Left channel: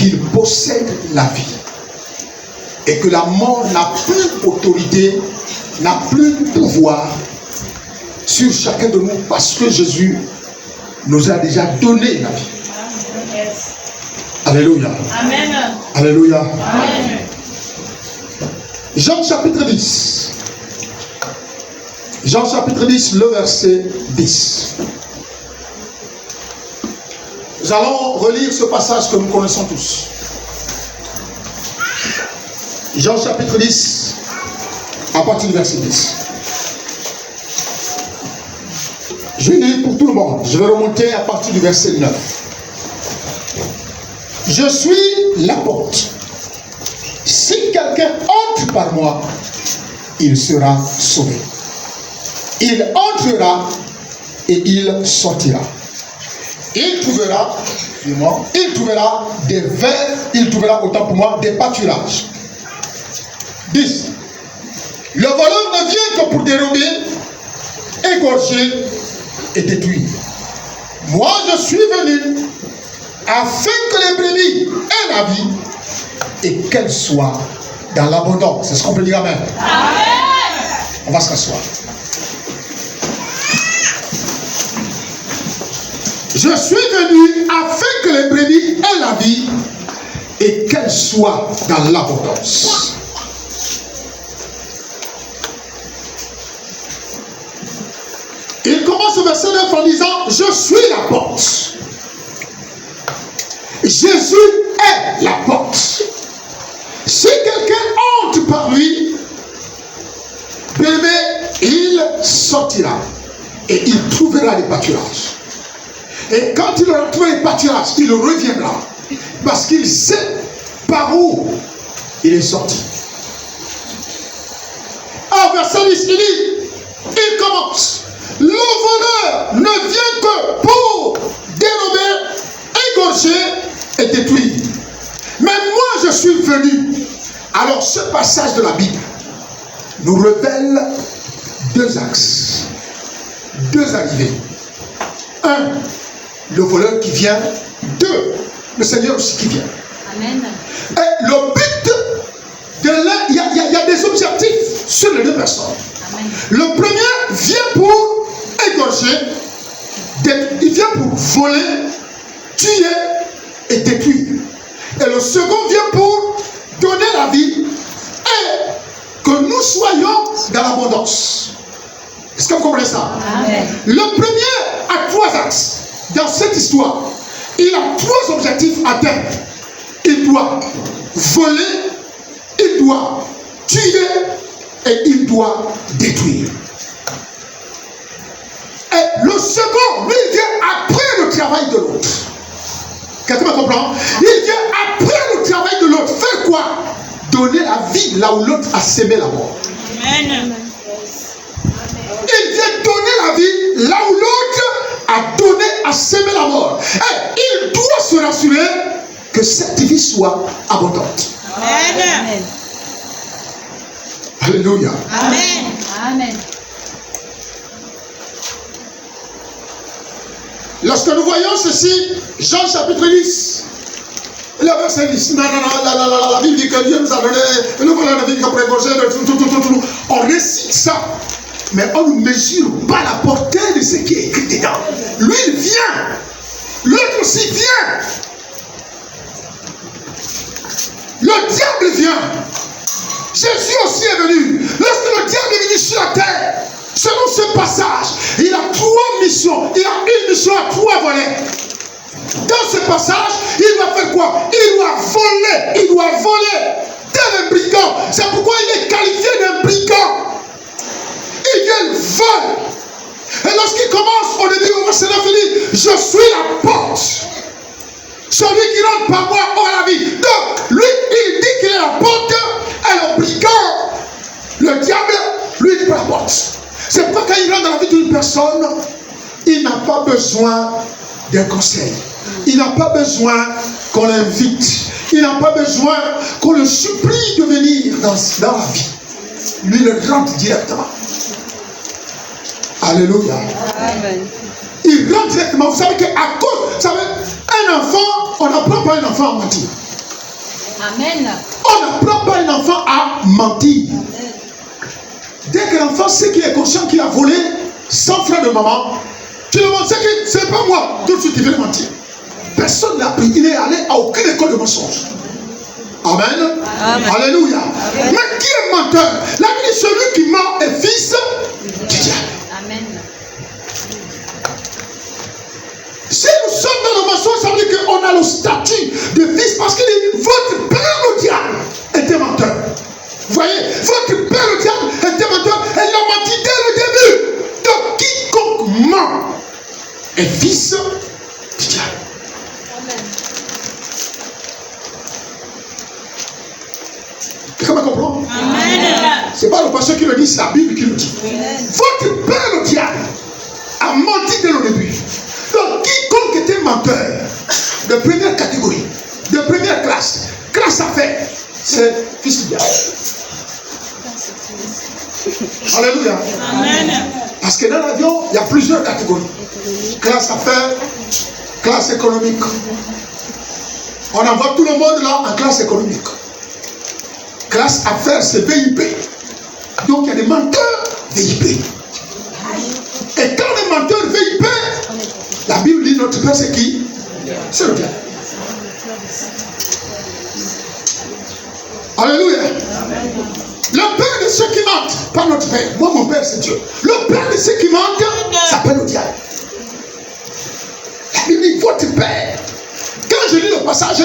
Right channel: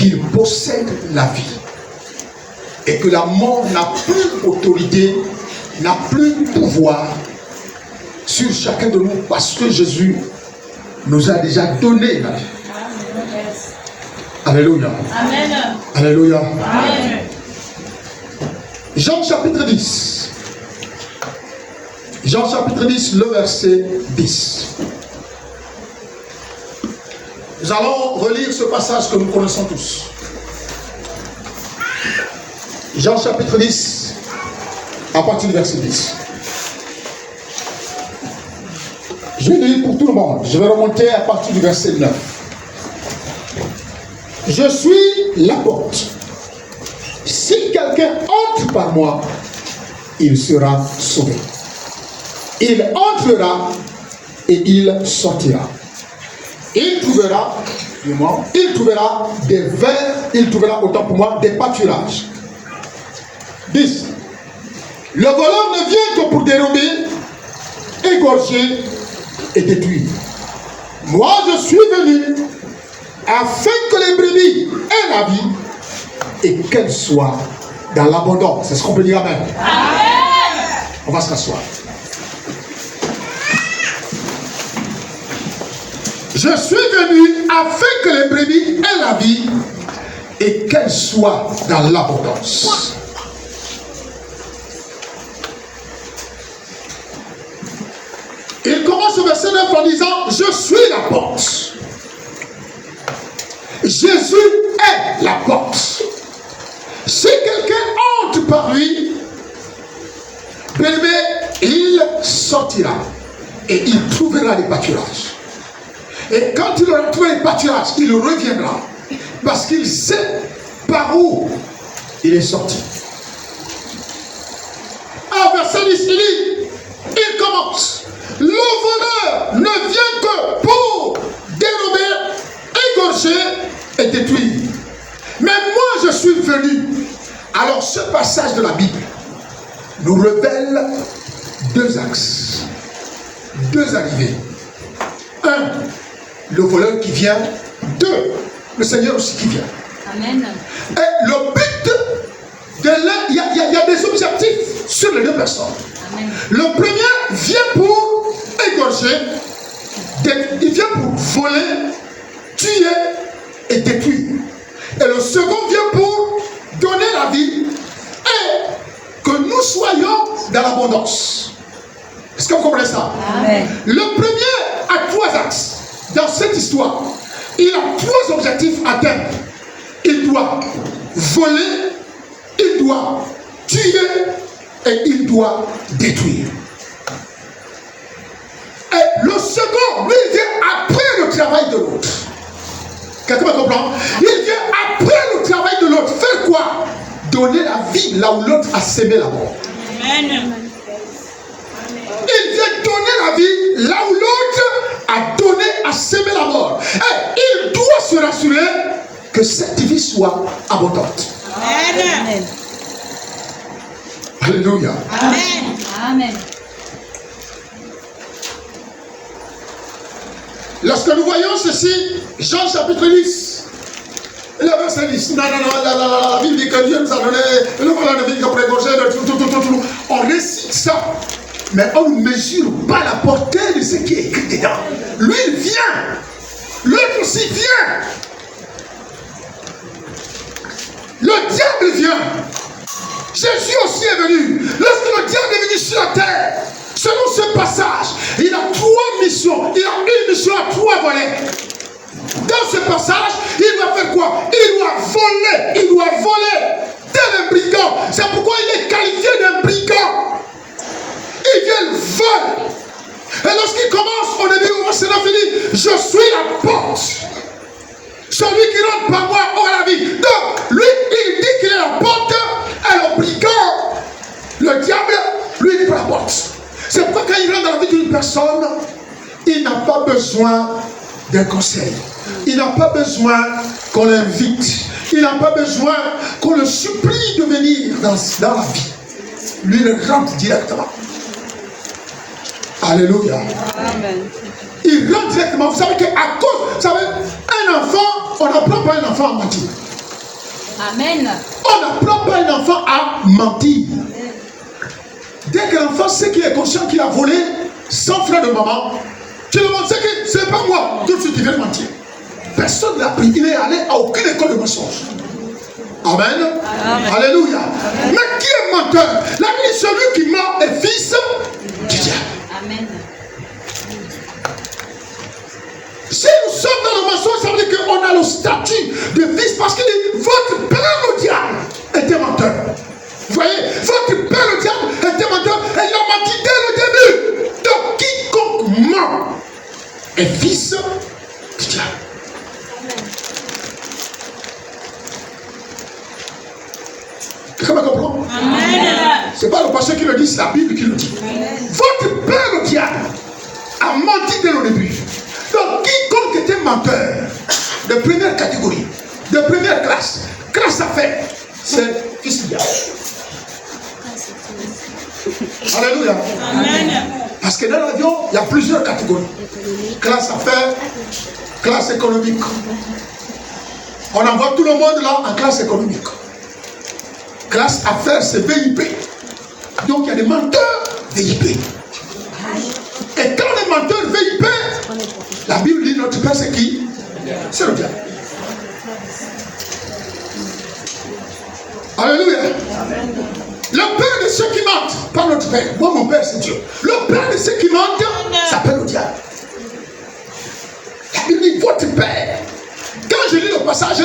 qu'il possède la vie. Et que la mort n'a plus autorité, n'a plus pouvoir sur chacun de nous parce que Jésus nous a déjà donné la vie. Alléluia. Amen. Alléluia. Amen. Jean chapitre 10. Jean chapitre 10, le verset 10. Nous allons relire ce passage que nous connaissons tous. Jean chapitre 10, à partir du verset 10. Je lis pour tout le monde. Je vais remonter à partir du verset 9. Je suis la porte. Si quelqu'un entre par moi, il sera sauvé. Il entrera et il sortira. Il trouvera des vers, il trouvera autant pour moi des pâturages. 10. Le voleur ne vient que pour dérober, égorger et détruire. Moi, je suis venu afin que les brebis aient la vie et qu'elles soient dans l'abondance. C'est ce qu'on peut dire, amen. Amen. On va se rasseoir. Je suis venu afin que les brebis aient la vie et qu'elles soient dans l'abondance. Il commence au verset 9 en disant: je suis la porte. Jésus est la porte. Si quelqu'un entre par lui, bébé, il sortira et il trouvera des pâturages. Et quand il aura trouvé les pâturages, il reviendra parce qu'il sait par où il est sorti. Au verset 10, il commence: le voleur ne vient que pour dérober, égorger et détruire. Mais moi je suis venu. Alors ce passage de la Bible nous révèle deux axes, deux arrivées. Un, le voleur qui vient. Deux, le Seigneur aussi qui vient. Amen. Et le but de l'un, il y a des objectifs sur les deux personnes. Amen. Le premier vient pour égorger, il vient pour voler, tuer et détruire. Et le second vient pour donner la vie et que nous soyons dans l'abondance. Est-ce que vous comprenez ça? Amen. Le premier a trois axes. Dans cette histoire, il a trois objectifs à atteindre. Il doit voler, il doit tuer et il doit détruire. Et le second, lui, il vient après le travail de l'autre. Quelqu'un me comprend? Il vient après le travail de l'autre. Faire quoi? Donner la vie là où l'autre a sémé la mort. Amen. Il vient donner la vie là où l'autre a donné, a sémé la mort. Et il doit se rassurer que cette vie soit abondante. Amen. Alléluia. Amen. Amen. Lorsque nous voyons ceci, Jean chapitre 10, le verset 10, la Bible dit que Dieu nous a donné le voleur de vie qu'on pourrait manger, tout. On récite ça, mais on ne mesure pas la portée de ce qui est écrit dedans. Lui, il vient, l'autre aussi vient. Le diable vient. Jésus aussi est venu. Lorsque le diable est venu sur la terre, selon ce passage, il a trois missions. Il a une mission à trois volets. Dans ce passage, il doit faire quoi? Il doit voler. Il doit voler. Tel un brigand. C'est pourquoi il est qualifié d'un brigand. Il vient le vol. Et lorsqu'il commence au début, au verset 9, il dit: je suis la porte. Celui qui rentre par moi aura la vie. Donc, lui, il dit qu'il est la porte. Et le brigand, le diable, lui, il dit pas la porte. C'est pourquoi quand il rentre dans la vie d'une personne, il n'a pas besoin d'un conseil. Il n'a pas besoin qu'on l'invite. Il n'a pas besoin qu'on le supplie de venir dans la vie. Lui, il rentre directement. Alléluia. Amen. Il rentre directement. Vous savez qu'à cause, vous savez, un enfant, on n'apprend pas un enfant à mentir. Amen. On n'apprend pas un enfant à mentir. Dès que l'enfant sait qu'il est conscient qu'il a volé sans frère de maman, tu le montres, c'est que c'est pas moi, tout de suite il veut mentir. Personne n'a appris, il n'est allé à aucune école de mensonge. Amen. Amen. Alléluia. Amen. Mais qui est menteur? La Bible, celui qui ment est fils du diable. Amen. Si nous sommes dans le mensonge, ça veut dire qu'on a le statut de fils parce qu'il dit votre père le diable était menteur. Vous voyez, votre père le diable était menteur et il a menti dès le début. Donc quiconque ment est fils du diable. Quelqu'un me comprend? Amen. C'est pas le pasteur qui le dit, c'est la Bible qui le dit. Amen. Votre père le diable a menti dès le début. Donc quiconque était menteur de première catégorie, de première classe à faire, c'est fils du diable. Alléluia. Amen. Parce que dans l'avion, il y a plusieurs catégories. Classe à faire, classe économique. On envoie tout le monde là en classe économique. Classe affaires, c'est VIP. Donc il y a des menteurs VIP. Et quand les menteurs VIP, la Bible dit notre père c'est qui? C'est le diable. Alléluia. Le père de ceux qui mentent, pas notre père. Moi mon père c'est Dieu. Le père de ceux qui mentent s'appelle le diable. La Bible dit votre père. Quand je lis le passage,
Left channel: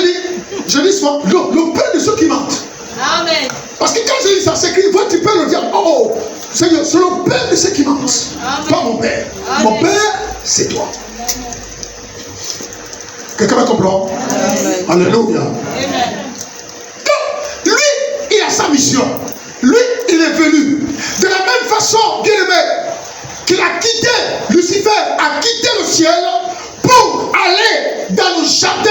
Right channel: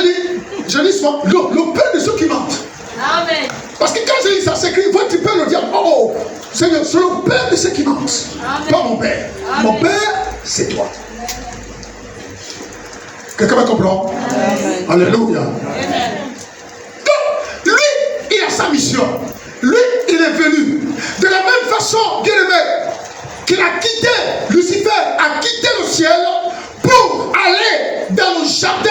je lis souvent le père de ceux qui mentent. Amen. Parce que quand je lis ça, c'est écrit votre père le diable. Oh, c'est le père de ceux qui mentent. Amen. Pas mon père. Amen. Mon père, c'est toi. Quelqu'un me comprend? Amen. Alléluia. Amen. Donc, lui, il a sa mission. Lui, il est venu. De la même façon, bien aimé, qu'il a quitté, Lucifer a quitté le ciel pour aller dans le jardin,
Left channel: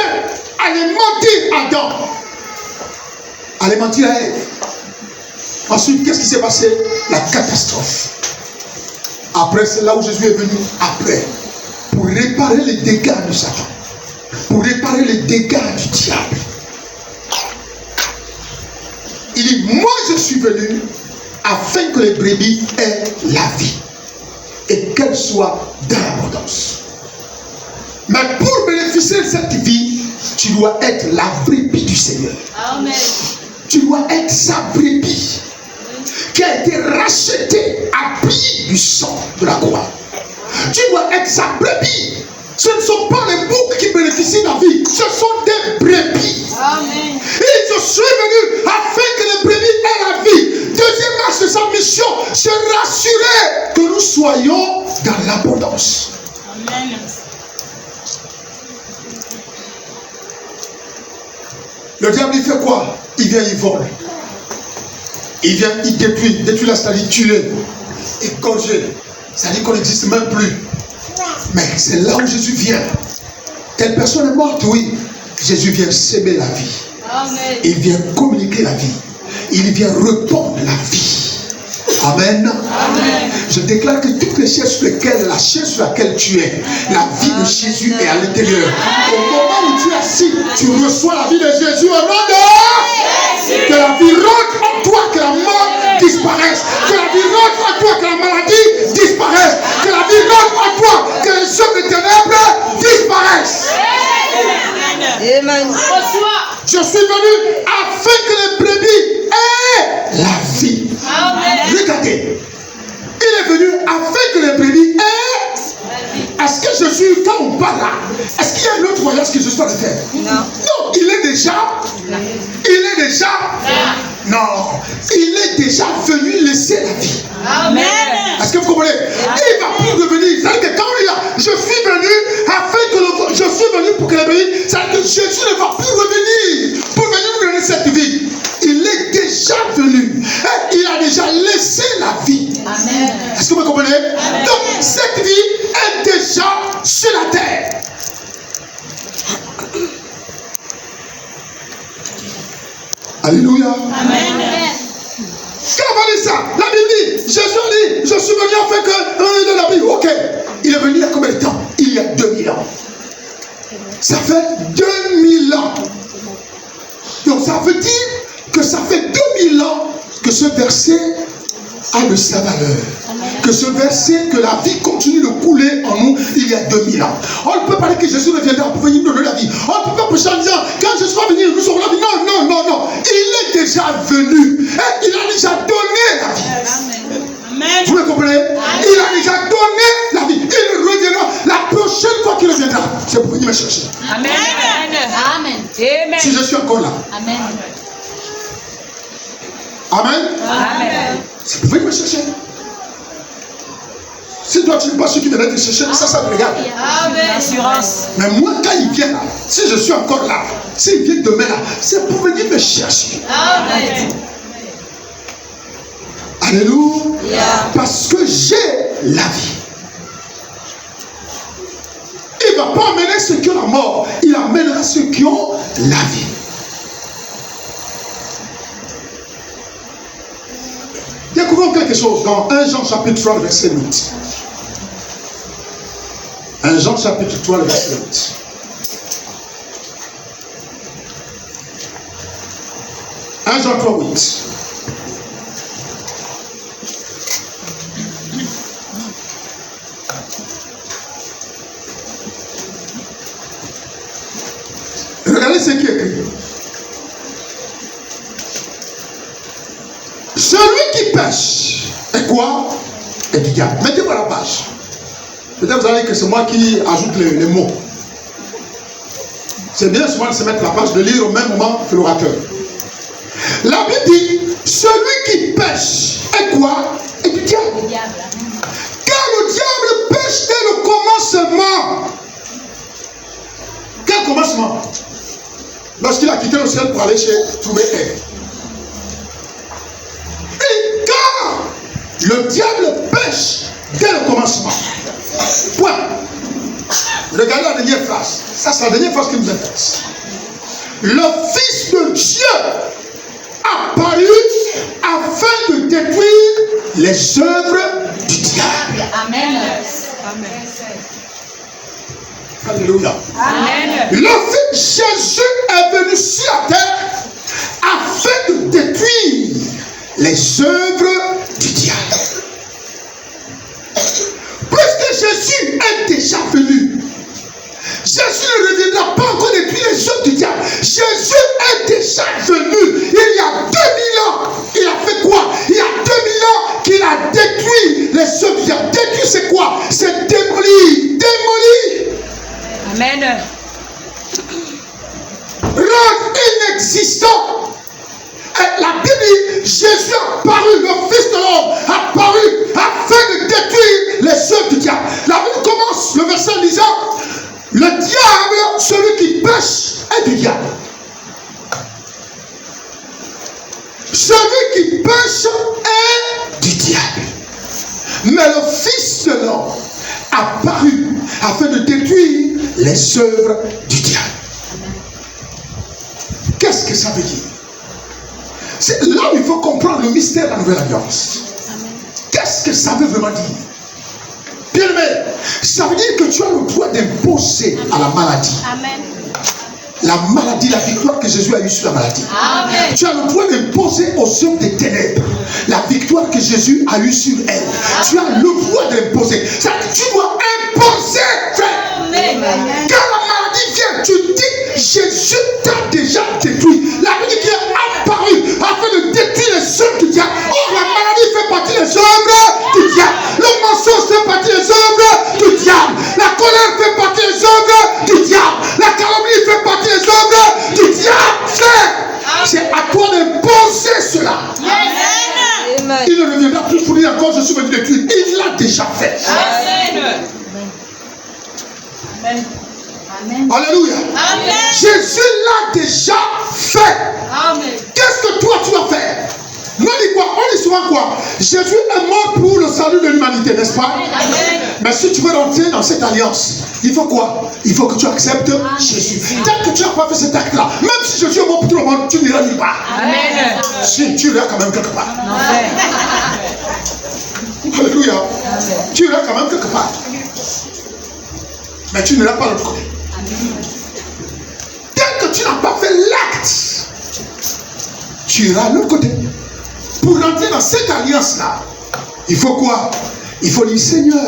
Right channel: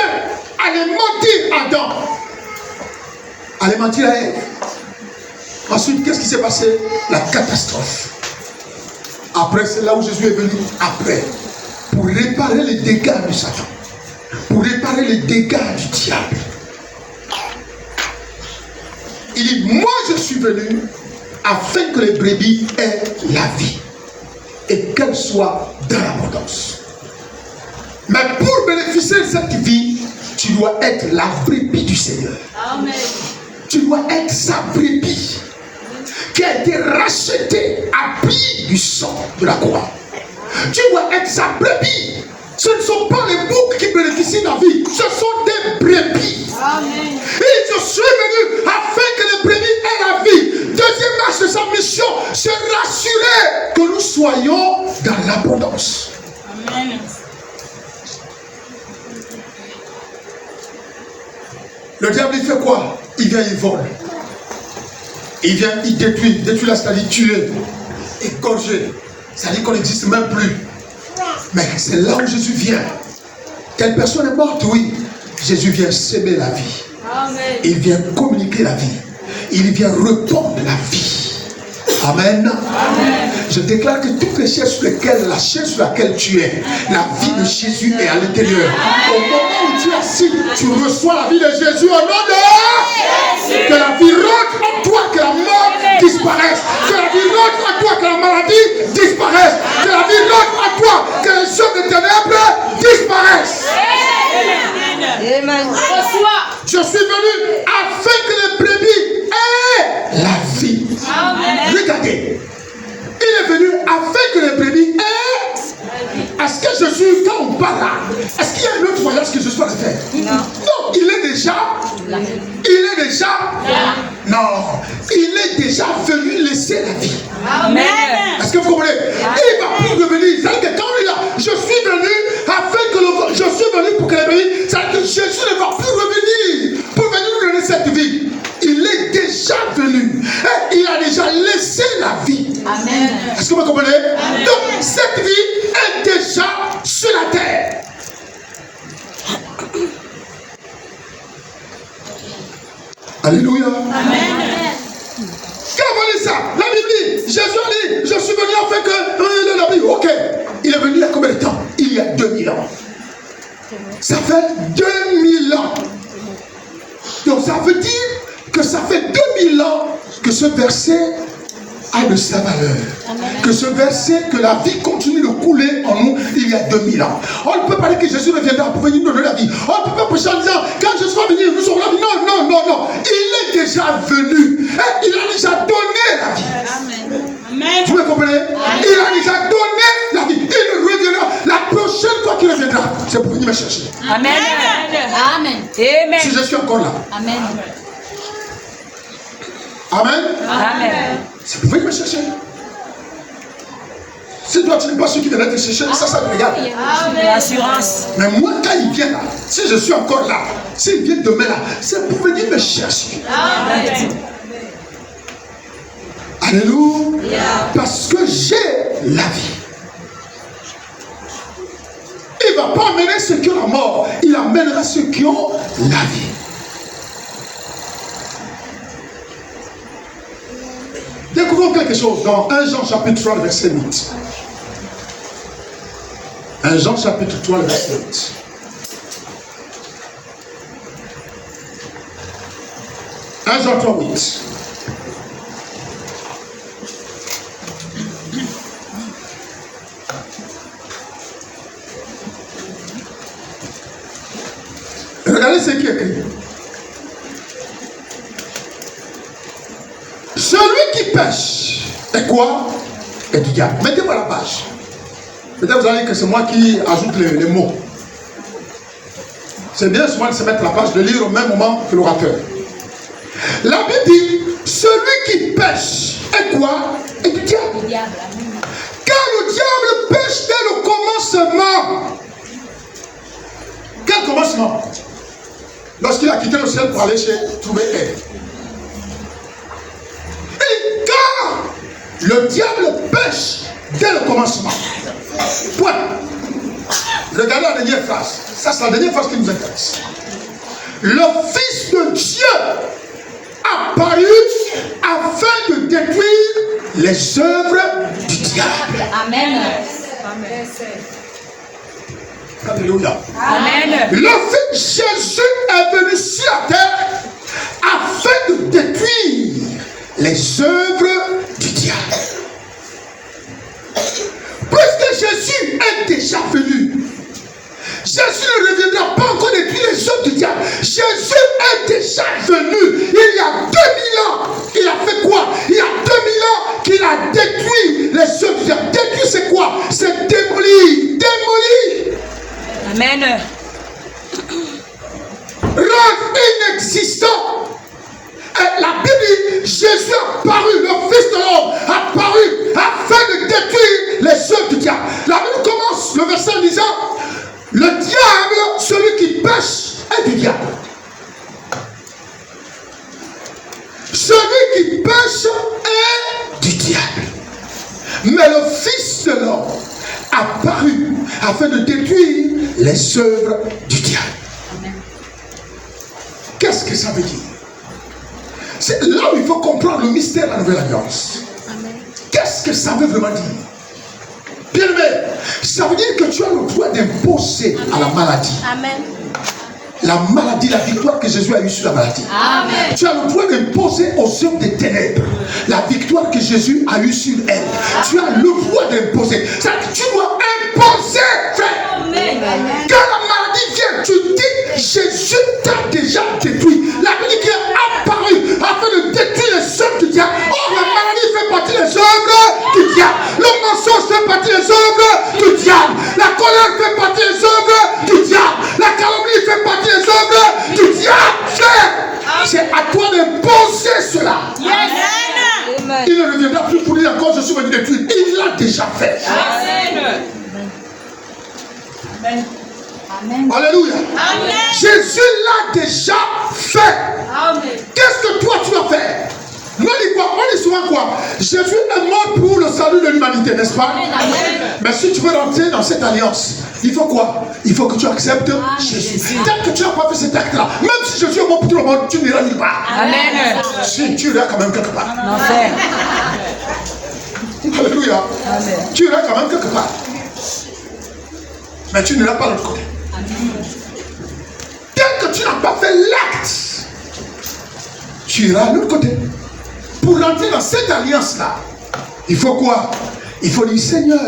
aller mentir à Adam. Aller mentir à Ève. Ensuite, qu'est-ce qui s'est passé? La catastrophe. Après, c'est là où Jésus est venu. Après, pour réparer les dégâts du Satan. Pour réparer les dégâts du diable. Il dit, moi je suis venu afin que les brebis aient la vie. Et qu'elle soit dans l'abondance. Mais pour bénéficier de cette vie, tu dois être la brebis du Seigneur. Amen. Tu dois être sa brebis qui a été rachetée à prix du sang de la croix. Tu dois être sa brebis. Ce ne sont pas les boucs qui bénéficient de la vie, ce sont des brebis. Amen. Et je suis venu afin que les brebis aient la vie. Deuxième marche de sa mission, c'est rassurer que nous soyons dans l'abondance. Amen. Le diable, il fait quoi? Il vient, il vole. Il vient, il détruit. Détruire, c'est-à-dire tuer, égorger. C'est-à-dire qu'on n'existe même plus. Mais c'est là où Jésus vient. Telle personne est morte, oui. Jésus vient s'aimer la vie. Amen. Il vient communiquer la vie. Il vient répandre la vie. Amen. Amen. Je déclare que toutes les chaises sur lesquelles, la chaise sur laquelle tu es, la vie de Jésus est à l'intérieur. Au moment où tu es assis, tu reçois la vie de Jésus au nom de Jésus. Que la vie rentre en toi, que la mort disparaisse. Que la vie rentre en toi, que la maladie disparaisse. Que la vie rentre en toi, que les choses de ténèbres disparaissent. Amen. Je suis venu afin que les brebis aient la vie. Amen. Regardez, il est venu afin que les brebis aient. Est-ce que Jésus, quand on parle là, est-ce qu'il y a un autre voyage que Jésus doit faire? Non, il est déjà. Non, il est déjà venu laisser la vie. Amen. Est-ce que vous comprenez? Il ne va plus revenir. C'est-à-dire que quand il y a, je suis venu afin que je suis venu pour que les brebis, c'est-à-dire que Jésus ne va plus revenir pour venir nous donner cette vie. Il est déjà venu. Et il a déjà laissé la vie. Amen. Est-ce que vous comprenez? Amen. Donc, cette vie est déjà sur la terre. Alléluia. Amen. Quand on dit ça, la Bible dit, Jésus a dit, je suis venu afin que la Bible. Ok, il est venu il y a combien de temps? Il y a 2000 ans. Ça fait 2000 ans. Donc ça veut dire verset a de sa valeur. Que ce verset, que la vie continue de couler en nous il y a 2000 ans. On ne peut pas dire que Jésus reviendra pour venir nous donner la vie. On ne peut pas prêcher en disant, quand Jésus va venir, nous aurons la vie. Non, non, non, non. Il est déjà venu. Et il a déjà donné la vie. Amen. Vous me comprenez? Il a déjà donné la vie. Il reviendra. La prochaine fois qu'il reviendra, c'est pour venir me chercher. Amen. Amen. Amen. Si je suis encore là. Amen. Amen. Amen. C'est pour venir me chercher. Si toi tu n'es pas sûr qu'il viendra te chercher, ça te regarde. L'assurance. Mais moi, quand il vient là, si je suis encore là, s'il vient demain là, c'est pour venir me chercher. Amen. Alléluia. Parce que j'ai la vie. Il ne va pas amener ceux qui ont la mort, il amènera ceux qui ont la vie. Découvrons quelque chose dans 1 Jean chapitre 3, verset 8. 1 Jean chapitre 3, verset 8. Jean 3, 8. Regardez ce qui est écrit. Celui qui pêche est quoi? Est du diable. Mettez-moi la page. Peut-être vous allez dire que c'est moi qui ajoute les mots. C'est bien souvent de se mettre la page, de lire au même moment que l'orateur. La Bible dit, celui qui pêche est quoi? Est du diable. Car le diable pêche dès le commencement. Quel commencement? Lorsqu'il a quitté le ciel pour aller trouver Ève. Et car le diable pêche dès le commencement. Point. Regardez la dernière phrase. Ça, c'est la dernière phrase qui nous intéresse. Le Fils de Dieu apparu afin de détruire les œuvres du diable. Amen. Alléluia. Amen. Le Fils Jésus est venu sur la terre afin de détruire les œuvres du diable. Puisque Jésus est déjà venu, Jésus ne reviendra pas encore détruire les œuvres du diable. Jésus est déjà venu. Il y a 2000 ans. Il a fait quoi? Il y a 2000 ans qu'il a détruit les œuvres du diable. Détruire, c'est quoi? C'est démolir. Démolir. Amen. Rendre inexistant. Et la Bible dit, Jésus a paru, le Fils de l'homme a paru afin de détruire les œuvres du diable. La Bible commence le verset en disant, le diable, celui qui pêche, est du diable. Celui qui pêche est du diable. Mais le Fils de l'homme a paru afin de détruire les œuvres du diable. Qu'est-ce que ça veut dire? C'est là où il faut comprendre le mystère de la nouvelle alliance. Qu'est-ce que ça veut vraiment dire? Bien aimé, ça veut dire que tu as le droit d'imposer à la maladie. Amen. La maladie, la victoire que Jésus a eue sur la maladie. Amen. Tu as le droit d'imposer aux œuvres des ténèbres la victoire que Jésus a eue sur elle. Tu as le droit d'imposer. Tu dois imposer, frère. Amen. Quand la maladie vient, tu dis, Jésus t'a déjà détruit. La maladie qui est apparue afin de détruire les œuvres du diable. Or, la maladie fait partie des œuvres du diable. Le mensonge fait partie des œuvres du diable. La colère fait partie des œuvres du diable. La calomnie fait partie des œuvres du diable. Frère, c'est à toi d'imposer cela. Amen. Il ne reviendra plus pour dire encore, je suis venu détruire. Il l'a déjà fait. Amen. Amen. Amen. Alléluia. Amen. Jésus l'a déjà fait. Amen. Qu'est-ce que toi tu vas faire? Nous on dit quoi? On dit souvent quoi? Jésus est mort pour le salut de l'humanité, n'est-ce pas? Amen. Mais si tu veux rentrer dans cette alliance, il faut quoi? Il faut que tu acceptes Jésus. Tant que tu n'as pas fait cet acte-là, même si Jésus est mort pour tout le monde, tu n'iras nulle part. Amen. Si, tu iras quand même quelque part. Amen. Alléluia. Tu iras quand même quelque part. Mais tu n'iras pas de l'autre côté. Tant que tu n'as pas fait l'acte, tu iras de l'autre côté. pour rentrer dans cette alliance-là, il faut quoi? Il faut dire, Seigneur,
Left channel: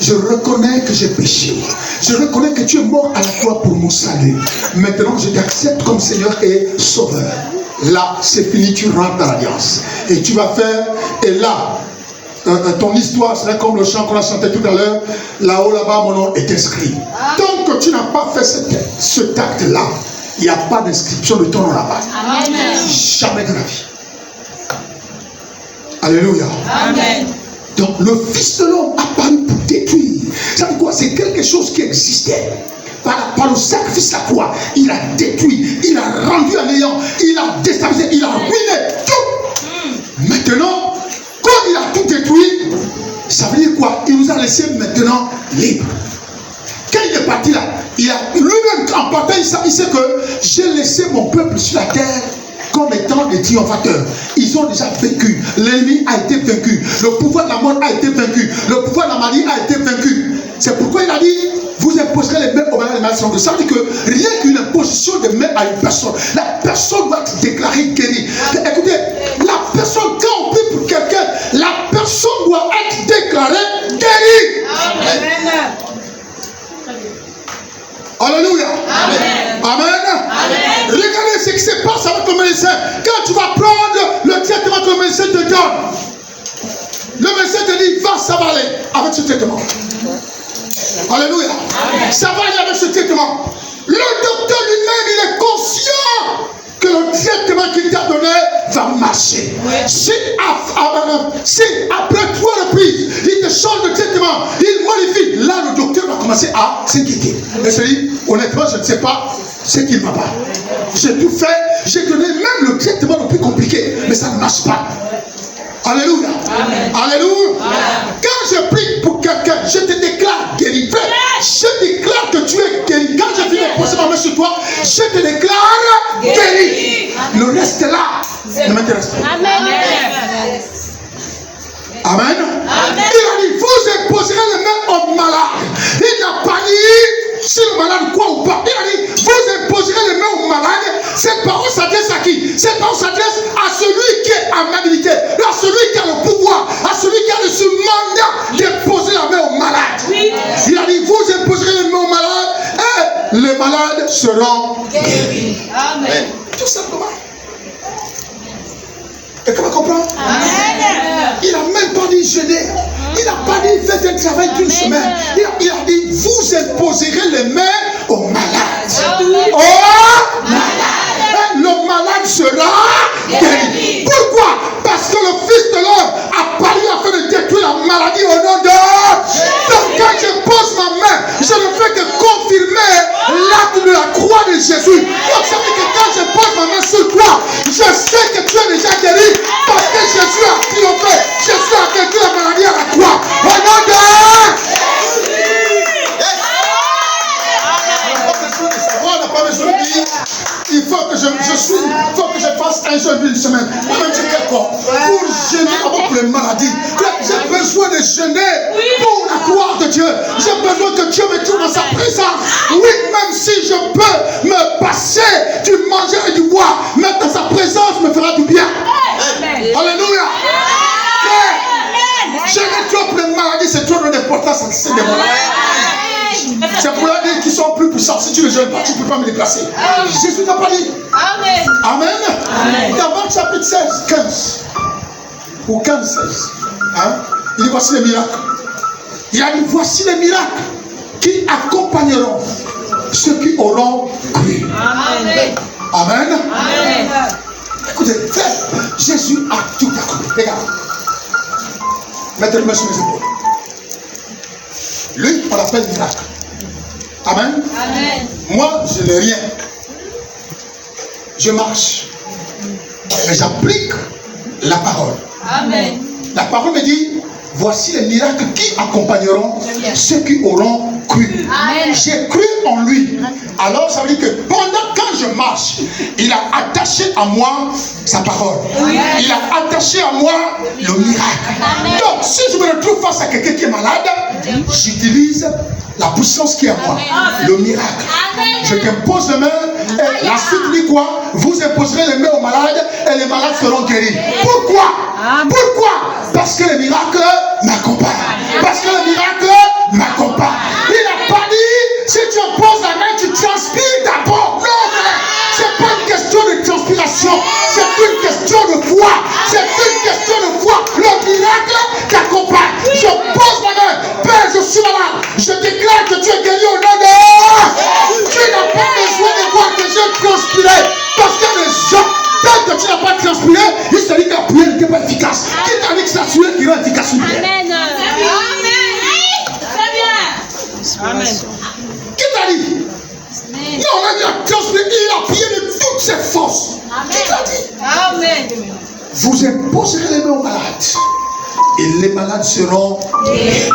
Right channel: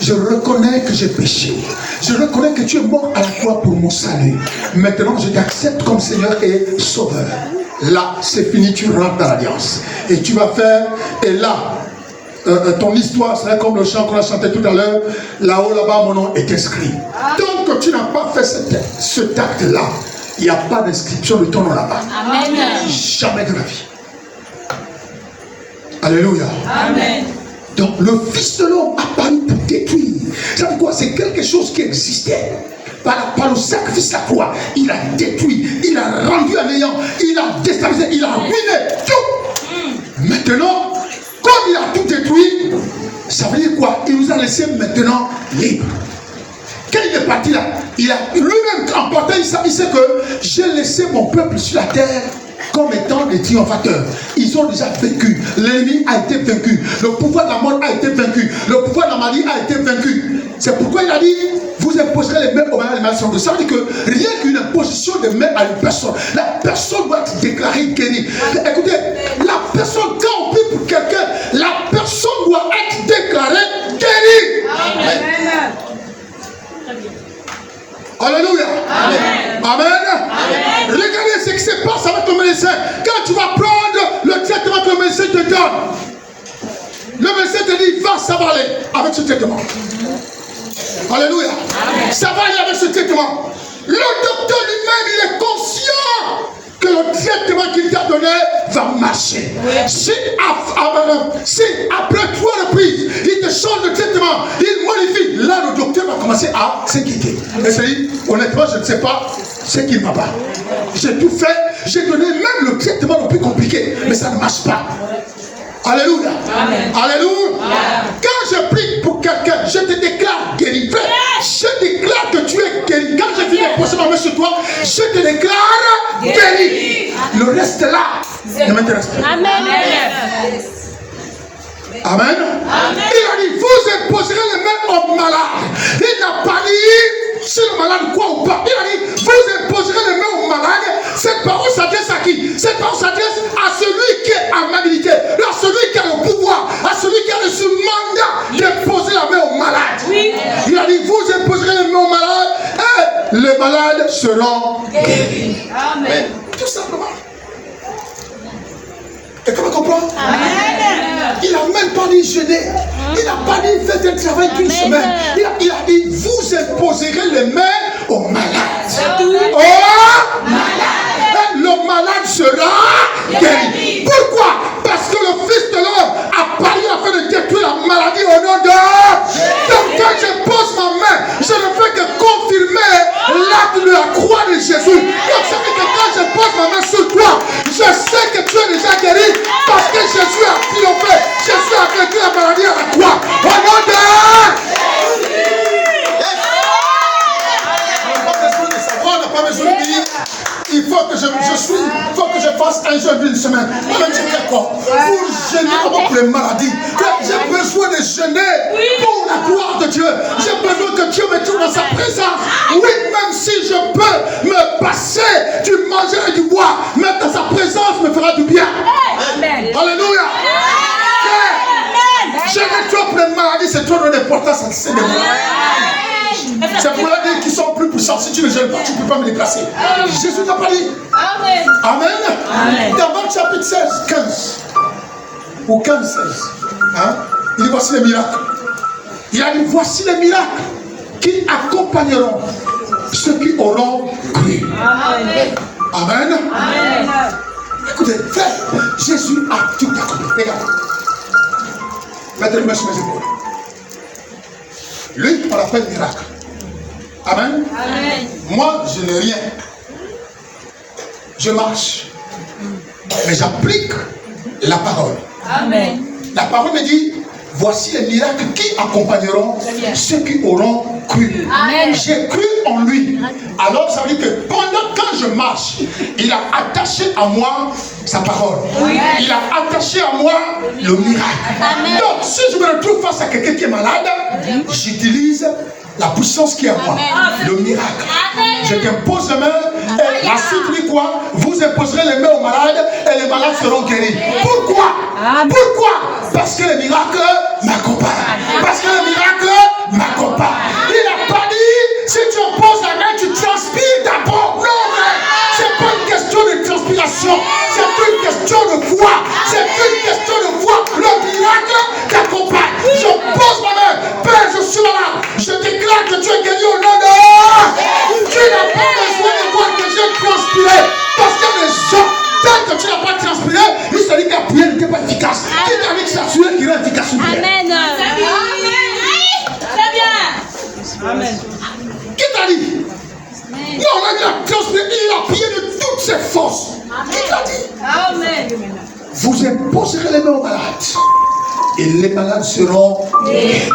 je reconnais que j'ai péché. Je reconnais que tu es mort à la croix pour mon salut. Maintenant, je t'accepte comme Seigneur et Sauveur. Là, c'est fini, tu rentres dans l'alliance. Et tu vas faire, et là, ton histoire sera comme le chant qu'on a chanté tout à l'heure. Là-haut, là-bas, mon nom est inscrit. Tant que tu n'as pas fait cet acte-là, il n'y a pas d'inscription de ton nom là-bas. Jamais de la vie. Alléluia. Amen. Donc le Fils de l'homme a paru pour détruire. Ça veut dire quoi? C'est quelque chose qui existait. Par le sacrifice de la croix, il a détruit, il a rendu à néant, il a déstabilisé, il a ruiné tout. Maintenant, quand il a tout détruit, ça veut dire quoi? Il nous a laissé maintenant libres. Quand il est parti là, il a lui-même en partant, il sait que j'ai laissé mon peuple sur la terre comme étant des triomphateurs. Ils ont déjà vécu. L'ennemi a été vaincu. Le pouvoir de la mort a été vaincu. Le pouvoir de la maladie a été vaincu. C'est pourquoi il a dit, vous imposerez les mains aux malades, les malades seront guéris. Ça veut dire que rien qu'une imposition de main à une personne, la personne doit être déclarée guérie. Écoutez, la personne, quand on prie pour quelqu'un, la personne doit être déclarée guérie. Amen. Alléluia. Amen. Amen. Amen. Regardez ce qui se passe avec le médecin. Quand tu vas prendre le traitement que le médecin te donne, le médecin te dit, va, ça va aller avec ce traitement. Alléluia. Amen. Ça va aller avec ce traitement. Le docteur lui-même, il est conscient que le traitement qu'il t'a donné va marcher. Si après 3 reprises, il te change de traitement, il modifie, là le docteur va commencer à s'inquiéter. Et se dit, honnêtement, je ne sais pas ce qui ne va pas. J'ai tout fait, j'ai donné même le traitement le plus compliqué, mais ça ne marche pas. Alléluia. Amen. Alléluia. Amen. Quand je prie pour quelqu'un, je te déclare guéri. Je déclare que tu es guéri. Quand je finis de poser ma main sur toi, je te déclare guéri. Le reste est là. Ne m'intéresse pas. Amen. Amen. Amen. Il a dit, vous imposerez les mains aux malades. Il n'a pas dit si le malade croit ou pas. Il a dit, vous imposerez les mains aux malades. Cette parole s'adresse à qui? Cette parole s'adresse à celui qui est en habilité, à celui qui a le pouvoir, à celui qui a reçu mandat d'imposer la main aux malades. Oui. Il a dit, vous imposerez les mains aux malades et les malades seront guéris. Amen. Tout simplement. Et comment comprendre? Il n'a même pas dit jeûner. Il n'a pas dit faites un travail d'une semaine. Il a dit vous imposerez les mains aux malades. Oh malade. Le malade sera guéri. Pourquoi? Parce que le Fils de l'homme a paru afin de détruire la maladie au nom de Donc quand je pose ma main, je ne fais que confirmer l'acte de la croix de Jésus. Donc ça veut dire que quand je pose ma main sur toi, je sais que tu es déjà guéri parce que Jésus a triomphé. Jésus a vaincu la maladie à la croix. Au nom de on n'a pas besoin de dire. Il faut que je fasse un jeûne d'une semaine. Même si c'est quoi? Pour jeûner pour les maladies. J'ai besoin de jeûner pour la gloire de Dieu. J'ai besoin que Dieu me trouve dans sa présence. Oui, même si je peux me passer du manger et du boire, mais dans sa présence me fera du bien. Alléluia. Jeûner trop pour les maladies, c'est trop d'importance à ces maladies. C'est pour la dire qu'ils sont plus puissants. Si tu ne jeûnes pas, tu ne peux pas me déplacer. Jésus n'a pas dit. Amen. Amen. Dans Marc chapitre 16, 15 ou 15, 16, il dit voici les miracles. Il a dit voici les miracles qui accompagneront ceux qui auront cru. Amen. Amen. Amen. Écoutez, frère, Jésus a tout accompli. Regarde. Mettez le main sur mes épaules. Lui, on l'appelle miracle. Amen. Amen. Moi, je n'ai rien. Je marche. Mais j'applique la parole. Amen. La parole me dit, voici les miracles qui accompagneront ceux qui auront cru. Amen. J'ai cru en lui. Alors, ça veut dire que quand je marche, il a attaché à moi sa parole. Amen. Il a attaché à moi le miracle. Amen. Donc, si je me retrouve face à quelqu'un qui est malade, j'utilise la puissance qui est à moi, le miracle. Amen. Je t'impose la main Et la suite dit quoi? Vous imposerez les mains aux malades et les malades seront guéris. Pourquoi? Pourquoi? Parce que les miracles m'accompagnent. Parce que les miracles m'accompagnent. Il n'a pas dit, si tu imposes la main, tu transpires d'abord. Non, c'est pas une question de transpiration. C'est une question de foi. C'est une question de foi. Le miracle t'accompagne. Je pose ma main. Père, je suis malade. Je déclare que tu es guéri au nom de... Tu n'as pas besoin de voir que j'ai transpiré. Parce que les gens, tant que tu n'as pas transpiré, ils se disent que la prière n'était pas efficace. Qui t'a dit que c'est la prière qui rend efficace une prière? Amen. Très bien. Amen. Qui t'a dit? Non, il a transpiré, il a prié de toutes ses forces. Qui t'a dit? Amen. Vous imposerez les mains aux malades. Et les malades seront guéris.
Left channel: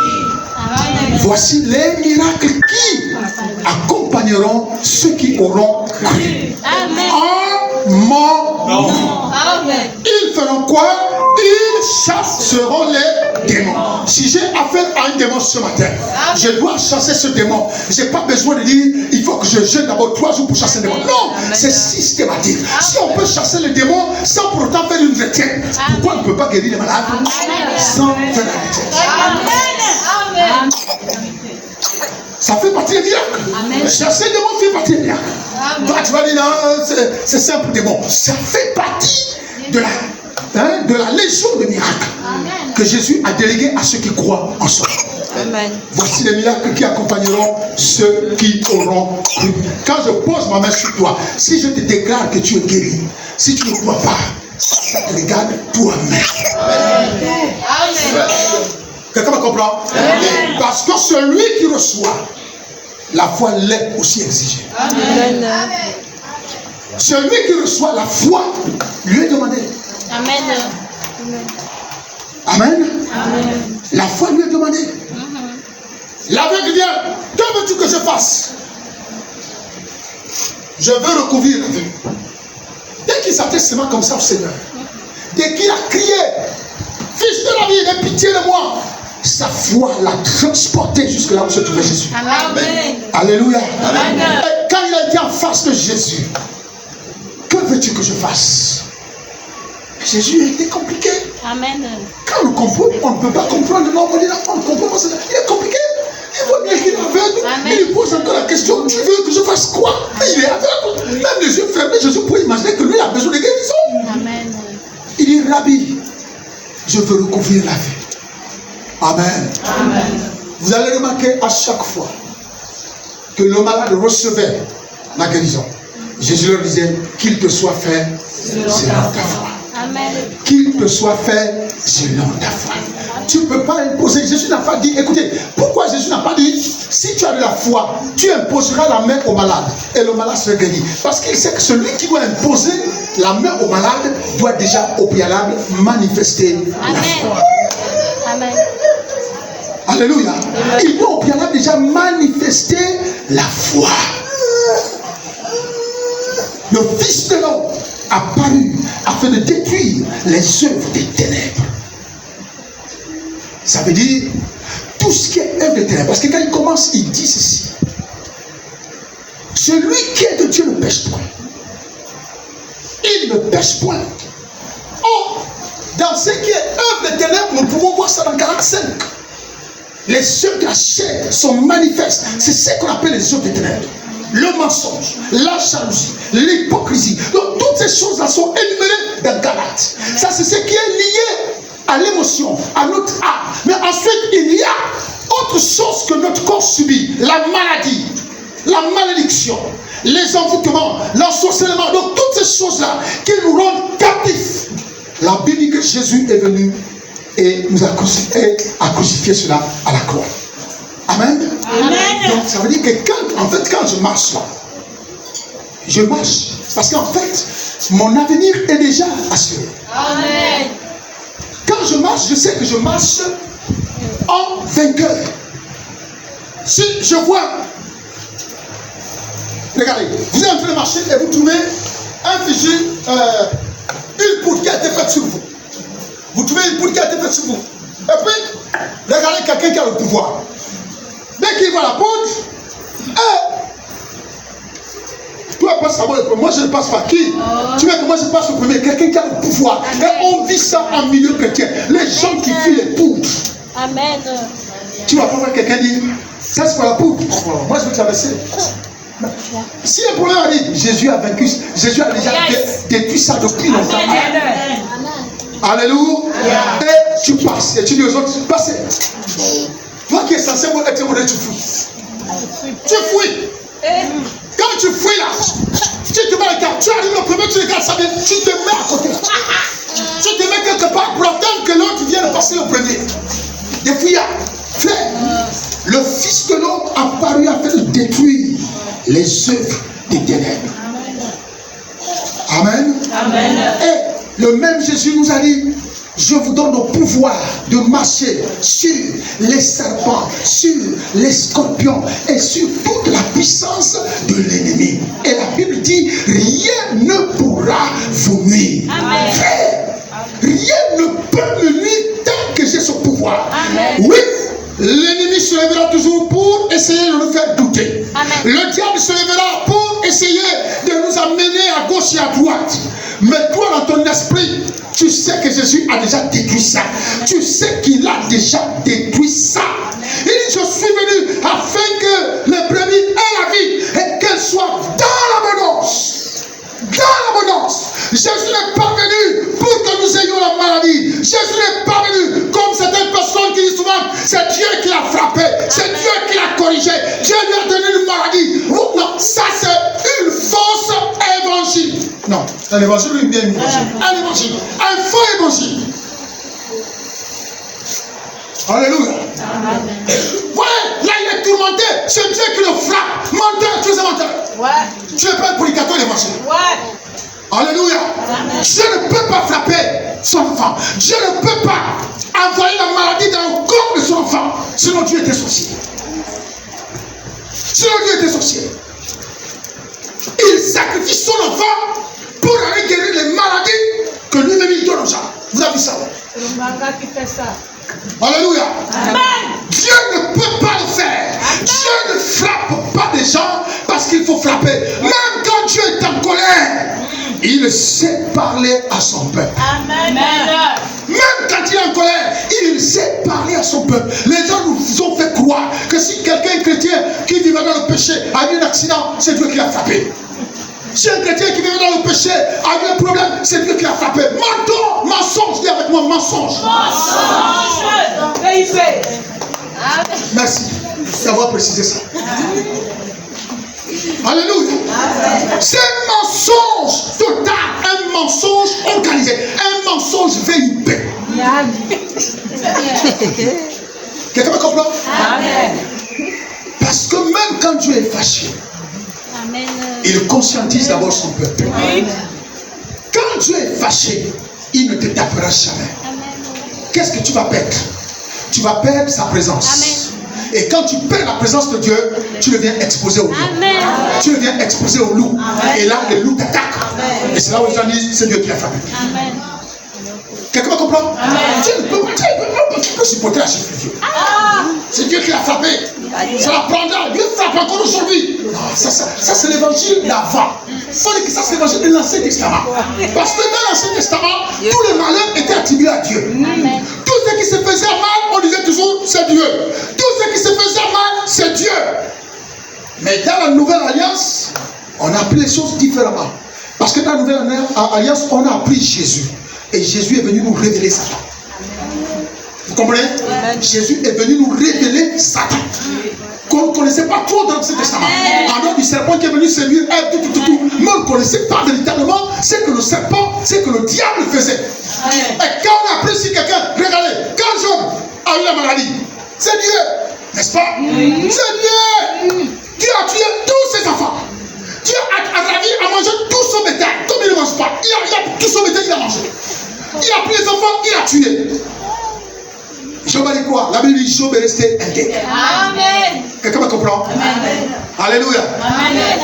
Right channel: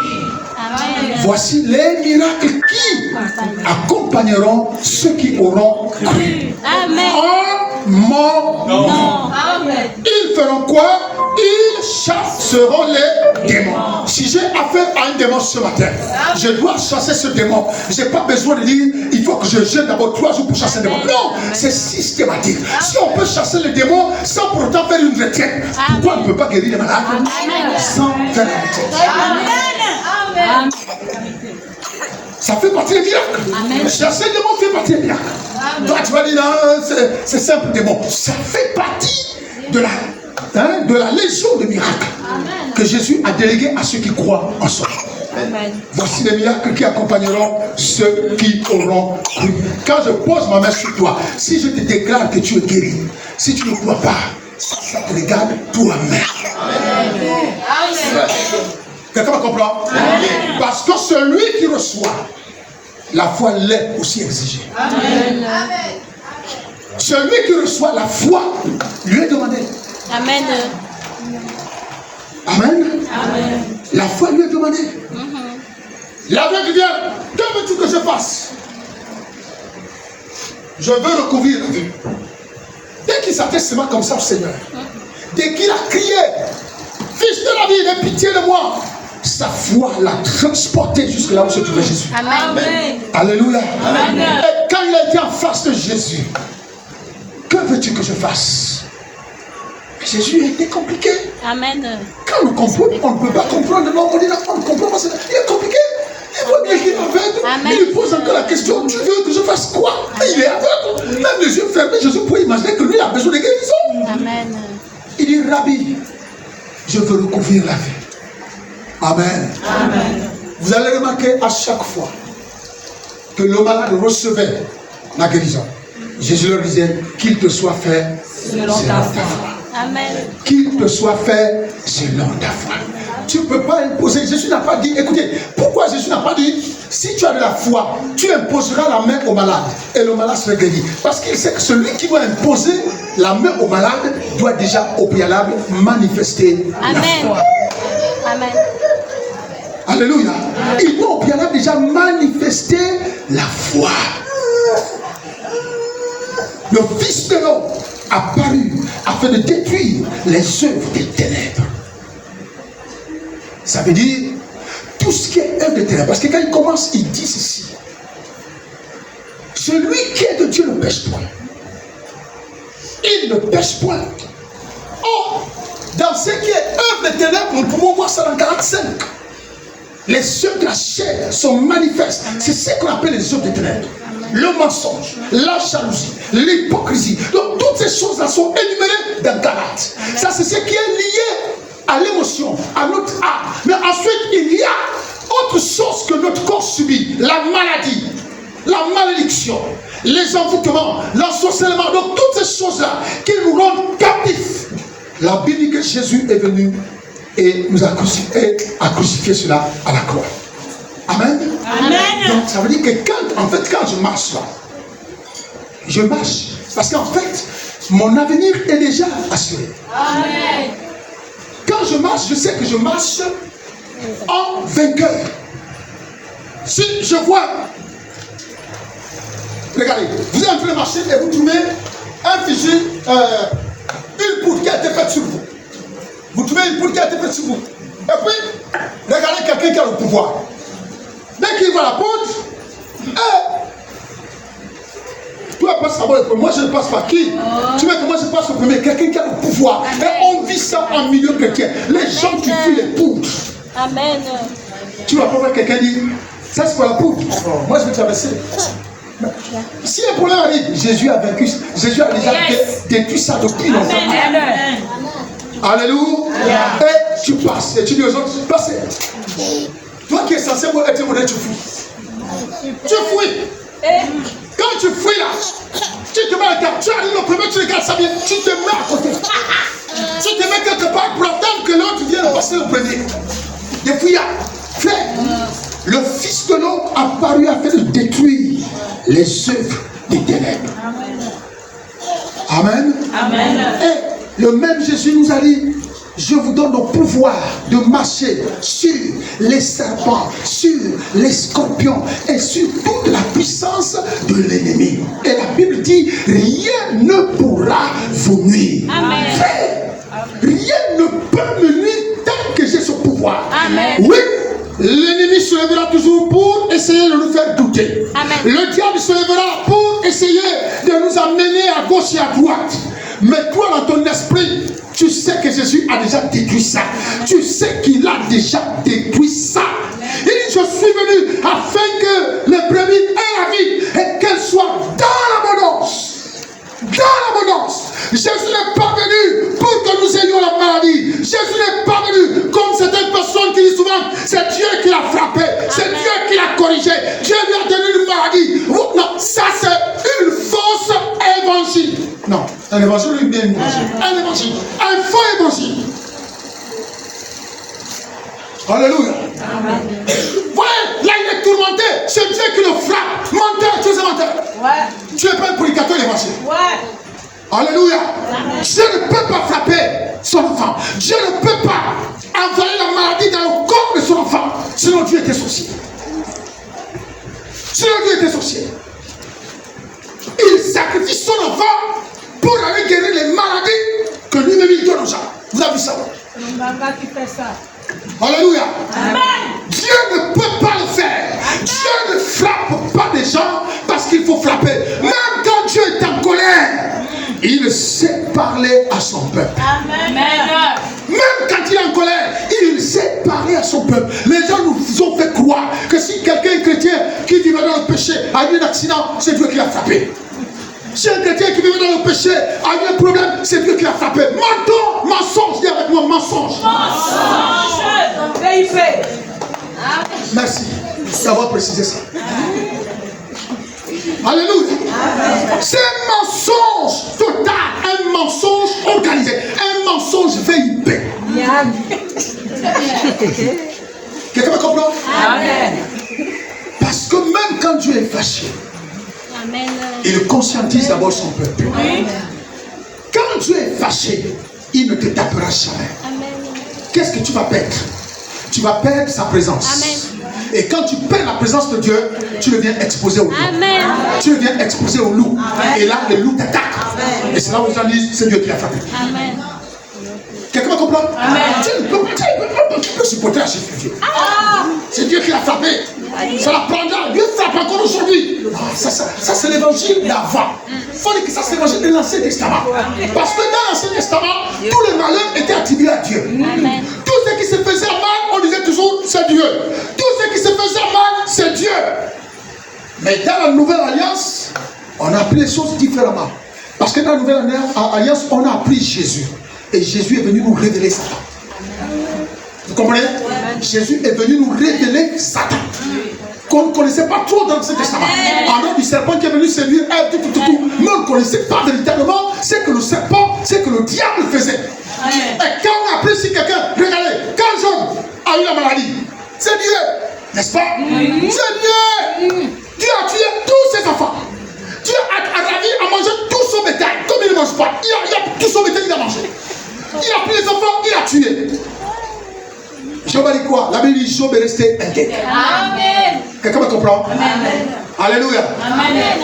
Voici les miracles qui accompagneront ceux qui auront cru. En mon nom. Ils feront quoi? Ils chasseront les démons. Si j'ai affaire à un démon ce matin, je dois chasser ce démon. Je n'ai pas besoin de dire il faut que je jeûne d'abord 3 jours pour chasser le démon. Non, c'est systématique. Si on peut chasser le démon sans pour autant faire une retraite, pourquoi on ne peut pas guérir les malades sans faire la retraite? Amen. Ça fait partie des miracles. Chasser le démon fait partie des miracles. Toi, tu vas dire non, c'est simple démon. Ça fait partie de la légion de miracles que Jésus a délégué à ceux qui croient en son nom. Voici les miracles qui accompagneront ceux qui auront cru. Quand je pose ma main sur toi, si je te déclare que tu es guéri, si tu ne crois pas, ça te regarde toi-même. Quelqu'un me comprend? Parce que celui qui reçoit, la foi l'est aussi exigée. Celui qui reçoit la foi lui est demandé. Amen. Amen. La foi lui est demandée. L'aveugle vient. Que veux-tu que je fasse? Je veux recouvrir la vue. Dès qu'il s'atteste comme ça au Seigneur, dès qu'il a crié, Fils de la vie, aie pitié de moi, sa foi l'a transporté jusque là où se trouvait Jésus. Amen. Alléluia. Amen. Et quand il a été en face de Jésus, que veux-tu que je fasse? Jésus était compliqué. Amen. Quand on comprend, on ne peut pas comprendre. Non, on dit non, on ne comprend pas ça. Il est compliqué. Il voit bien qu'il est aveugle. Il pose encore la question, tu veux que je fasse quoi? Il est aveugle. Même les yeux fermés, Jésus pourrait imaginer que lui a besoin de guérison. Amen. Il dit, Rabbi, je veux recouvrir la vie. Amen. Vous allez remarquer à chaque fois que le malade recevait la guérison, Jésus leur disait, qu'il te soit fait selon ta foi. Qu'il te soit fait selon ta foi. Tu ne peux pas imposer. Jésus n'a pas dit, écoutez, pourquoi Jésus n'a pas dit, si tu as de la foi, tu imposeras la main au malade et le malade sera guéri. Parce qu'il sait que celui qui doit imposer la main au malade doit déjà au préalable manifester la foi. Amen. Alléluia. Il doit au préalable déjà manifester la foi. Le Fils de l'homme apparu afin de détruire les œuvres des ténèbres. Ça veut dire tout ce qui est œuvre des ténèbres. Parce que quand il commence, il dit ceci. Celui qui est de Dieu ne pêche point. Il ne pêche point. Or, dans ce qui est œuvre des ténèbres, nous pouvons voir ça dans 45. Les œuvres de la chair sont manifestes. C'est ce qu'on appelle les œuvres des ténèbres. Le mensonge, la jalousie, l'hypocrisie. Donc toutes ces choses-là sont énumérées dans Galates. Ça, c'est ce qui est lié à l'émotion, à notre âme. Mais ensuite, il y a autre chose que notre corps subit. La maladie, la malédiction, les envoûtements, l'ensorcellement. Donc toutes ces choses-là qui nous rendent captifs. La Bible dit que Jésus est venu et nous a crucifié cela à la croix. Amen. Amen. Donc ça veut dire que quand je marche là, je marche parce qu'en fait, mon avenir est déjà assuré. Amen. Quand je marche, je sais que je marche en vainqueur. Si je vois, regardez, vous êtes en train de marcher et vous trouvez un fusil, une poudre qui a été faite sur vous. Vous trouvez une poudre qui a été faite sur vous. Et puis, regardez quelqu'un qui a le pouvoir. Dès qu'il voit la poudre, Toi, passe d'abord le premier. Moi, je ne passe pas. Qui? Tu vois comment je passe au premier? Quelqu'un qui a le pouvoir. Et on vit ça en milieu chrétien. Les gens qui fuient les poudres. Amen. Tu vas pas voir quelqu'un dire, ça c'est pour la poudre. Moi, je vais traverser. Si le problème arrive, Jésus a vaincu. Jésus a déjà détruit ça depuis longtemps. Alléluia. Et tu passes. Et tu dis aux autres, passez. Toi qui es censé être modèle, tu fuis. Tu fuis. Quand tu fuis là, tu te mets à regarder. Tu arrives le premier, tu regardes ça bien, tu te mets à côté. Tu te mets quelque part pour attendre que l'autre vienne passer le premier. Des fuyards. Frère, le Fils de l'homme a paru afin de détruire les œuvres des ténèbres. Amen. Amen. Et le même Jésus nous a dit, je vous donne le pouvoir de marcher sur les serpents, sur les scorpions et sur toute la puissance de l'ennemi. Et la Bible dit, rien ne pourra vous nuire. Amen. Frère, rien ne peut me nuire tant que j'ai ce pouvoir. Amen. Oui. L'ennemi se lèvera toujours pour essayer de nous faire douter. Amen. Le diable se lèvera pour essayer de nous amener à gauche et à droite. Mais toi, dans ton esprit, tu sais que Jésus a déjà détruit ça. Amen. Tu sais qu'il a déjà détruit ça. Il dit, je suis venu afin que les brebis aient la vie et qu'elles soient dans l'abondance. Dans l'abondance. Jésus n'est pas venu pour que nous ayons la maladie. Jésus n'est pas venu comme certaines personnes qui disent souvent, c'est Dieu qui l'a frappé, c'est Dieu qui l'a corrigé, Dieu lui a donné une maladie. Non, ça c'est une fausse évangile. Non, un évangile ou bien un évangile? Un évangile, un faux évangile. Alléluia. Voyez, là il est tourmenté, c'est Dieu qui le frappe. Menteur, tu es un menteur. Ouais. Tu n'es pas un prédicateur d'évangile. Ouais. Alléluia. Dieu ne peut pas frapper son enfant. Dieu ne peut pas envoyer la maladie dans le corps de son enfant. Sinon Dieu était sorcier. Sinon Dieu était sorcier. Il sacrifie son enfant pour aller guérir les maladies que lui-même il donne aux gens. Vous avez vu ça? Alléluia. Amen. Dieu ne peut pas le faire. Amen. Dieu ne frappe pas des gens parce qu'il faut frapper. Même quand Dieu est en colère, il sait parler à son peuple. Amen. Même quand il est en colère, il sait parler à son peuple. Les gens nous ont fait croire que si quelqu'un chrétien qui vivait dans le péché a eu un accident, c'est Dieu qui l'a frappé. Si un chrétien qui vivait dans le péché a eu un problème, c'est Dieu qui l'a frappé. Menton, mensonge, dis avec moi, mensonge. Merci d'avoir précisé ça. Alléluia. C'est un mensonge total, un mensonge organisé, un mensonge VIP. Quelqu'un me comprend? Amen. Parce que même quand Dieu est fâché, amen, il conscientise d'abord son peuple. Oui. Quand Dieu est fâché, il ne te tapera jamais. Qu'est-ce que tu vas perdre? Tu vas perdre sa présence. Amen. Et quand tu perds la présence de Dieu, tu deviens exposé au loup. Amen. Tu deviens exposé au loup. Amen. Et là, le loup t'attaque. Et c'est là où les gens disent, c'est Dieu qui l'a frappé. Amen. Quelqu'un me comprend? Amen. Tu ne peux pas supporter la chute de Dieu. C'est Dieu qui l'a frappé. Ça la prendra. Dieu frappe encore aujourd'hui. Ça c'est l'évangile d'avant. Il faut dire que ça c'est l'évangile de l'Ancien Testament. Parce que dans l'Ancien Testament, tous les malheurs étaient attribués à Dieu. Amen. Tout ce qui se faisait mal, on disait toujours c'est Dieu. Tout ce qui se faisait mal, c'est Dieu. Mais dans la Nouvelle Alliance, on a appris les choses différemment. Parce que dans la Nouvelle Alliance, on a appris Jésus. Et Jésus est venu nous révéler Satan. Vous comprenez? Jésus est venu nous révéler Satan. Qu'on ne connaissait pas trop dans l'Ancien Testament. En dehors du serpent qui est venu séduire Ève, mais on ne connaissait pas véritablement ce que le serpent, ce que le diable faisait. Et quand on a appris si quelqu'un, regardez, quand Job a eu la maladie, c'est Dieu, n'est-ce pas? C'est Dieu. Dieu a tué tous ses enfants. Dieu a ravi à manger tout son bétail. Comme il ne mange pas, il a tout son bétail, il a mangé. Il a pris les enfants, il a tué. Job a dit quoi? La Bible dit Job est resté intègre. Amen. Quelqu'un me comprend? Amen. Alléluia. Amen.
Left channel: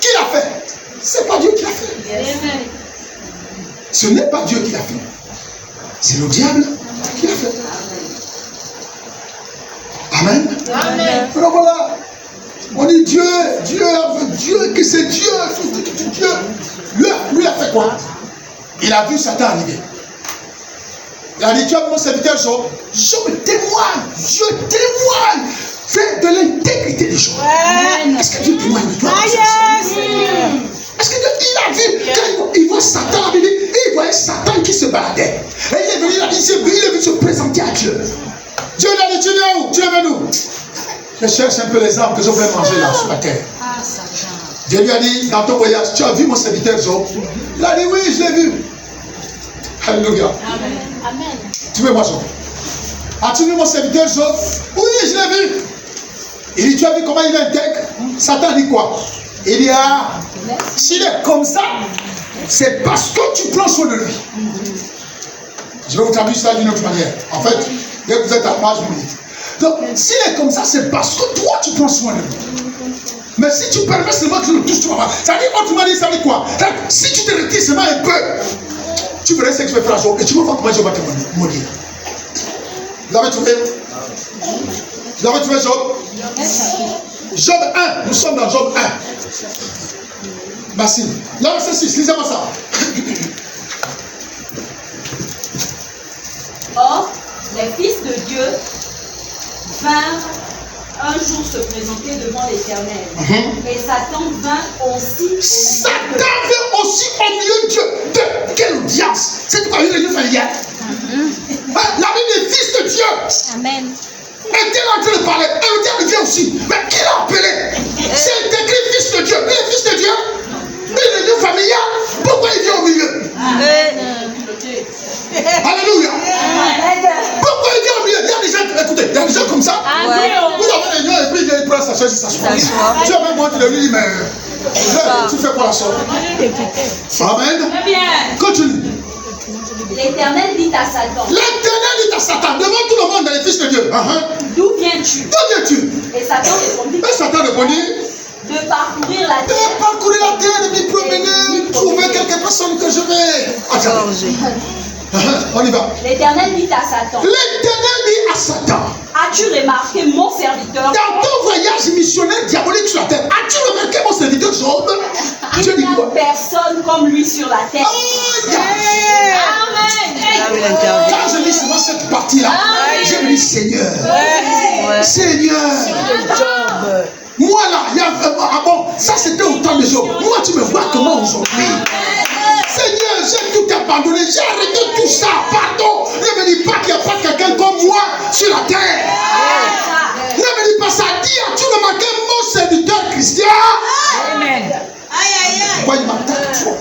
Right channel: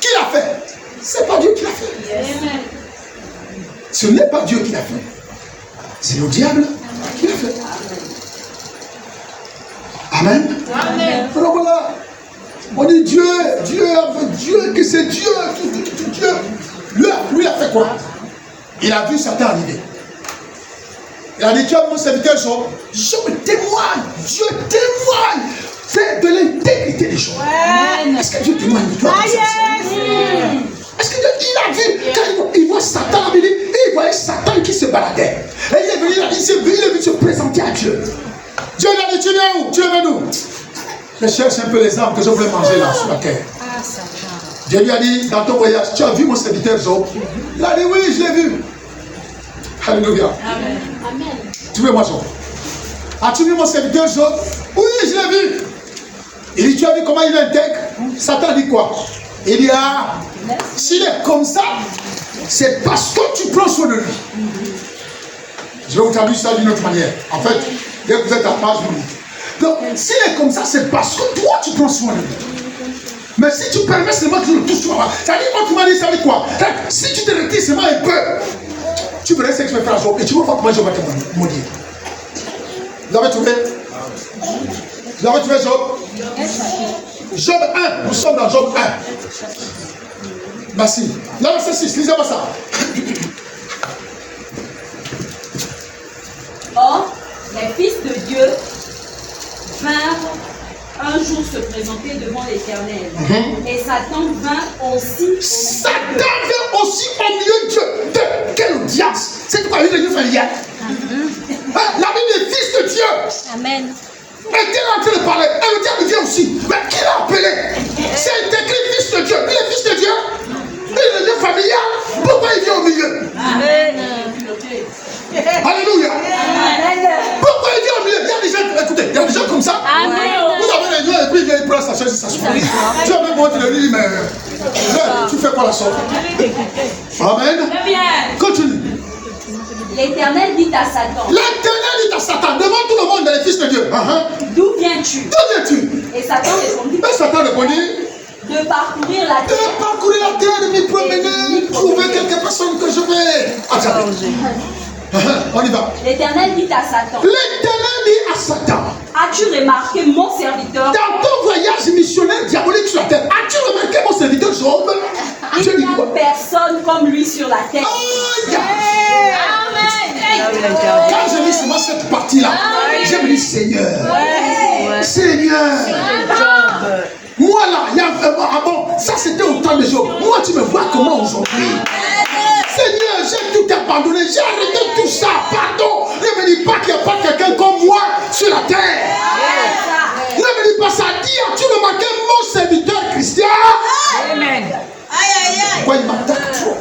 Qui l'a fait? C'est pas Dieu qui l'a fait. Amen. Ce n'est pas Dieu qui l'a fait. C'est le diable qui l'a fait. Amen. Amen. Donc voilà. On dit Dieu, que c'est Dieu. Dieu. Lui a fait quoi? Il a vu Satan arriver. Il a dit, tu as mon serviteur Job. Job témoigne. Dieu témoigne. C'est de l'intégrité des choses. Est-ce que Dieu témoigne de toi? Est-ce que Dieu, il a vu, quand il voit Satan, il voyait Satan qui se baladait. Et il est venu, il est venu se présenter à Dieu. Dieu lui a dit, tu viens où? Tu es venu. Je cherche un peu les arbres que je voulais manger là, sur la terre. Dieu lui a dit, dans ton voyage, tu as vu mon serviteur Job? Il a dit, oui, je l'ai vu. Alléluia. Amen. Tu veux moi Job? As-tu vu mon serviteur Job? Oui, je l'ai vu. Il dit, tu as vu comment il est intègre? Satan dit quoi? Il dit, ah, s'il est comme ça, c'est parce que tu prends soin de lui. Je vais vous traduire ça d'une autre manière. En fait, dès que vous êtes à page, vous dites. Donc, s'il est comme ça, c'est parce que toi, tu prends soin de lui. Mais si tu permets seulement que tu le touches, tu vas voir. Ça dit, autrement dit, ça dit quoi? Si tu te retires seulement un peu, tu verras ce que je vais faire à Job et tu vas voir comment je vais te maudire. Vous avez trouvé? Vous avez trouvé Job? Job 1, nous sommes dans Job 1. Merci. Là, c'est 6, lisez-moi ça. Or, les fils de Dieu vinrent un jour se présenter devant l'Éternel. Et Satan vint aussi. Satan vint aussi au milieu de Dieu. De quelle audience? C'est quoi une familiale? La vie des fils de Dieu. Amen. Et Dieu est en train de parler. Et le diable vient aussi. Mais qui l'a appelé? C'est écrit fils de Dieu. Il est fils de Dieu. Il est une familiale. Pourquoi il vient au milieu? Alléluia. Pourquoi il vient au milieu? Il y a des gens, écoutez, il y a des gens comme ça. Vous avez les gens et puis il prend sa chaise et s'assoit. Tu as même moi qui lui dit, mais tu fais quoi la sorte? Amen. Continue. L'Éternel dit à Satan. L'Éternel dit à Satan, devant tout le monde dans les fils de Dieu. D'où viens-tu? D'où viens-tu? Et Satan répondit. Et Satan répondit. De parcourir la terre. De parcourir la terre, de m'y promener, de trouver quelques personnes que je vais. On y va. L'Éternel dit à Satan. L'Éternel dit à Satan. As-tu remarqué mon serviteur? Dans ton voyage missionnaire diabolique sur la terre, as-tu remarqué mon serviteur Job? Il n'y a personne comme lui sur la terre. Amen. Quand je lis souvent cette partie-là, je me dis Seigneur, Seigneur. Moi là, il y a bon, ça c'était au temps de Job. Moi tu me vois comment aujourd'hui? Seigneur, j'ai tout abandonné, j'ai arrêté tout ça, pardon. Ne me dis pas qu'il n'y a pas quelqu'un comme moi sur la terre. Ne me dis pas ça, dis, as-tu remarqué mon serviteur Christian? Amen. Pourquoi il m'attaque trop?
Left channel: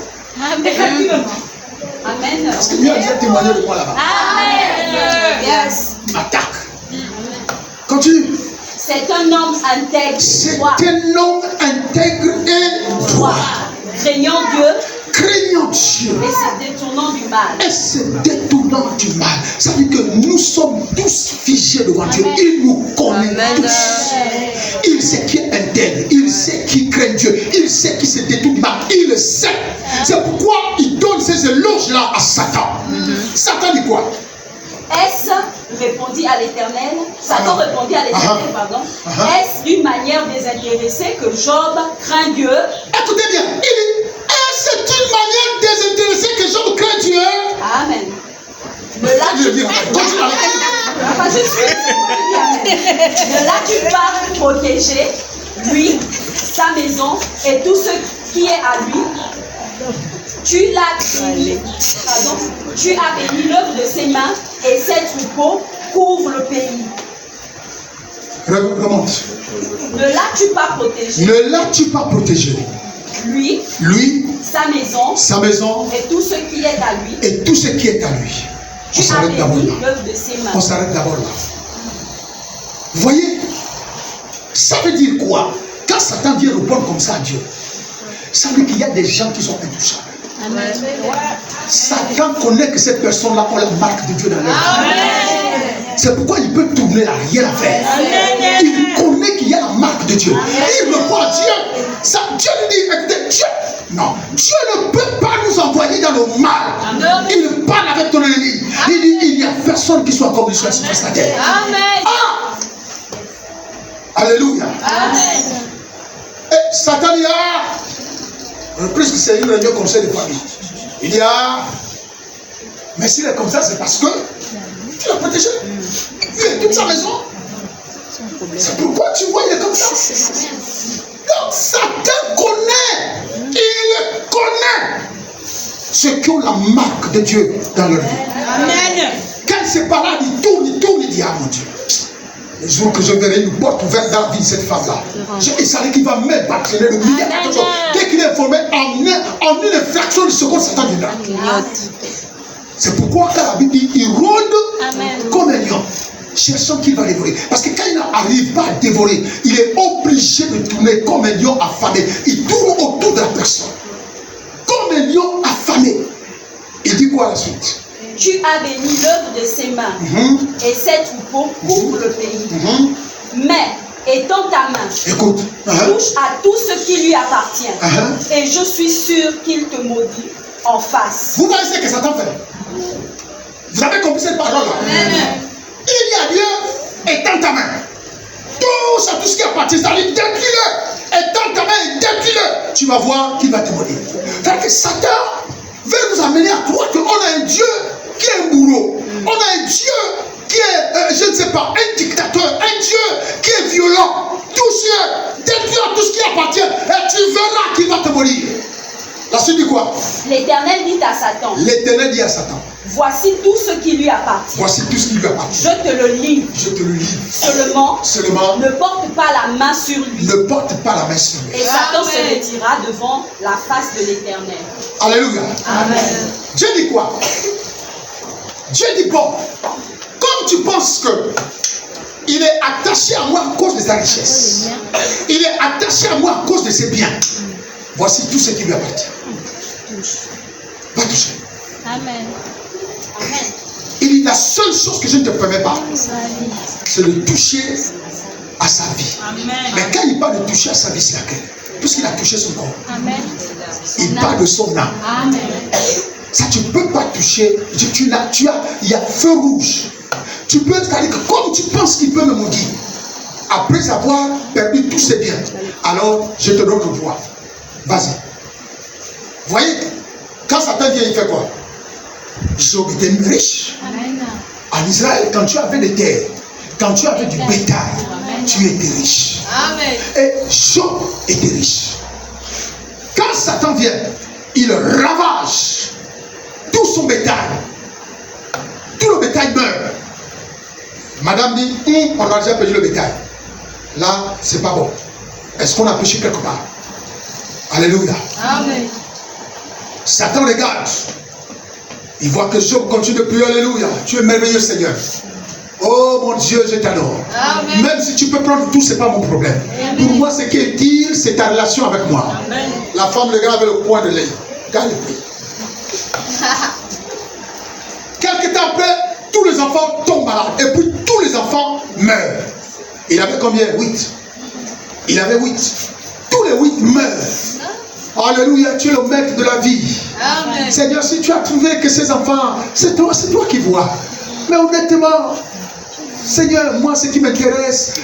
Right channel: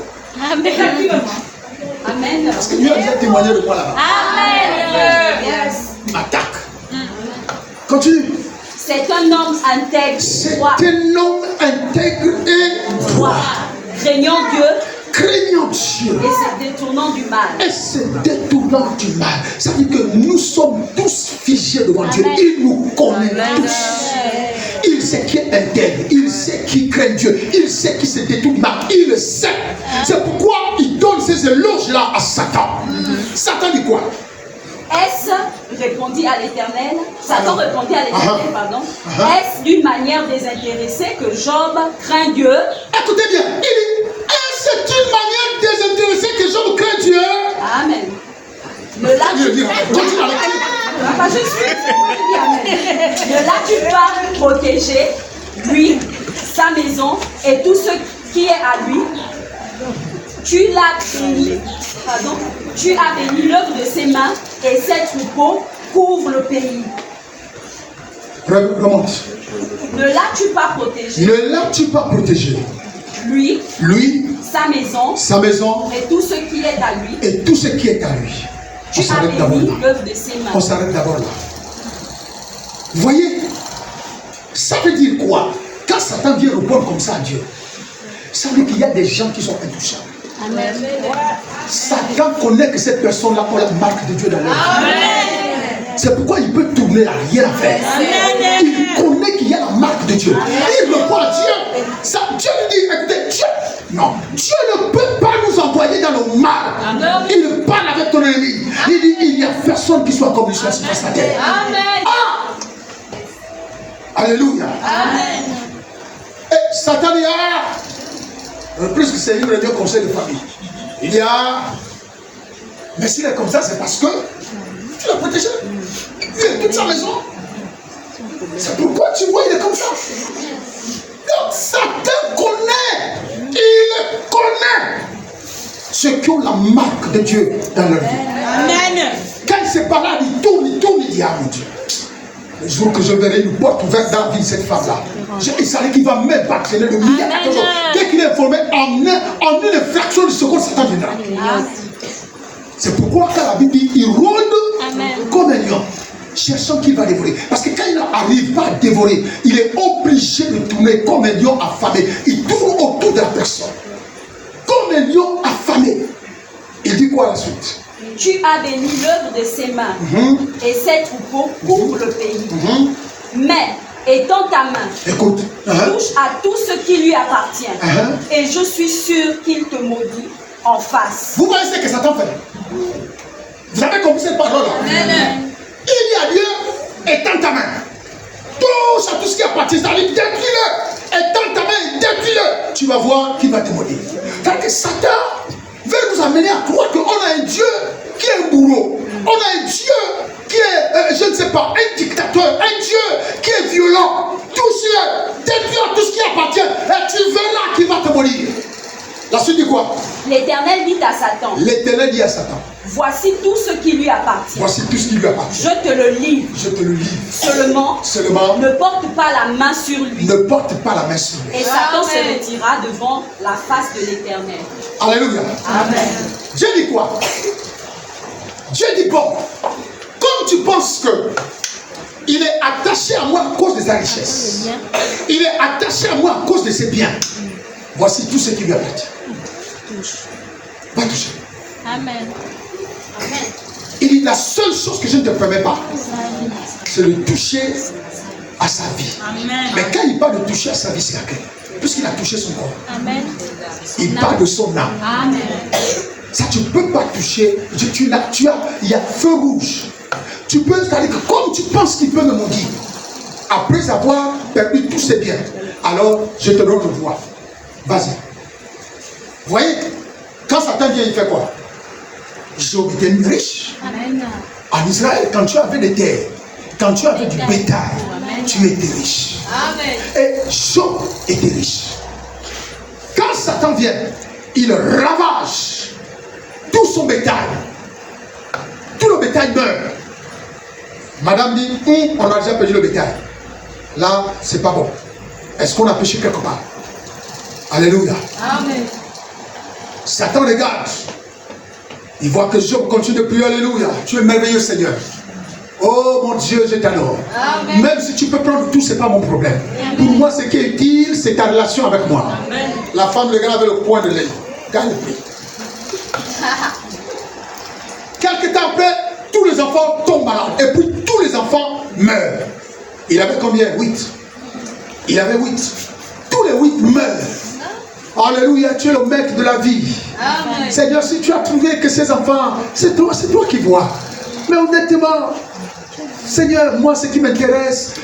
Amen. Parce que lui a déjà témoigné de moi là-bas. Yes. Il m'attaque. Continue. C'est un homme intègre. C'est un homme intègre et droit. Craignant Dieu. Craignant Dieu. Et se détournant du mal. Et se détournant du mal. Ça veut dire que nous sommes tous figés devant Dieu. Il nous connaît tous. Il sait qui est intègre. Il sait qui craint Dieu. Il sait qui se détourne du mal. Il le sait. C'est pourquoi il donne ces éloges-là à Satan. Satan dit quoi? Est-ce, répondit à l'Éternel, Satan répondit à l'Éternel, pardon, est-ce d'une manière désintéressée que Job craint Dieu? Écoutez bien, il dit, est-ce une manière désintéressée que Job craint Dieu? Amen. Ne l'as-tu pas protégé, lui, sa maison et tout ce qui est à lui? Tu as béni l'œuvre de ses mains et ses troupeaux couvrent le pays. Remonte. Ne l'as-tu pas protégé? Ne l'as-tu pas protégé? Lui, sa maison et tout ce qui est à lui. Et tout ce qui est à lui. Tu as béni l'œuvre de ses mains. On s'arrête d'abord là. Vous voyez, ça veut dire quoi? Quand Satan vient répondre comme ça à Dieu, ça veut dire qu'il y a des gens qui sont intouchables. Amen. Satan connaît que ces personnes-là ont la marque de Dieu dans leur vie. C'est pourquoi il peut tourner à rien à faire. Il connaît qu'il y a la marque de Dieu. Il ne voit Dieu. Ça, Dieu lui dit, écoutez, Dieu. Non, Dieu ne peut pas nous envoyer dans le mal. Il parle avec ton ennemi. Il dit, il n'y a personne qui soit comme lui sur la terre. Amen. Alléluia. Amen. Satan y a, plus que c'est une réunion conseil de famille, il y a, mais s'il est comme ça, c'est parce que tu l'as protégé. Il est toute sa maison. C'est pourquoi tu vois, il est comme ça. Donc Satan connaît, il connaît ceux qui ont la marque de Dieu dans leur vie. Amen. Quand il se balade, il tourne, il dit, ah mon Dieu. Le jour que je verrai une porte ouverte dans la vie de cette femme-là, il savait qu'il va même bâtonner le milliard de choses. Dès qu'il est informé, en une fraction de seconde, Satan viendra. C'est pourquoi quand la Bible dit, il rôde comme un lion, cherchant qu'il va dévorer. Parce que quand il n'arrive pas à dévorer, il est obligé de tourner comme un lion affamé. Il tourne autour de la personne. Comme un lion affamé. Il dit quoi à la suite? Tu as béni l'œuvre de ses mains, et ses troupeaux couvrent le pays. Mais, étends ta main, écoute, touche à tout ce qui lui appartient, et je suis sûr qu'il te maudit en face. Vous voyez ce que Satan fait? Vous avez compris cette parole-là? Il dit à Dieu, étends ta main. Touche à tout ce qui appartient, c'est-à-dire détruis-le. Étends ta main et détruis-le. Tu vas voir qu'il va te maudire. Car que Satan veut nous amener à croire qu'on a un Dieu qui est un bourreau. On a un Dieu qui est, je ne sais pas, un dictateur, un Dieu qui est violent. Touche-le, détruis tout ce qui appartient, et tu verras qu'il va te maudire. La suite dit quoi? L'Éternel dit à Satan. L'Éternel dit à Satan. Voici tout ce qui lui appartient. Voici tout ce qui lui appartient. Je te le livre. Je te le livre. Seulement, ne porte pas la main sur lui. Ne porte pas la main sur lui. Et Satan se retira devant la face de l'Éternel. Alléluia. Amen. Dieu dit quoi? Dieu dit bon, comme tu penses que il est attaché à moi à cause de sa richesse, il est attaché à moi à cause de ses biens, voici tout ce qui lui appartient. Va toucher. Amen. Amen. Il dit la seule chose que je ne te permets pas, c'est de toucher à sa vie. Amen. Mais quand il parle de toucher à sa vie, c'est laquelle? Puisqu'il a touché son corps. Amen. Il parle de son âme. Amen. Ça, tu ne peux pas toucher. Il y a feu rouge. Tu peux, c'est-à-dire que comme tu penses qu'il peut me maudire, après avoir perdu tous ses biens, alors je te donne le droit. Vas-y. Vous voyez, quand Satan vient, il fait quoi? Job était riche. Amen. En Israël, quand tu avais des terres, quand tu avais du bétail, tu étais riche. Amen. Et Job était riche. Quand Satan vient, il ravage tout son bétail. Tout le bétail meurt. Madame dit, on a déjà perdu le bétail. Là, c'est pas bon. Est-ce qu'on a péché quelque part? Alléluia. Amen. Satan regarde. Il voit que Job continue de prier. Alléluia. Tu es merveilleux, Seigneur. Oh mon Dieu, je t'adore. Même si tu peux prendre tout, ce n'est pas mon problème. Pour moi, ce qui est utile, c'est ta relation avec moi. Amen. La femme regarde avec le coin de l'œil. Quand il prie. Quelque temps après, tous les enfants tombent malades. Et puis tous les enfants meurent. Il avait combien? 8. Il avait 8. Tous les 8 meurent. Alléluia, tu es le maître de la vie. Amen. Seigneur, si tu as trouvé que ces enfants, c'est toi qui vois. Mais honnêtement, Seigneur, moi ce qui m'intéresse,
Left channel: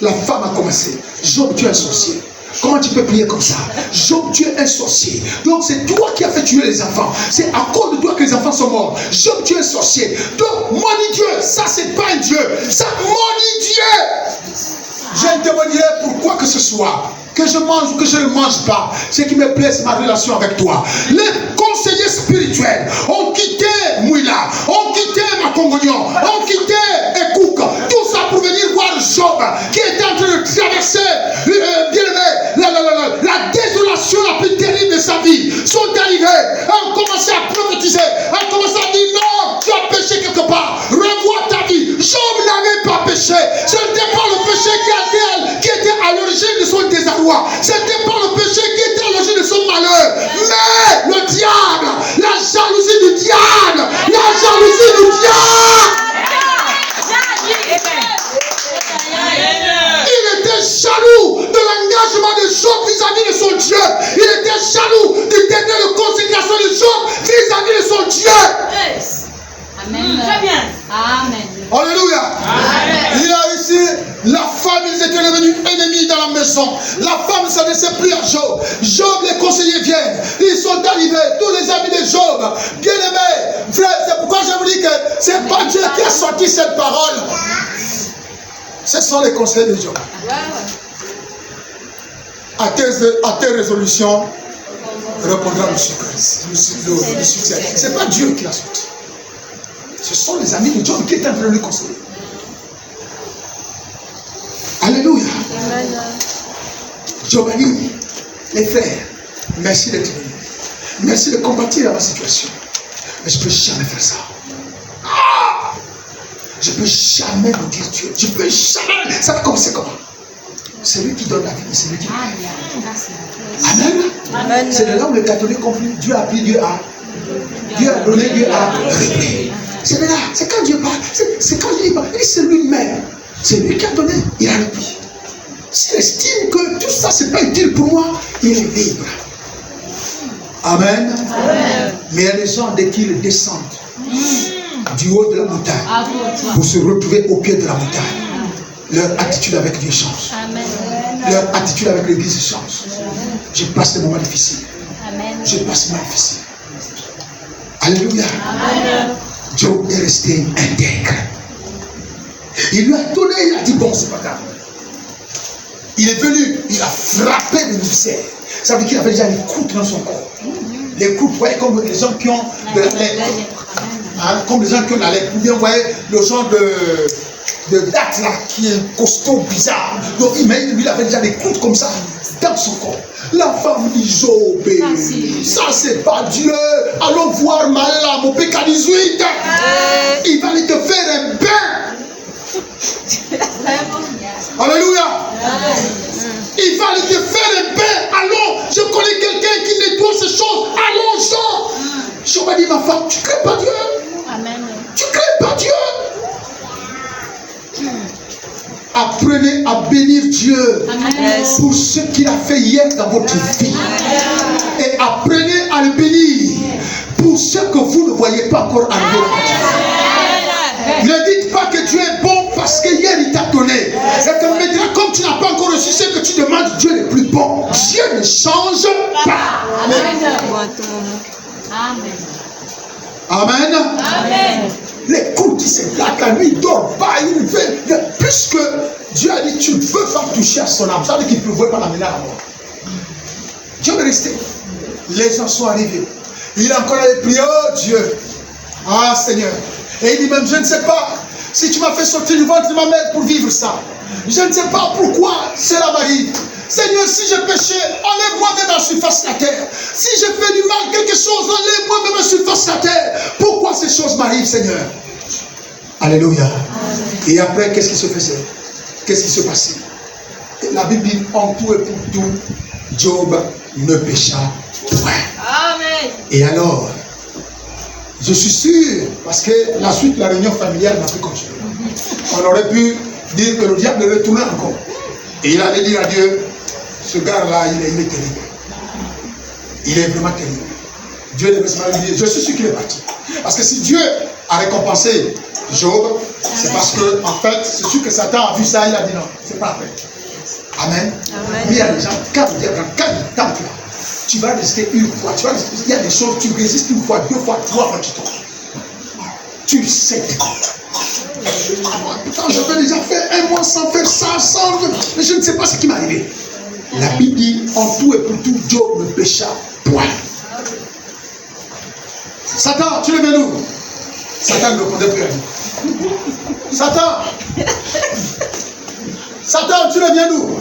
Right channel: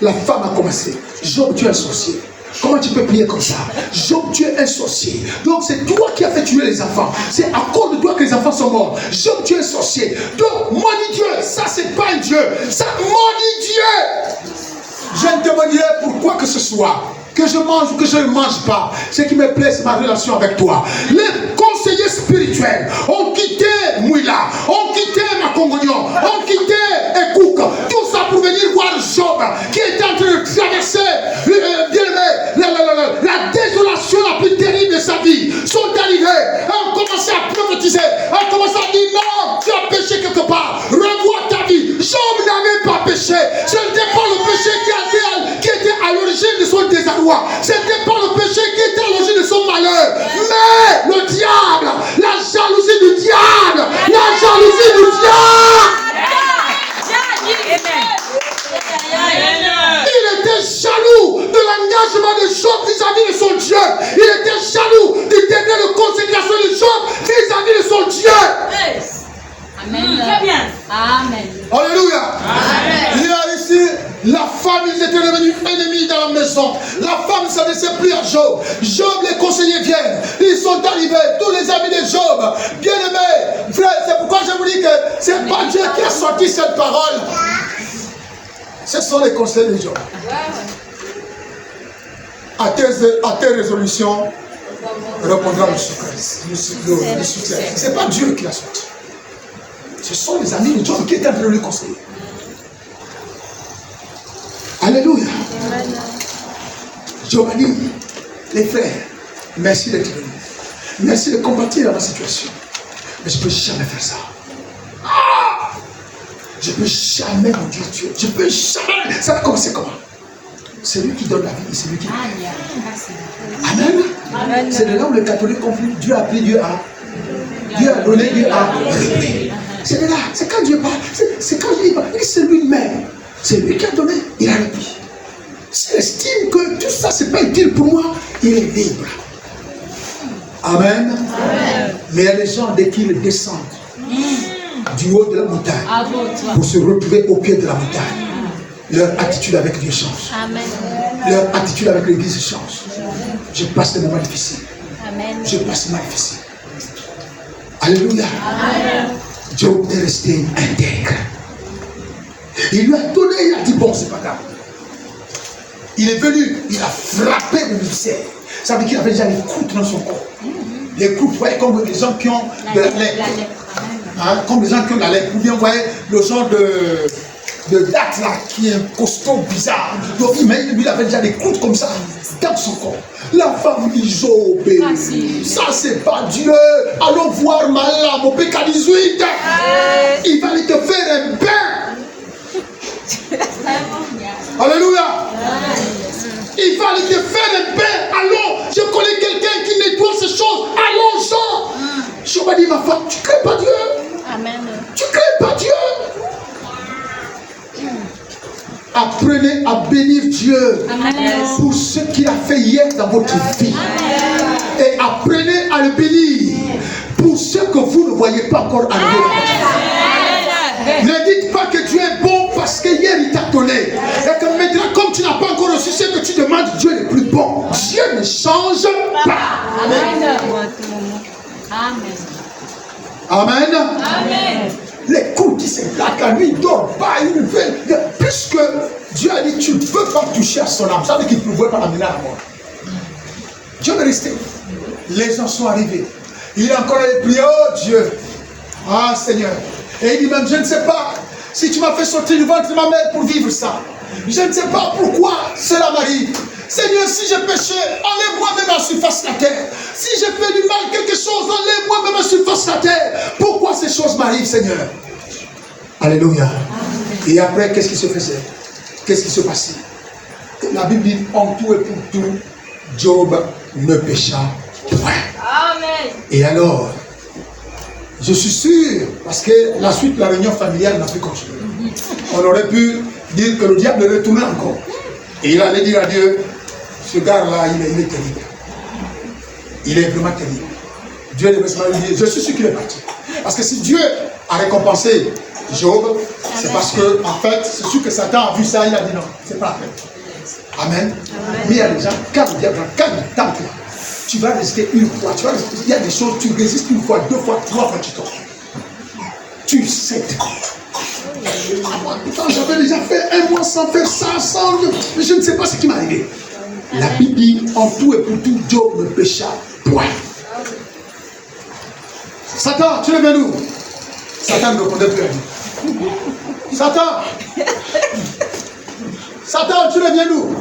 la femme a commencé. Job, tu es un sorcier. Comment tu peux prier comme ça? Job, tu es un sorcier. Donc c'est toi qui as fait tuer les enfants. C'est à cause de toi que les enfants sont morts. Job, tu es un sorcier. Donc maudit Dieu. Ça c'est pas un Dieu. Ça maudit Dieu. Je ne te maudirai pour quoi que ce soit. Que je mange ou que je ne mange pas. Ce qui me plaît, c'est ma relation avec toi. Les conseillers spirituels ont quitté Mouila, ont quitté Makongognon, ont quitté Ekouk. Tout ça pour venir voir Job qui était en train de traverser la désolation la plus terrible de sa vie. Sont arrivés, ont commencé à prophétiser, ont commencé à dire non, tu as péché quelque part. Revois ta vie. Job n'avait pas péché. Ce n'était pas le péché qui était à l'origine de son désarroi. C'était pas le péché qui était à l'origine de son malheur. Mais le diable, la jalousie du diable, la jalousie du diable. Il était jaloux de l'engagement de Job vis-à-vis de son Dieu. Il était jaloux du degré de consécration de Job vis-à-vis de son Dieu. Amen. Très bien. Amen. Alléluia. Amen. Il a ici, la femme, ils étaient devenus ennemis dans la maison. maison. La femme ne s'adressait plus à Job. Job, les conseillers viennent. Ils sont arrivés. Tous les amis de Job. Bien-aimés, frère, c'est pourquoi je vous dis que c'est pas Dieu qui a sorti cette parole. Ce sont les conseillers de Job. À tes résolutions, répondra le soutien. Ce n'est pas Dieu qui l'a sorti. Ce sont les amis de Job qui étaient en train de le conseiller. Alléluia. Job a dit, les frères, merci d'être venus. Merci de combattre dans ma situation. Mais je ne peux jamais faire ça. Je ne peux jamais vous dire Dieu. Je ne peux jamais. Ça va commencer comment? C'est lui qui donne la vie, c'est lui qui donne. Amen. Amen. C'est de là où les catholiques comprennent. Dieu a pris, Dieu a donné, Dieu a repris. C'est de là, c'est quand Dieu parle, c'est quand il parle. C'est lui-même. C'est lui qui a donné, il a repris. S'il estime que tout ça, ce n'est pas utile pour moi, il est libre. Amen. Amen. Mais il y a des gens, dès qu'ils descendent du haut de la montagne pour se retrouver au pied de la montagne, leur attitude avec Dieu change. Amen. Leur attitude avec l'église change. Je passe des moments difficiles. Amen. Je passe des moments difficiles. Alléluia. Amen. Job est resté intègre. Il lui a donné, il a dit bon, c'est pas grave. Il est venu, il a frappé le mystère. Ça veut dire qu'il avait déjà les croûtes dans son corps. Les croûtes, vous voyez, comme les gens qui ont de la lèpre. Hein, comme les gens qui ont de la lèpre. Ou bien, vous voyez, le genre de date là, qui est costaud, bizarre. Donc, il avait déjà des croûtes comme ça, dans son corps. La femme dit, Job, ça c'est pas Dieu. Allons voir Malam au PK18. Il va aller te faire un bain. Alléluia. Il va aller te faire un bain. Allons, je connais quelqu'un qui nettoie ces choses. Allons-en. Job a dit, ma femme, tu ne crées pas Dieu. Amen. Tu ne crées pas Dieu. Apprenez à bénir Dieu. Amen. Pour ce qu'il a fait hier dans votre vie. Amen. Et apprenez à le bénir pour ce que vous ne voyez pas encore arriver. Ne dites pas que Dieu est bon parce que hier il t'a donné. Et que maintenant, comme tu n'as pas encore reçu ce que tu demandes, Dieu est plus bon. Dieu ne change pas. Amen. Amen. Amen. Les coups qui se battent la nuit, il ne dort pas, il ne veut. Puisque Dieu a dit, tu ne veux pas toucher à son âme. Ça veut dire qu'il ne pouvait pas l'amener à la mort. Dieu est resté. Les gens sont arrivés. Il a encore prié, oh Dieu. Ah Seigneur. Et il dit même, je ne sais pas si tu m'as fait sortir du ventre de ma mère pour vivre ça. Je ne sais pas pourquoi cela m'arrive. Seigneur, si j'ai péché, enlève-moi même à la surface de la terre. Si j'ai fait du mal quelque chose, enlève-moi même à la surface de la terre. Pourquoi ces choses m'arrivent, Seigneur? Alléluia. Et après, qu'est-ce qui se faisait? Qu'est-ce qui se passait? La Bible dit, en tout et pour tout, Job ne pécha point. Amen. Et alors, je suis sûr, parce que la suite de la réunion familiale n'a plus continué. On aurait pu dire que le diable retournait encore. Et il allait dire à Dieu, ce gars-là, il est terrible. Il est vraiment terrible. Dieu devait se marier. Je suis sûr qu'il est parti. Parce que si Dieu a récompensé Job, c'est parce que, en fait, c'est sûr que Satan a vu ça, il a dit non, c'est pas vrai. Amen. Mais il y a des gens, quand le diable, quand il tente là, tu vas résister une fois, il y a des choses, tu résistes une fois, deux fois, trois fois, tu tombes. Tu sais. Putain, j'avais déjà fait un mois sans faire ça, mais je ne sais pas ce qui m'est arrivé. La Bible dit, en tout et pour tout, Job ne pécha point. Satan, tu le mets nous. Satan ne répondait plus à lui. Satan, Satan, tu le viens nous.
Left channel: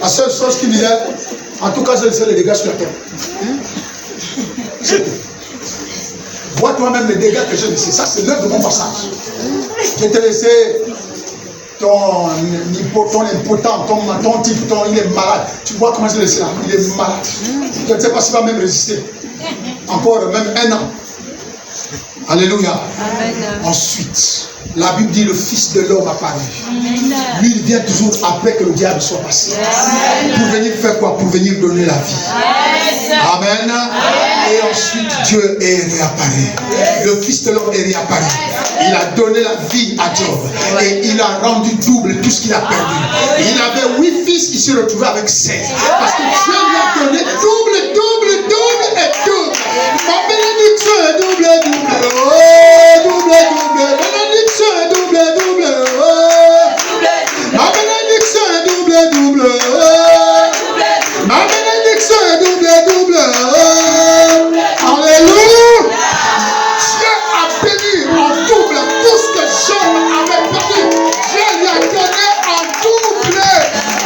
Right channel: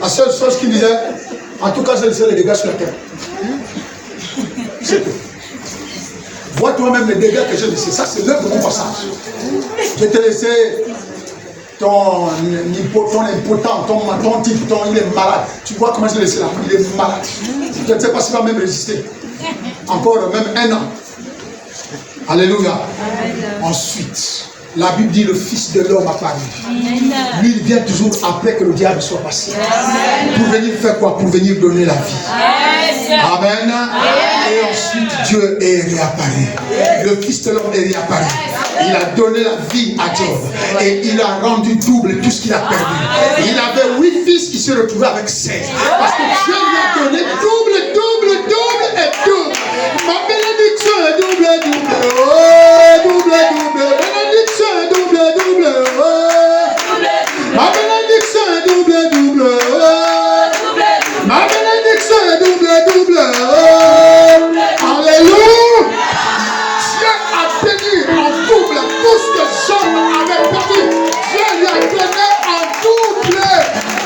La seule chose qu'il disait, en tout cas, je laissais les dégâts sur la terre. C'est tout. Vois toi-même les dégâts que j'ai laissés. Ça, c'est l'œuvre de mon passage. Je t'ai laissé ton impotent, ton type, il est malade. Tu vois comment je l'ai laissé là? Il est malade. Je ne sais pas s'il va même résister. Encore même un an. Alléluia. Amen. Ensuite, la Bible dit le Fils de l'homme apparu. Lui, il vient toujours après que le diable soit passé. Amen. Pour venir faire quoi? Pour venir donner la vie. Amen. Amen. Et ensuite, Dieu est réapparu. Le Fils de l'homme est réapparu. Il a donné la vie à Job. Et il a rendu double tout ce qu'il a perdu. Il avait 8 fils, il s'est retrouvé avec 16. Parce que Dieu lui a donné double et double. Ma bénédiction est double. Oh, double. Bénédiction est double. Oh, ma bénédiction est double. Oh, ma bénédiction est double. Oh, alléluia. Dieu a béni en double tout ce que Job avait perdu. Dieu lui a donné en double.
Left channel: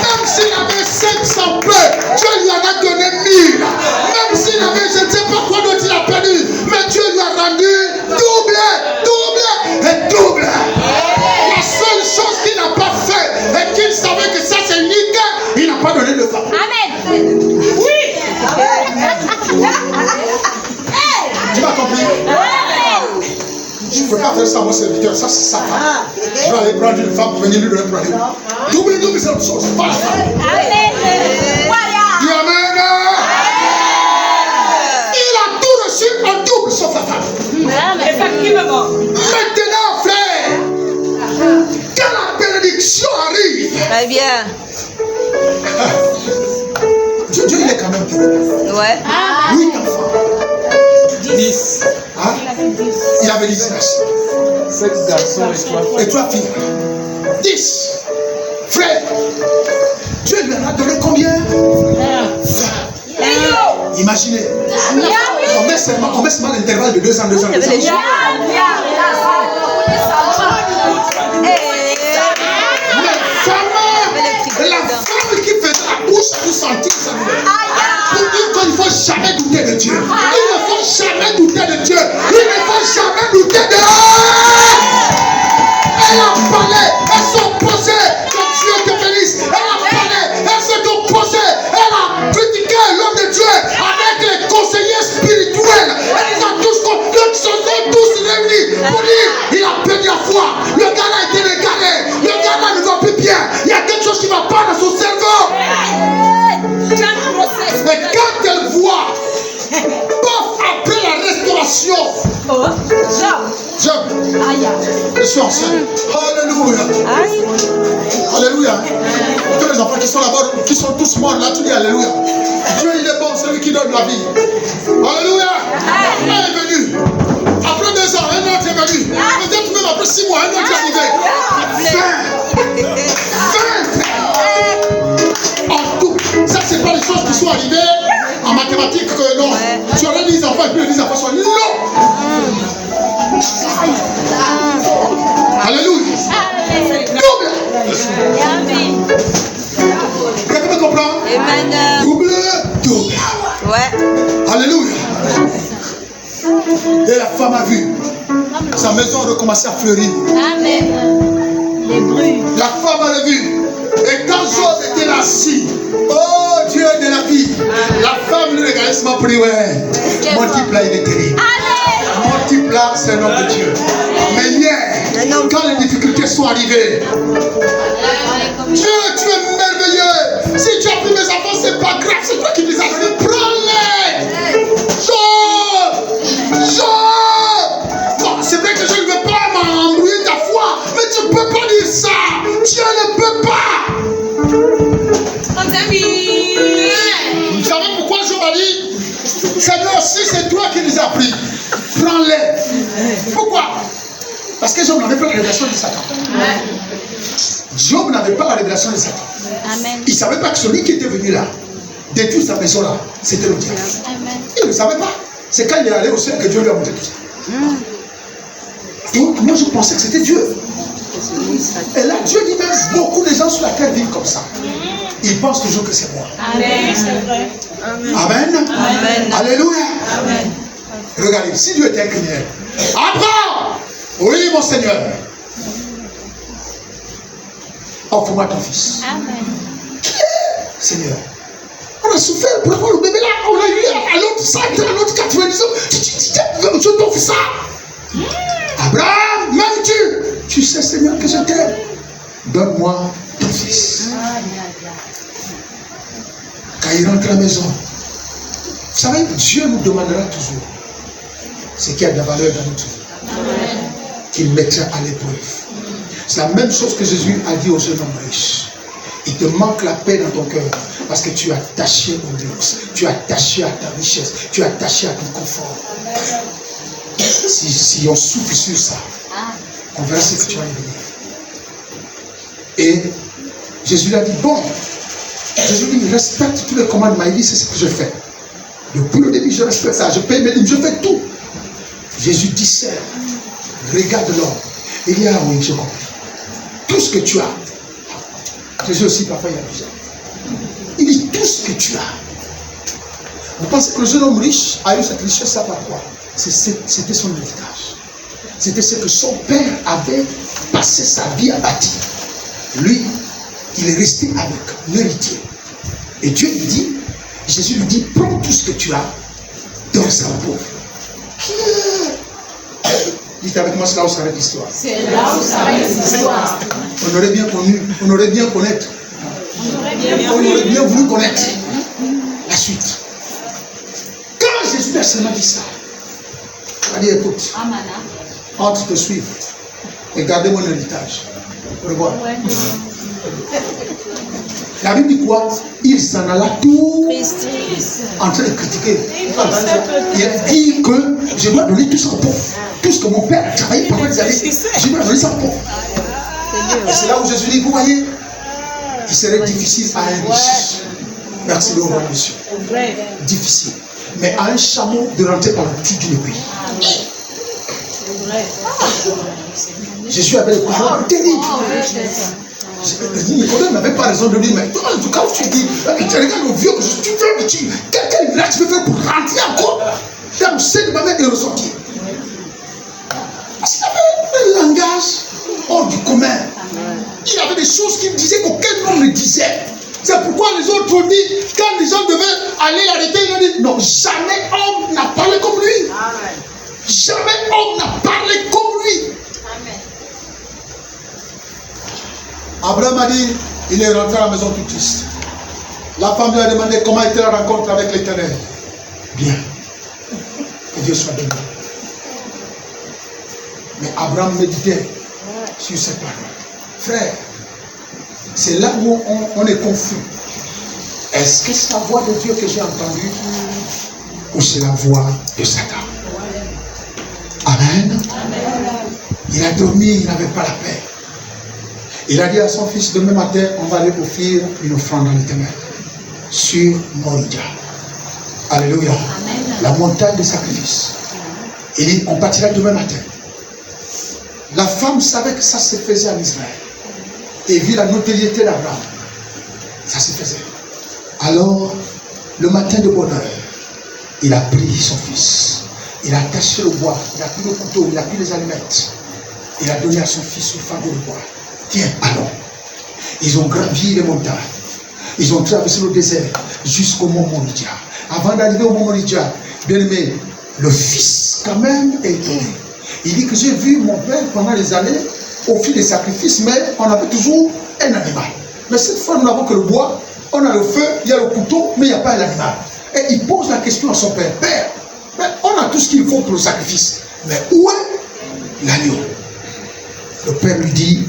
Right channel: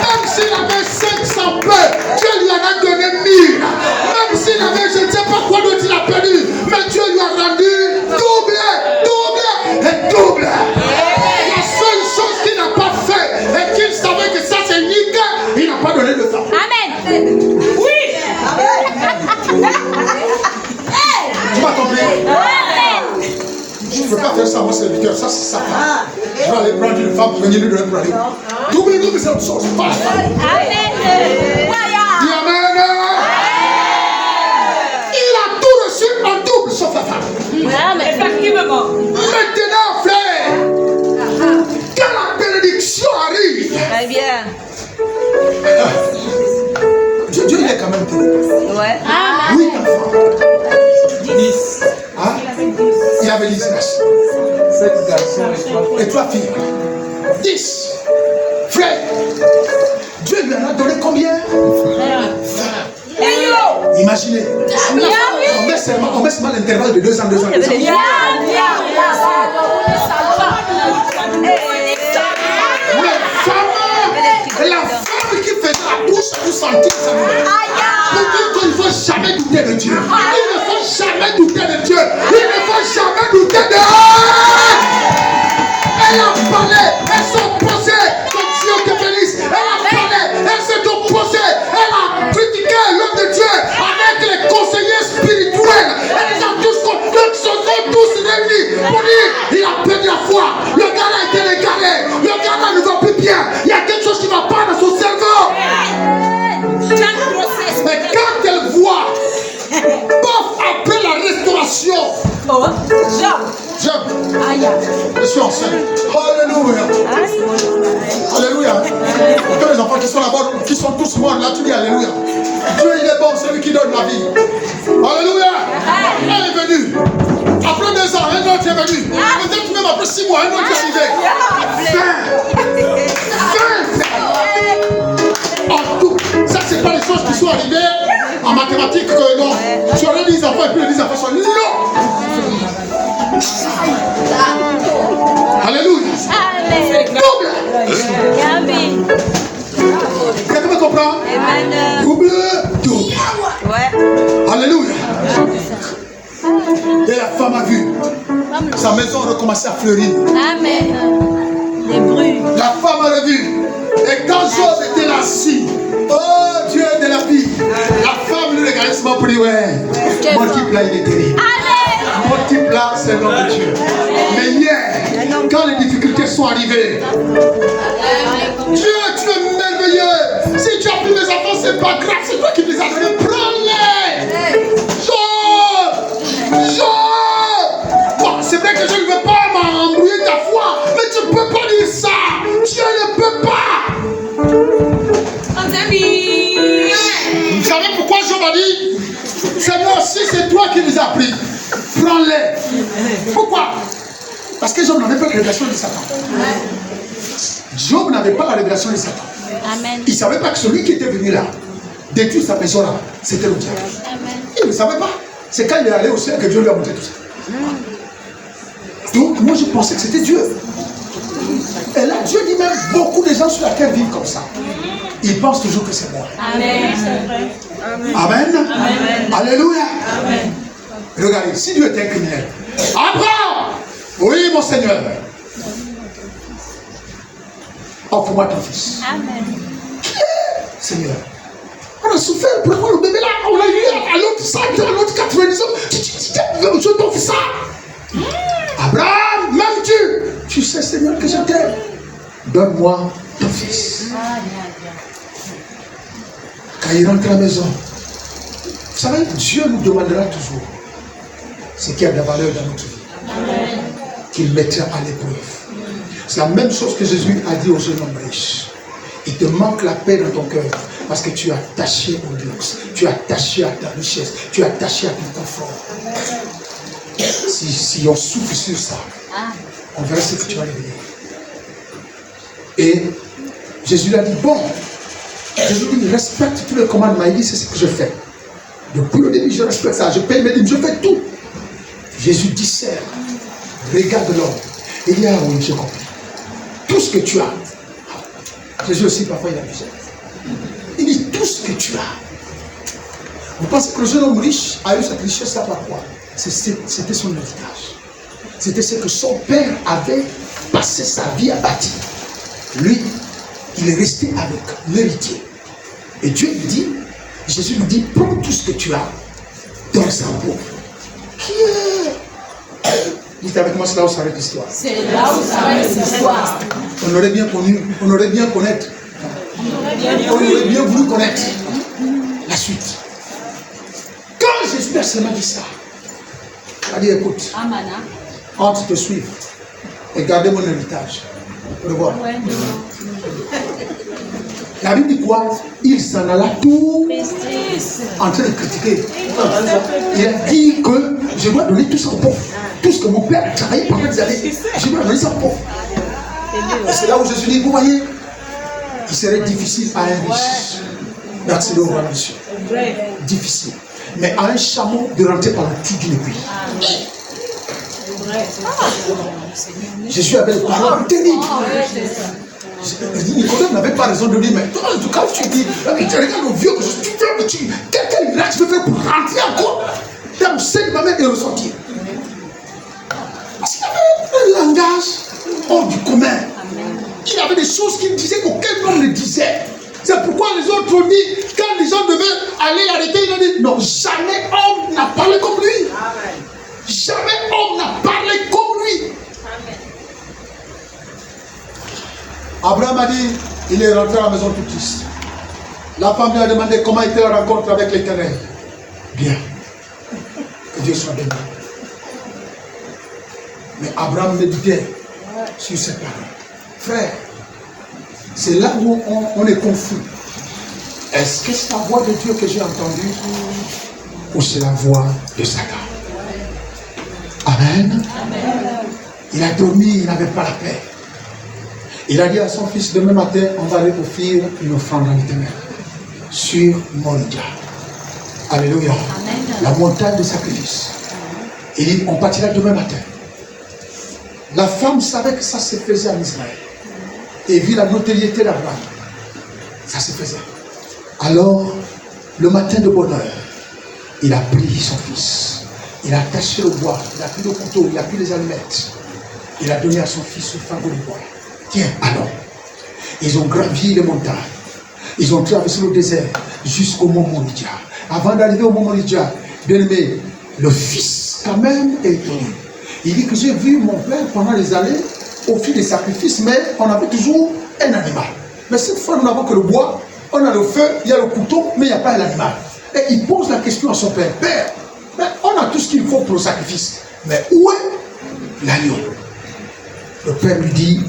Même s'il avait 500 plaies, Dieu lui en a donné 1000. Même s'il avait, je ne sais pas quoi d'autre il a perdu, mais Dieu lui a rendu double. La seule chose qu'il n'a pas fait et qu'il savait que ça c'est unique, il n'a pas donné de femme. Amen. Oui. Tu m'as compris? Je ne peux pas faire ça à mon serviteur, ça c'est sa femme. Je vais aller prendre une femme pour venir lui donner pour aller. Double, c'est autre chose. Amen. Dis amen. Il a tout reçu en double sauf la femme. Effectivement. Maintenant, frère, quand la bénédiction arrive, Très bien. Dieu il est quand même terrible. Ouais. 8 enfants. 10. Hein? Il avait 10 garçons. 7 garçons Et 3 filles. 10. Frère, Dieu lui en a donné combien? 20. Imaginez. On met seulement l'intervalle de 2 ans, 2 ans, 2 ans. La femme qui faisait la bouche à vous sentir sa douleur. Pour dire qu'il ne faut jamais douter de Dieu. Il ne faut jamais douter de Dieu. Il ne faut jamais douter de... Elle a parlé, elle s'est opposée. Que Dieu te bénisse. Elle a parlé, elle s'est opposée. Elle a critiqué l'homme de Dieu avec les conseillers spirituels. Ils ont tous réunis pour dire il a perdu la foi. Le gars a été égaré. Le gars ne va plus bien. Il y a quelque chose qui ne va pas dans son cerveau. Mais quand elle voit, paf, après la restauration, Job, je suis enceinte. Alléluia. Alléluia. Tous les enfants qui sont là-bas, qui sont tous morts, là, tu dis Alléluia. Dieu, il est bon, c'est lui qui donne la vie. Alléluia. Elle est venue. Après 2 ans, un autre est venu. Peut-être même après 6 mois, un autre est arrivé. 20. En tout. Ça, c'est pas les choses qui sont arrivées en mathématiques que non. Tu aurais 10 enfants et puis les 10 enfants sont non. Alléluia. Double. Quelqu'un me comprend? Double. Ouais. Alléluia. Et la femme a vu sa maison recommencer à fleurir. Amen. Les bruits. La femme a vu. Et quand Job était assis, oh Dieu de la vie, la femme lui regardait seulement pour dire ouais, mon type là il est terrible. Mon type là c'est le nom de Dieu. Mais hier, quand les difficultés sont arrivées, Dieu tu es merveilleux. Si tu as pris mes enfants, c'est pas grave, c'est toi qui les as donnés. Prends-les. Job. Bon, c'est vrai que je ne veux pas m'embrouiller ta foi, mais tu ne peux pas dire ça. Dieu ne peut pas. Vous savez pourquoi Job a dit Seigneur, si c'est toi qui les as pris, prends-les. Pourquoi? Parce que Job n'avait pas la révélation de Satan. Job n'avait pas la révélation de Satan. Amen. Il ne savait pas que celui qui était venu là, détruire sa maison là, c'était le diable. Amen. Il ne savait pas. C'est quand il est allé au ciel que Dieu lui a montré tout ça. Donc moi je pensais que c'était Dieu. Et là Dieu dit même beaucoup de gens sur la terre vivent comme ça. Ils pensent toujours que c'est moi. Amen. Amen. Amen. Alléluia. Amen. Regardez, si Dieu était un criminel. Abraham, oui mon Seigneur. Offre-moi ton fils. Amen. Seigneur. On a souffert pour avoir le bébé là. On a eu à l'autre 100 ans, à l'autre 90 ans. Je t'offre ça. Abraham, même Dieu. Tu sais, Seigneur, que je t'aime. Donne-moi ton fils. Quand il rentre à la maison, vous savez, Dieu nous demandera toujours ce qui a de la valeur dans notre vie. qu'il mettra à l'épreuve. C'est la même chose que Jésus a dit au jeune homme riche. Il te manque la paix dans ton cœur parce que tu es attaché au luxe, tu es attaché à ta richesse, tu es attaché à ton confort. Si on souffle sur ça, on verra ce que tu vas devenir. Et Jésus lui a dit, bon, Jésus dit, respecte tous les commandements. Il dit, c'est ce que je fais. Depuis le début, je respecte ça. Je paye mes dîmes, je fais tout. Jésus discerne, regarde l'homme. Il dit, ah oui, je comprends. Tout ce que tu as. Jésus aussi, parfois, il a besoin. Il dit, tout ce que tu as. Vous pensez que le jeune homme riche a eu cette richesse-là par quoi? C'était son héritage. C'était ce que son père avait passé sa vie à bâtir. Lui, il est resté avec l'héritier. Et Dieu lui dit, Jésus lui dit, prends tout ce que tu as, donne ça au pauvre. Dites avec moi, c'est là où s'arrête l'histoire. C'est là où s'arrête l'histoire. On aurait bien connu, on aurait bien connaître. On aurait bien voulu connaître la suite. Quand Jésus a seulement dit ça, il a dit, écoute, entre te suivre et garder mon héritage. Au revoir. La Bible dit quoi? Il s'en alla tout en train de critiquer. Il a dit que je dois donner tout ça au pauvre. Tout ce que mon père a travaillé pendant des années, je dois donner ça au pauvre. Et c'est là où Jésus dit, vous voyez, il serait difficile à un riche d'accéder au roi monsieur. Difficile. Mais à un chameau de rentrer par la petite d'une aiguille. Jésus avait des paroles terribles. Nicolas n'avait pas raison de dire, mais toi, en tout cas, tu dis, tu regardes le vieux que je suis, quel miracle tu veux faire pour rentrer encore dans le sein de ma mère et ressortir? Parce qu'il avait un langage hors du commun. Il avait des choses qu'il disait qu'aucun homme ne disait. C'est pourquoi les autres ont dit, quand les gens devaient aller l'arrêter, ils ont dit, non, jamais homme n'a parlé comme lui. Jamais homme n'a parlé comme lui. Abraham a dit, il est rentré à la maison tout triste. La femme lui a demandé comment était la rencontre avec l'Éternel. Bien. Que Dieu soit béni. Mais Abraham méditait sur cette parole. Frère, c'est là où on est confus. Est-ce que c'est la voix de Dieu que j'ai entendue ou c'est la voix de Satan? Amen. Amen. Il a dormi, il n'avait pas la paix. Il a dit à son fils, demain matin, on va aller offrir une offrande à l'Éternel sur Moïda. Alléluia. Amen. La montagne des sacrifices. Il dit, on partira demain matin. La femme savait que ça se faisait en Israël. Et vit la notoriété d'Abraham. Ça se faisait. Alors, le matin de bonne heure, il a pris son fils. Il a attaché le bois, il a pris le couteau, il a pris les allumettes. Il a donné à son fils le fardeau de bois. Tiens, allons. Ils ont gravi les montagnes. Ils ont traversé le désert jusqu'au mont Moridia. Avant d'arriver au mont Moridia, bien aimé, le fils quand même est étonné. Il dit que j'ai vu mon père pendant les années offrir des sacrifices, mais on avait toujours un animal. Mais cette fois, nous n'avons que le bois, on a le feu, il y a le couteau, mais il n'y a pas l'animal. Et il pose la question à son père. Père, mais on a tout ce qu'il faut pour le sacrifice. Mais où est l'agneau? Le père lui dit,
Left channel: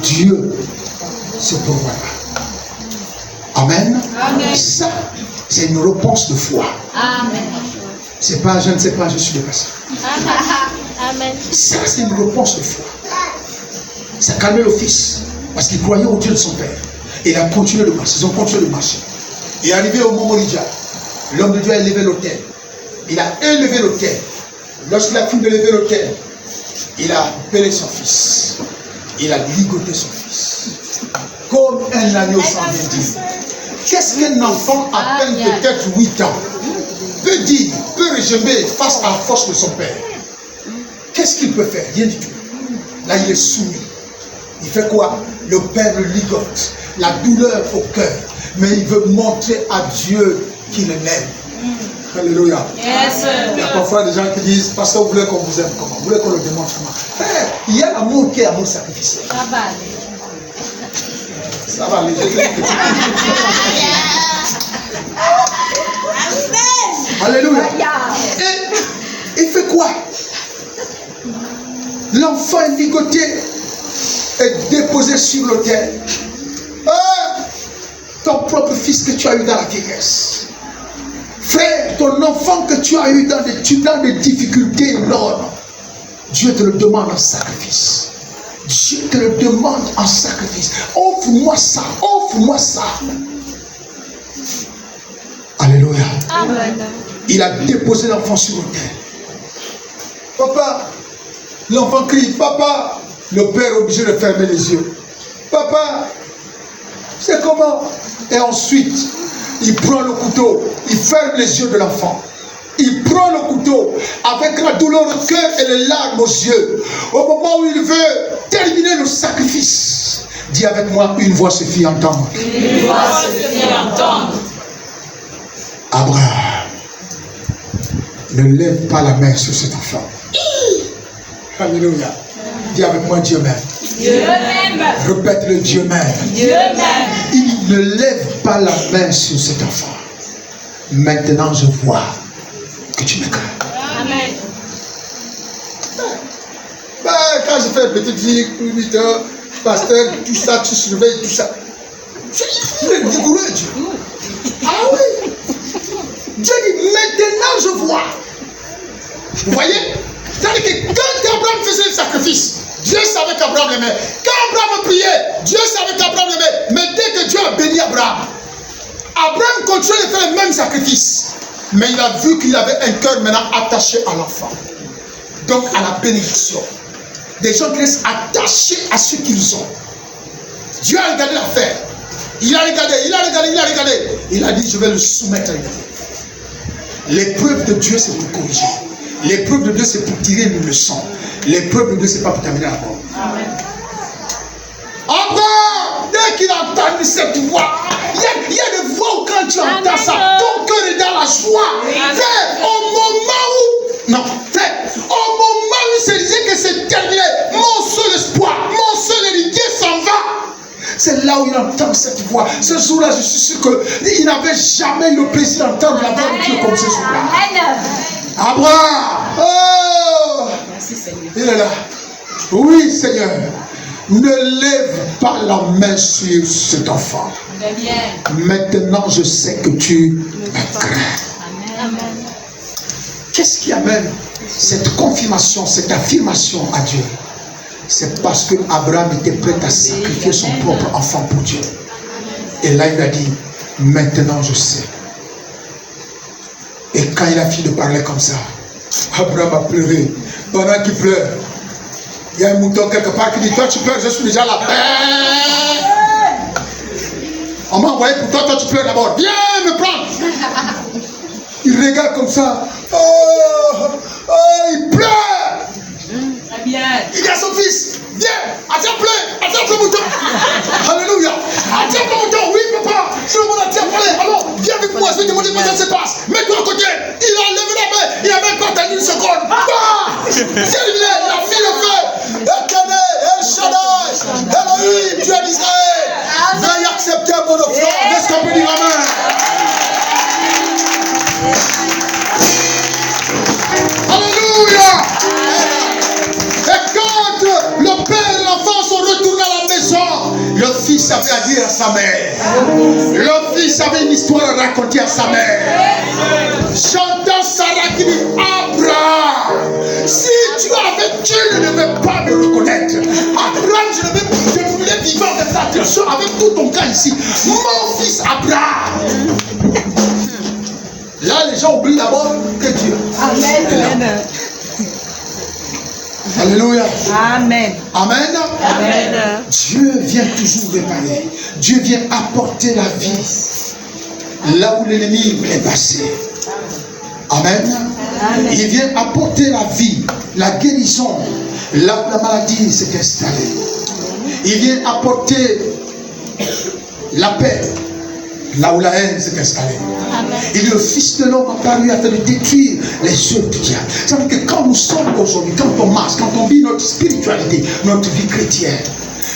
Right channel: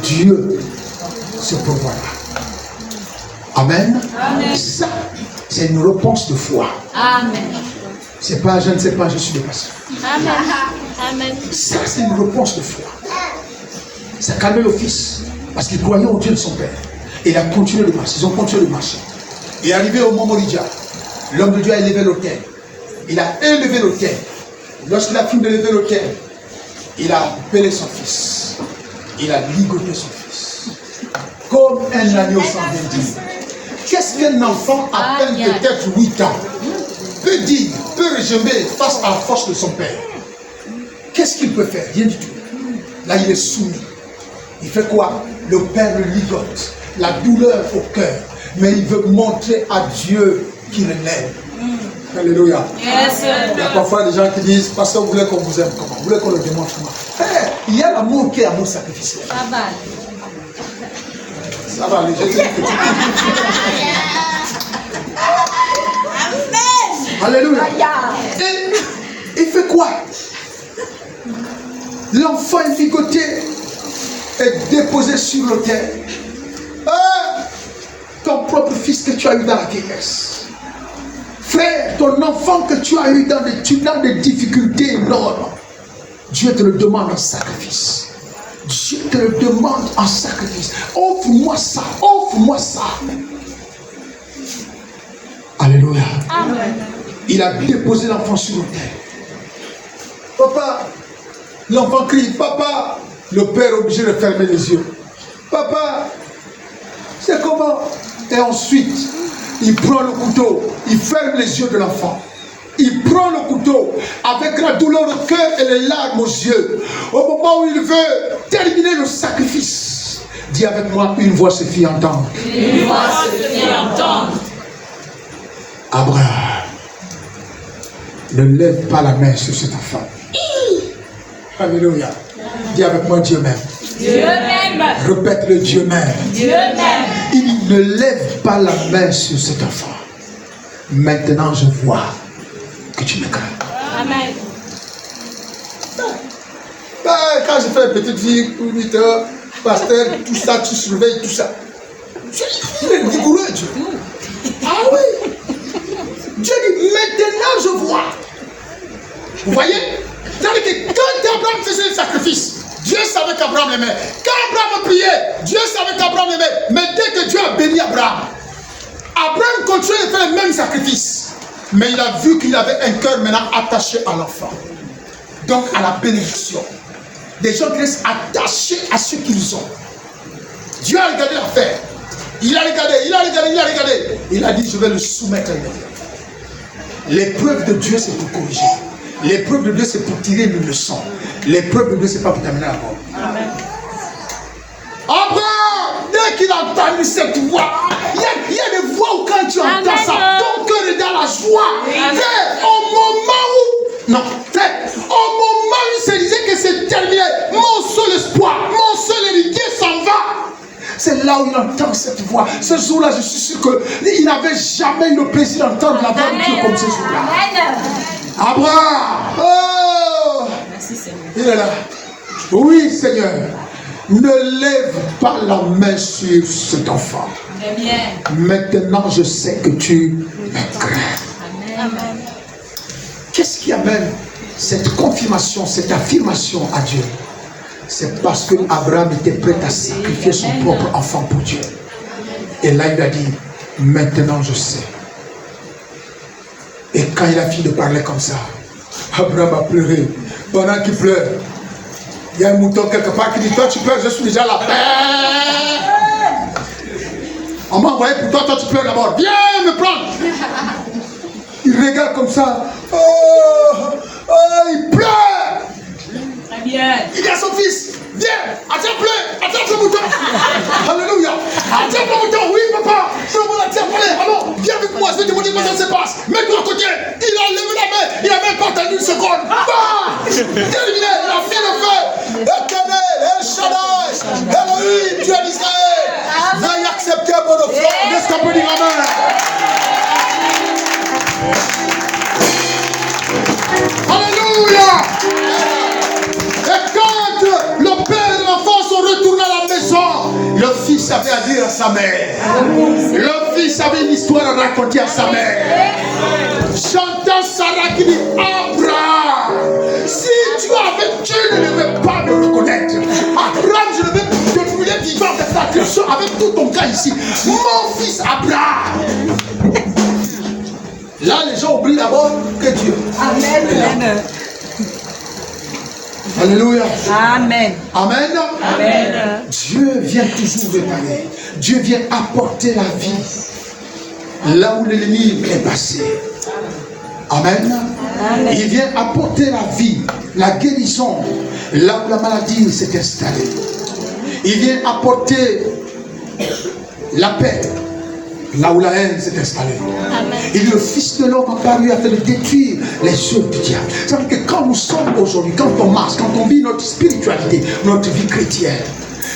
Dieu se pourvoira. Amen. Amen. Ça, c'est une réponse de foi. Amen. C'est pas, je ne sais pas, je suis dépassé. Amen. Ça, c'est une réponse de foi. Ça a calmé le fils, parce qu'il croyait au Dieu de son père. Et il a continué de marcher. Ils ont continué de marcher. Et arrivé au mont Moridia, l'homme de Dieu a élevé l'autel. Il a élevé l'autel. Lorsqu'il a fini de lever l'autel, il a appelé son fils. Il a ligoté son fils. Comme un agneau sans vindicte. Qu'est-ce qu'un enfant à peine peut-être 8 ans peut dire, peut régimer face à la force de son père? Qu'est-ce qu'il peut faire? Rien du tout. Là, il est soumis. Il fait quoi? Le père le ligote. La douleur au cœur. Mais il veut montrer à Dieu qu'il l'aime. Alléluia. Yes. Il y a parfois des gens qui disent, pasteur, vous voulez qu'on vous aime comment? Vous voulez qu'on le démontre comment? Frère, il y a l'amour qui est amour sacrificiel. Ça va aller. Alléluia. Et il fait quoi? l'enfant est ligoté et déposé sur l'autel. Ton propre fils que tu as eu dans la vieillesse. Frère, ton enfant que tu as eu dans des difficultés énormes. Dieu te le demande en sacrifice. Dieu te le demande en sacrifice. Offre-moi ça, offre-moi ça. Alléluia. Amen. Il a déposé l'enfant sur l'autel. Papa, l'enfant crie, papa. Le père est obligé de fermer les yeux. Papa, c'est comment? Et ensuite, il prend le couteau, il ferme les yeux de l'enfant. Il prend le couteau avec la douleur au cœur et les larmes aux yeux. Au moment où il veut terminer le sacrifice, dis avec moi, une voix se fit entendre. Une voix se fit entendre. Abraham, ne lève pas la main sur cet enfant. Alléluia. Dis avec moi, Dieu m'aime. Dieu m'aime. Répète-le, Dieu m'aime. Dieu m'aime. Il ne lève pas la main sur cet enfant. Maintenant, je vois que tu me crains. Amen. Quand je fais une petite vie, 8 heures, pasteur, tout ça, tu surveilles tout ça. Il est rigoureux, Dieu. Ah oui. Dieu dit, maintenant je vois. Vous voyez? C'est-à-dire que quand Abraham faisait le sacrifice, Dieu savait qu'Abraham l'aimait. Quand Abraham priait, Dieu savait qu'Abraham l'aimait. Mais dès que Dieu a béni Abraham, Abraham continuait de faire le même sacrifice. Mais il a vu qu'il avait un cœur maintenant attaché à l'enfant. Donc à la bénédiction. Des gens qui restent attachés à ce qu'ils ont. Dieu a regardé l'affaire. Il a regardé. Il a dit, je vais le soumettre à une affaire. L'épreuve de Dieu, c'est pour corriger. L'épreuve de Dieu, c'est pour tirer une leçon. L'épreuve de Dieu, c'est pas pour terminer la mort. Abraham, dès qu'il a entendu cette voix, il y a des voix où quand tu entends ça, ton cœur est dans la joie. Frère, au moment où il se disait que c'est terminé, mon seul espoir, mon seul héritier s'en va. C'est là où il entend cette voix. Ce jour-là, je suis sûr qu'il n'avait jamais eu le plaisir d'entendre la voix de Dieu comme ce jour-là. Abraham, oh, Merci Seigneur. il est là. Oui, Seigneur. Ne lève pas la main sur cet enfant. Très bien. Maintenant, je sais que tu me crains. Amen. Qu'est-ce qui amène cette confirmation, cette affirmation à Dieu? C'est parce que Abraham était prêt à sacrifier son propre enfant pour Dieu. Et là, il a dit, maintenant je sais. Et quand il a fini de parler comme ça, Abraham a pleuré. Pendant qu'il pleure, il y a un mouton quelque part qui dit, toi tu pleures, je suis déjà là. On m'a envoyé pour toi, toi tu pleures d'abord. Viens me prendre. Il regarde comme ça. Il pleure. Très bien. Il dit à son fils, viens, attrape le mouton. Alléluia. Attrape le mouton, oui papa. C'est le bon attrape, allez, alors, viens avec moi, je vais te montrer comment ça se passe. Mets-toi à côté. Il a levé la main, il a même pas attendu une seconde. C'est éliminé, il a mis le feu. Éternel, El Shaddai, Elohim, Dieu d'Israël. Veuillez accepter mon offrande. Est-ce qu'on peut dire amen? Alléluia. Et quand le père et l'enfant sont retournés à la maison, le fils avait à dire à sa mère. Le fils avait une histoire à raconter à sa mère. J'entends Sarah qui dit, Abraham, si tu avais, tu ne devais pas me reconnaître. Abraham, je voulais vivre de ta tradition avec tout ton cas ici. Mon fils Abraham. Là, les gens oublient d'abord que Dieu. Amen. Alléluia. Amen. Amen. Amen. Dieu vient toujours réparer. Dieu vient apporter la vie là où l'ennemi est passé. Amen. Amen. Il vient apporter la vie, la guérison là où la maladie s'est installée. Il vient apporter la paix là où la haine s'est installée. Et le Fils de l'homme a parlé afin de détruire les œuvres du diable. C'est-à-dire que quand nous sommes aujourd'hui, quand on marche, quand on vit notre spiritualité, notre vie chrétienne,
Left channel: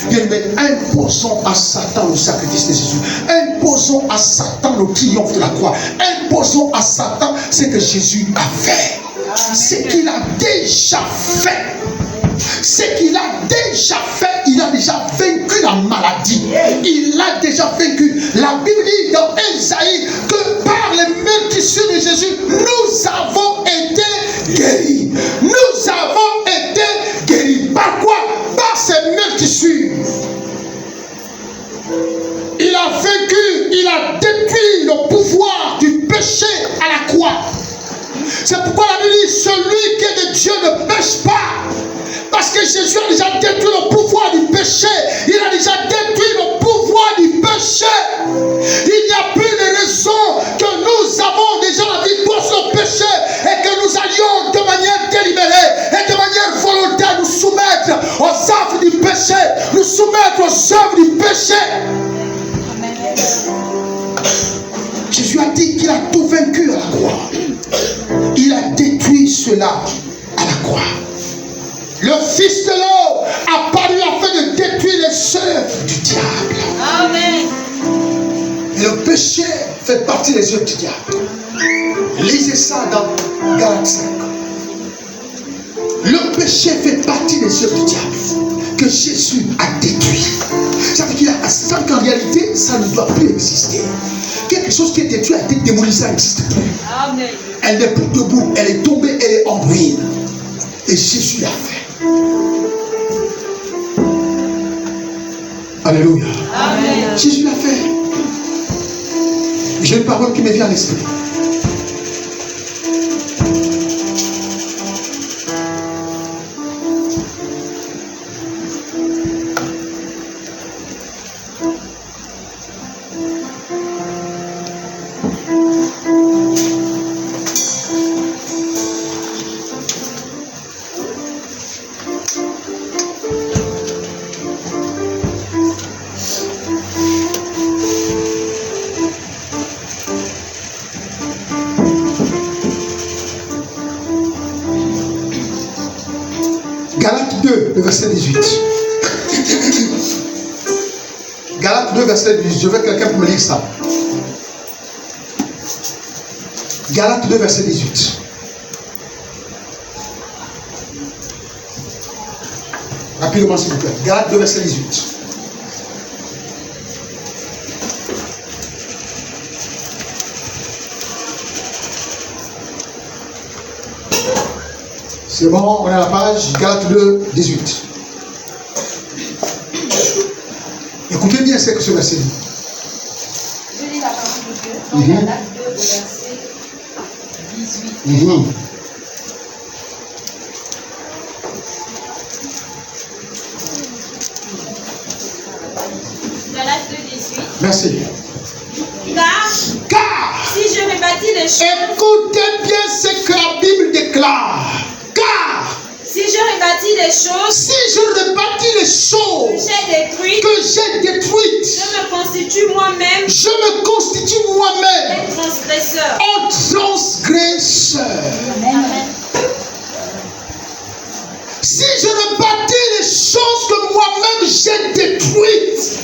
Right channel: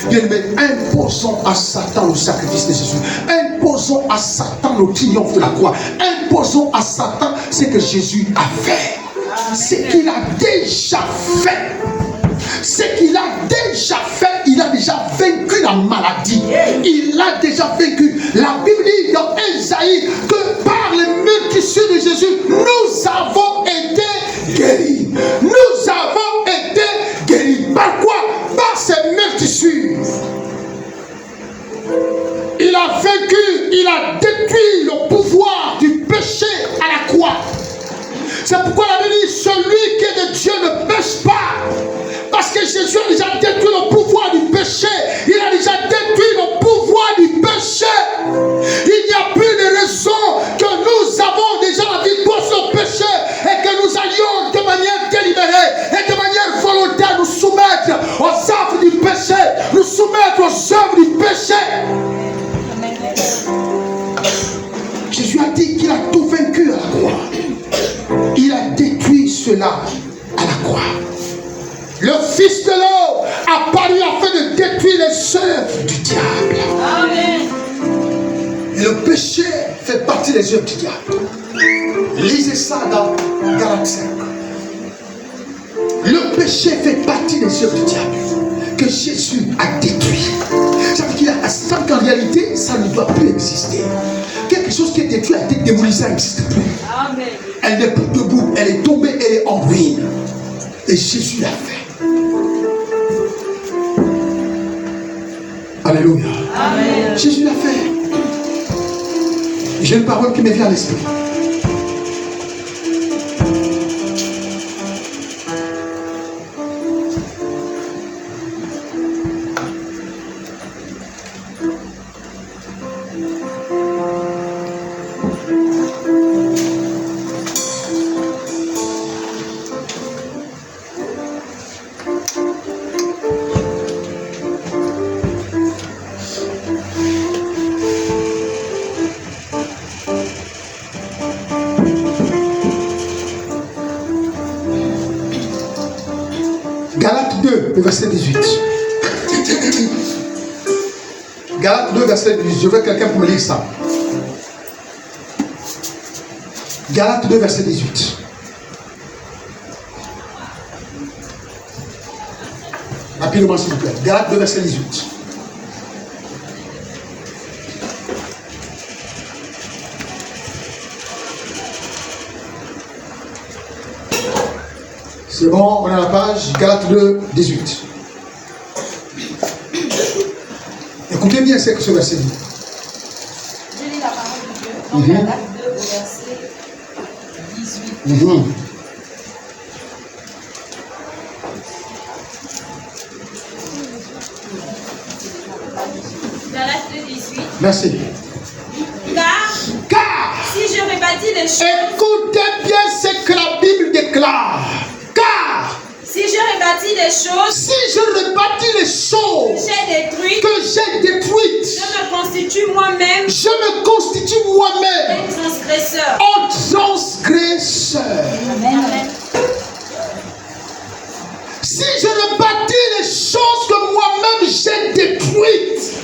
bien aimé, imposons à Satan le sacrifice de Jésus. Imposons à Satan le triomphe de la croix. Imposons à Satan ce que Jésus a fait. Ce qu'il a déjà fait. c'est qu'il a déjà fait, il a déjà vaincu la maladie. Il a déjà vaincu. La Bible dit dans Ésaïe que par les meurtrissures de Jésus, nous avons été guéris. Nous avons été guéris. Par quoi? Par ces meurtrissures. Il a vaincu, il a détruit le pouvoir du péché à la croix. C'est pourquoi la Bible dit, celui qui est de Dieu ne pêche pas. Parce que Jésus a déjà détruit le pouvoir du péché. Il a déjà détruit le pouvoir du péché. Il n'y a plus de raison que nous avons déjà la victoire sur le péché et que nous allions de manière délibérée et de manière volontaire nous soumettre aux œuvres du péché, nous soumettre aux œuvres du péché. Jésus a dit qu'il a tout vaincu à la croix. Il a détruit cela à la croix. Le Fils de l'homme a paru afin de détruire les œuvres du diable. Amen. Et le péché fait partie des œuvres du diable. Lisez ça dans Galates 5. Le péché fait partie des œuvres du diable que Jésus a détruit. Ça veut dire qu'en réalité, ça ne doit plus exister. Quelque chose qui est détruit a été démoli, ça n'existe plus. Amen. Elle n'est plus debout, elle est tombée, elle est en ruine. Et Jésus l'a fait. Alléluia. Amen. Jésus l'a fait. J'ai une parole qui me vient à l'esprit. Galates 2, le verset 18. Galates 2, verset 18. Je veux quelqu'un pour me lire ça. Galates 2, verset 18. Rapidement, s'il vous plaît. Galates 2, verset 18. C'est bon, on est à la page Galates 2, 18. Écoutez bien ce que ce verset dit. Je lis la parole de Dieu. Galates 2, verset 18. Galates 2, 18. Merci. Car si je rebâtis les choses, Écoutez bien ce que la Bible déclare. Car si je rebâtis les choses si je rebâtis les que choses j'ai détruites, que j'ai détruites, je me constitue moi-même je me constitue moi-même un transgresseur. un transgresseur. Amen. Si je rebâtis les choses que moi-même j'ai détruites,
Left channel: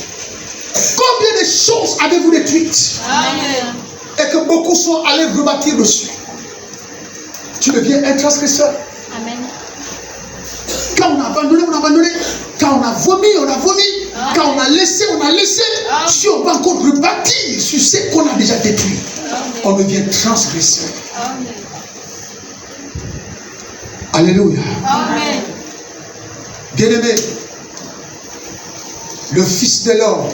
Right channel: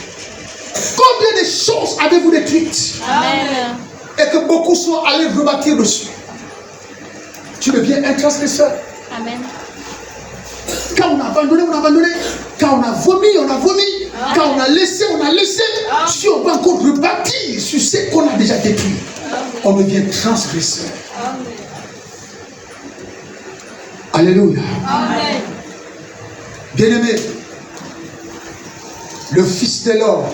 combien de choses avez-vous détruites Amen. et que beaucoup sont allés rebâtir dessus? Tu deviens un transgresseur. Amen. Quand on a abandonné, on a abandonné. Quand on a vomi, on a vomi. Quand on a laissé, on a laissé. Si on va encore rebâtir sur ce qu'on a déjà détruit, on devient transgresseur. Amen. Alléluia. Amen. Bien-aimé, le Fils de l'homme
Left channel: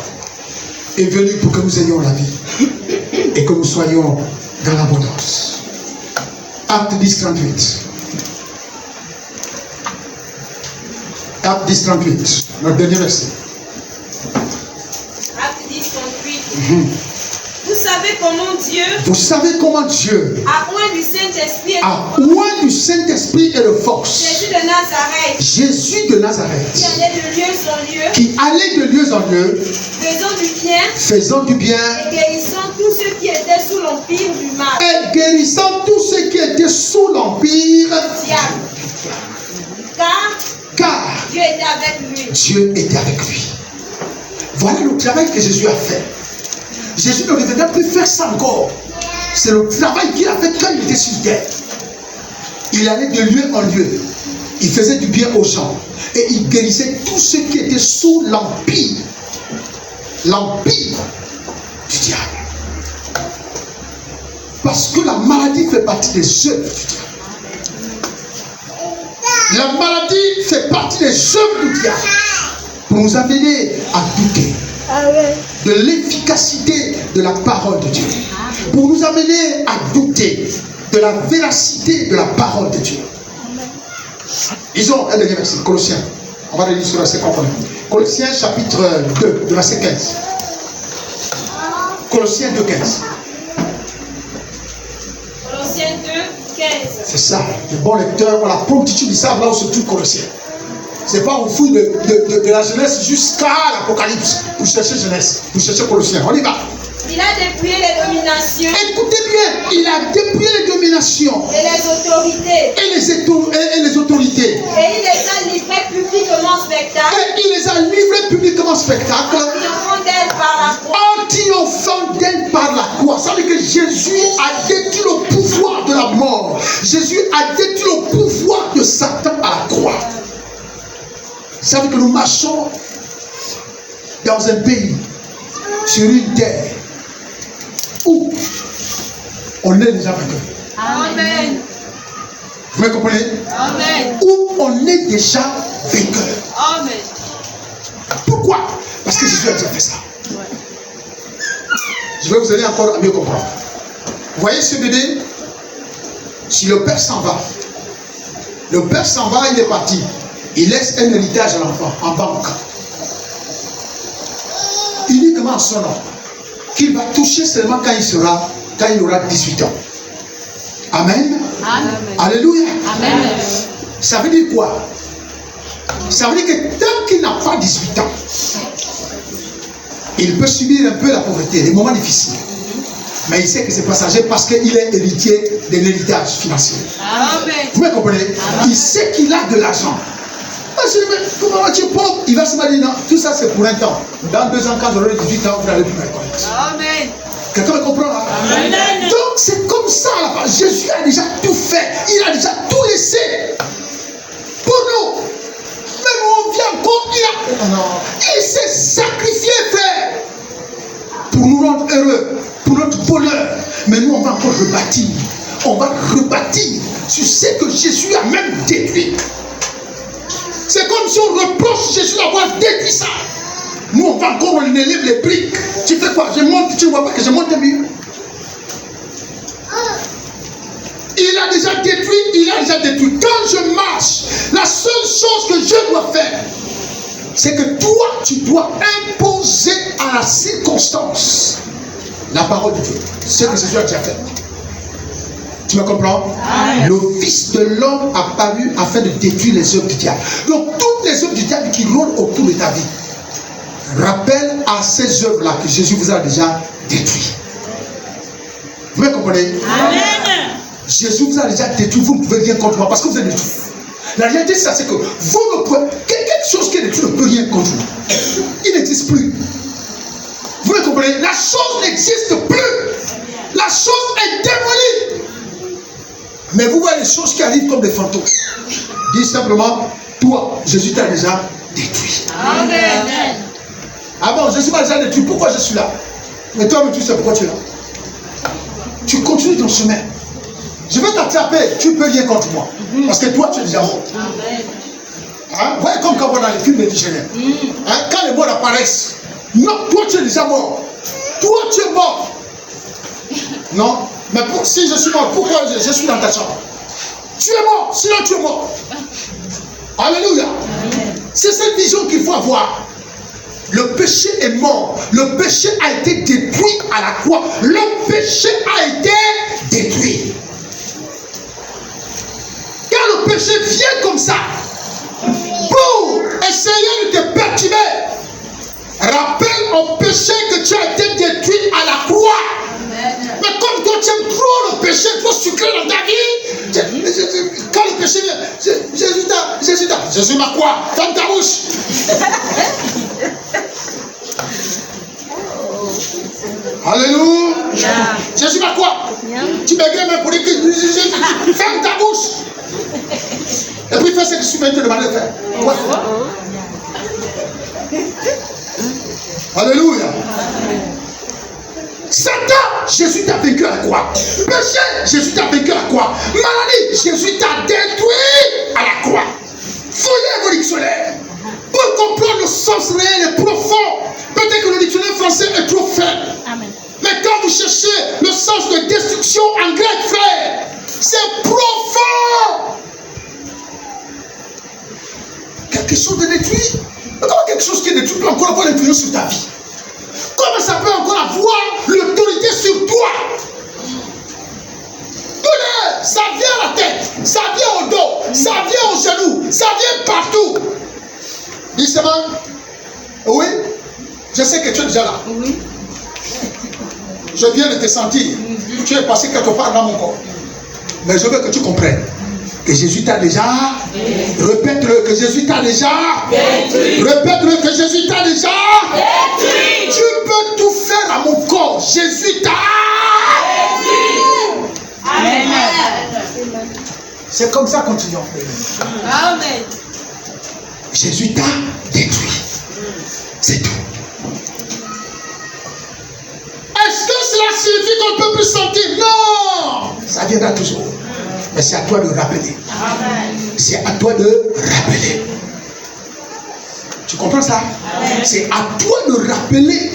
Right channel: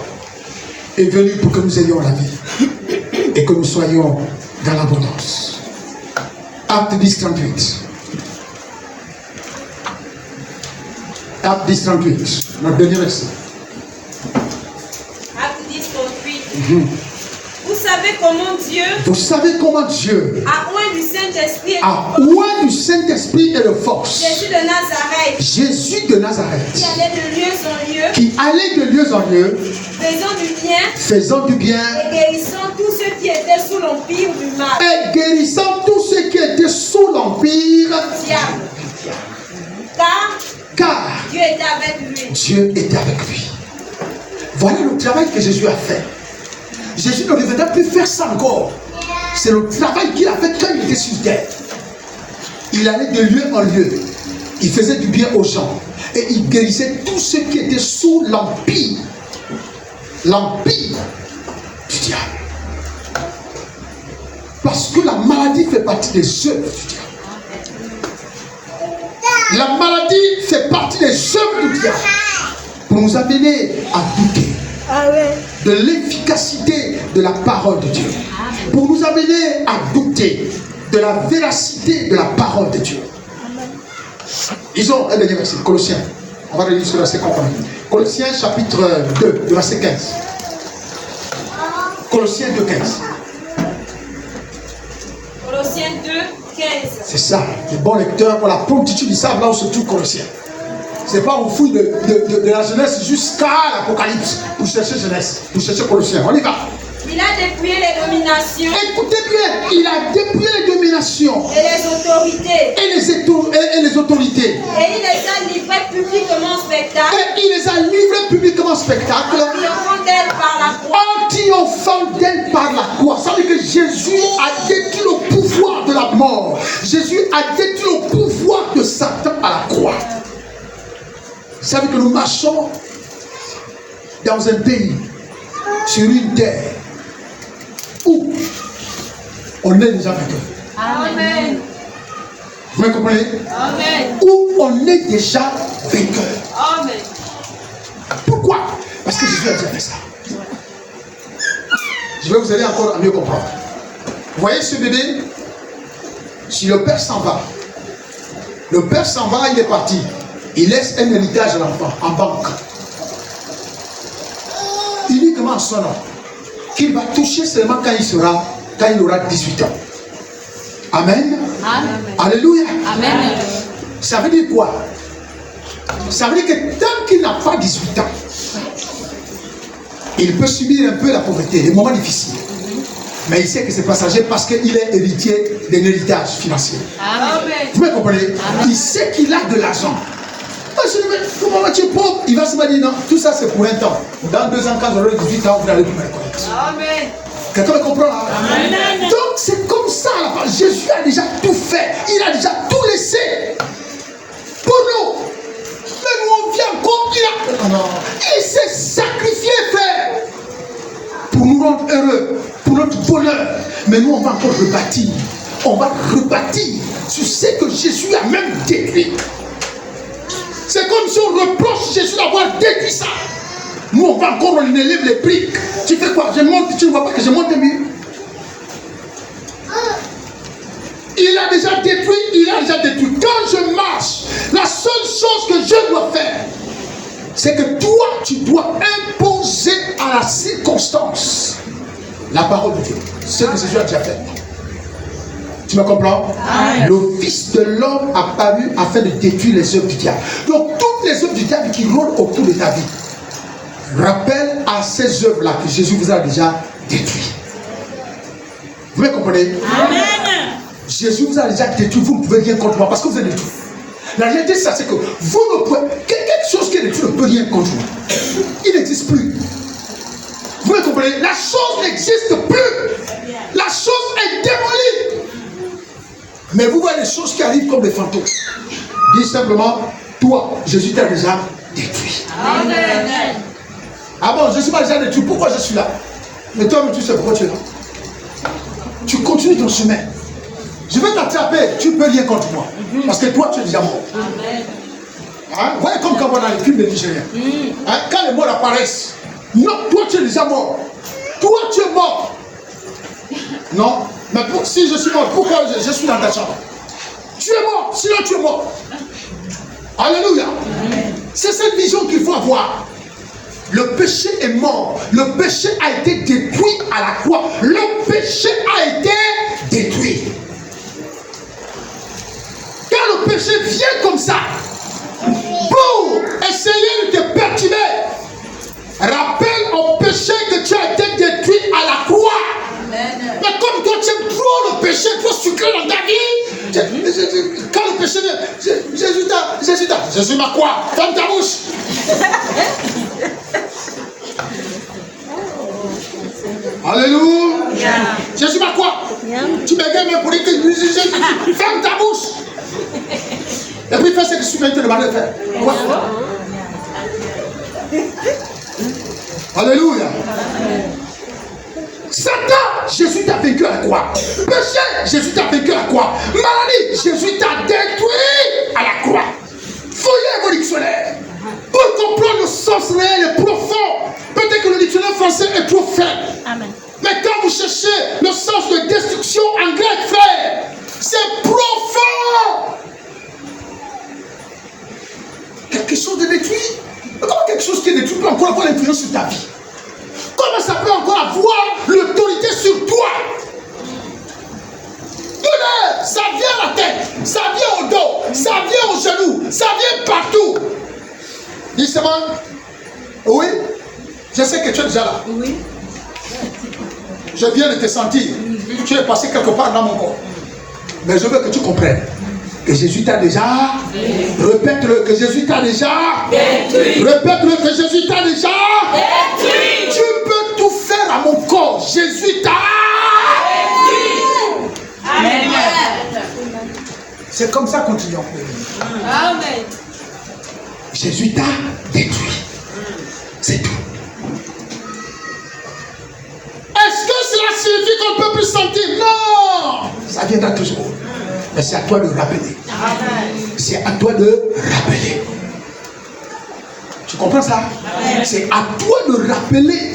est venu pour que nous ayons la vie et que nous soyons dans l'abondance. Acte 10, 38. Acte 10, 38. Notre dernier verset. Acte 10, 38. Vous savez comment Dieu Vous savez comment Dieu a oint du Saint-Esprit et a oint du Saint-Esprit et de force Jésus de Nazareth, Jésus de Nazareth, qui allait de lieu en lieu, qui allait de lieu en lieu, faisant du bien et guérissant tous ceux qui étaient sous l'empire du mal. et guérissant tous ceux qui étaient sous l'empire. Diable. Car Car Dieu était avec lui. Dieu était avec lui. Voilà le travail que Jésus a fait. Jésus ne devait plus faire ça encore. C'est le travail qu'il a fait quand il était sur terre. Il allait de lieu en lieu. Il faisait du bien aux gens. Et il guérissait tous ceux qui étaient sous l'empire. L'empire du diable. Parce que la maladie fait partie des œuvres du diable. La maladie fait partie des œuvres du diable. Pour nous amener à douter de l'efficacité de la parole de Dieu. Pour nous amener à douter de la véracité de la parole de Dieu. Disons un dernier verset, Colossiens. On va relire ce verset qu'on connaît. Colossiens chapitre 2, verset 15. Colossiens 2, 15. Colossiens 2, 15. C'est ça. Les bons lecteurs, pour la promptitude, ils savent là où se trouve Colossiens. C'est pas au fou de la Genèse jusqu'à l'Apocalypse. Vous cherchez Genèse, vous cherchez Colossiens. On y va. Il a dépouillé les dominations. Écoutez bien, il a dépouillé les dominations. Et les autorités. Et les autorités. Et il les a livrées publiquement en spectacle. Et il les a livrés publiquement en spectacle. Triomphant d'elle par la croix. En triomphant d'elle par la croix. Ça veut dire que Jésus a détruit le pouvoir de la mort. Jésus a détruit le pouvoir de Satan à la croix. Ça veut dire que nous marchons dans un pays, sur une terre, où on est déjà vainqueur. Amen. Vous me comprenez? Amen. Où on est déjà vainqueur. Amen. Pourquoi? Parce que Jésus a déjà fait ça. Je vais vous aider encore à mieux comprendre. Vous voyez ce bébé? Si le père s'en va, il est parti. Il laisse un héritage à l'enfant en banque. Uniquement son nom. Qu'il va toucher seulement quand il aura 18 ans. Amen. Amen. Alléluia. Amen. Ça veut dire quoi? Ça veut dire que tant qu'il n'a pas 18 ans, il peut subir un peu la pauvreté, les moments difficiles. Mais il sait que c'est passager parce qu'il est héritier d'un héritage financier. Amen. Vous me comprenez? Il sait qu'il a de l'argent. Comment tu es pauvre? Il va se dire non, tout ça c'est pour un temps. Dans 2 ans, quand j'aurai 18 ans, vous allez plus me reconnaître. Amen. Quelqu'un me comprend là? Amen. Donc c'est comme ça là-bas. Jésus a déjà tout fait. Il a déjà tout laissé pour nous. Mais nous on vient encore. Il s'est sacrifié, frère, pour nous rendre heureux, pour notre bonheur. Mais nous on va encore rebâtir. On va rebâtir sur ce que Jésus a même détruit. C'est comme si on reproche Jésus d'avoir détruit ça. Nous, on va encore, on élève les briques. Tu fais quoi? Je monte, tu ne vois pas que je monte un mur. Il a déjà détruit. Quand je marche, la seule chose que je dois faire, c'est que toi, tu dois imposer à la circonstance la parole de Dieu. C'est ce que Jésus a déjà fait. Tu me comprends? Amen. Le Fils de l'homme a paru afin de détruire les œuvres du diable. Donc toutes les œuvres du diable qui rôdent autour de ta vie rappellent à ces œuvres-là que Jésus vous a déjà détruit. Vous me comprenez? Amen. Jésus vous a déjà détruit, vous ne pouvez rien contre moi parce que vous êtes détruit. La réalité c'est ça, c'est que vous ne pouvez, quelque chose qui est détruit ne peut rien contre vous. Il n'existe plus. Vous me comprenez? La chose n'existe plus. La chose est démolie. Mais vous voyez les choses qui arrivent comme des fantômes. Dis simplement, toi, Jésus t'a déjà détruit. Amen. Ah bon, Jésus m'a déjà détruit. Pourquoi je suis là? Mais toi, tu sais pourquoi tu es là. Tu continues ton chemin. Je vais t'attraper. Tu ne peux rien contre moi. Parce que toi, tu es déjà mort. Hein? Vous voyez comme quand on voit dans les films de Nigériens. Hein? Quand les morts apparaissent, non, toi, tu es déjà mort. Toi, tu es mort. Non. Mais si je suis mort, pourquoi je suis dans ta chambre? Tu es mort, sinon tu es mort. Alléluia. C'est cette vision qu'il faut avoir. Le péché est mort. Le péché a été détruit à la croix. Le péché a été détruit. Quand le péché vient comme ça, pour essayer de te perturber, rappelle au péché que tu as été détruit à la croix. Mais comme toi tu aimes trop le péché, trop sucré dans ta vie, quand le péché vient, Jésus m'a quoi? Ferme ta bouche. Alléluia. Jésus m'a quoi? Tu m'égaines même pour dire que ferme ta bouche. Et puis fais ce que je suis venu te demander de faire. Ouais. Alléluia. Satan, Jésus t'a vaincu à la croix. Péché, Jésus t'a vaincu à la croix. Maladie, Jésus t'a détruit à la croix. Fouillez vos dictionnaires pour comprendre le sens réel et profond. Peut-être que le dictionnaire français est trop faible. Mais quand vous cherchez le sens de destruction en grec, frère, c'est profond. Quelque chose de détruit. Mais comment quelque chose qui est détruit peut encore avoir l'influence sur ta vie? Comment ça peut encore avoir l'autorité sur toi? Douleur, ça vient à la tête, ça vient au dos, ça vient aux genoux, ça vient partout. Dis seulement, oui, je sais que tu es déjà là. Oui. Je viens de te sentir. Tu es passé quelque part dans mon corps. Mais je veux que tu comprennes que Jésus t'a déjà. Répète-le, que Jésus t'a déjà. Répète-le, que Jésus t'a déjà. Tu peux tout faire à mon corps. Jésus t'a. Amen. C'est comme ça, continuons. Amen. Jésus t'a détruit. C'est tout. Est-ce que cela signifie qu'on ne peut plus sentir? Non! Ça viendra toujours. Mais c'est à toi de rappeler. C'est à toi de rappeler. Tu comprends ça? C'est à toi de rappeler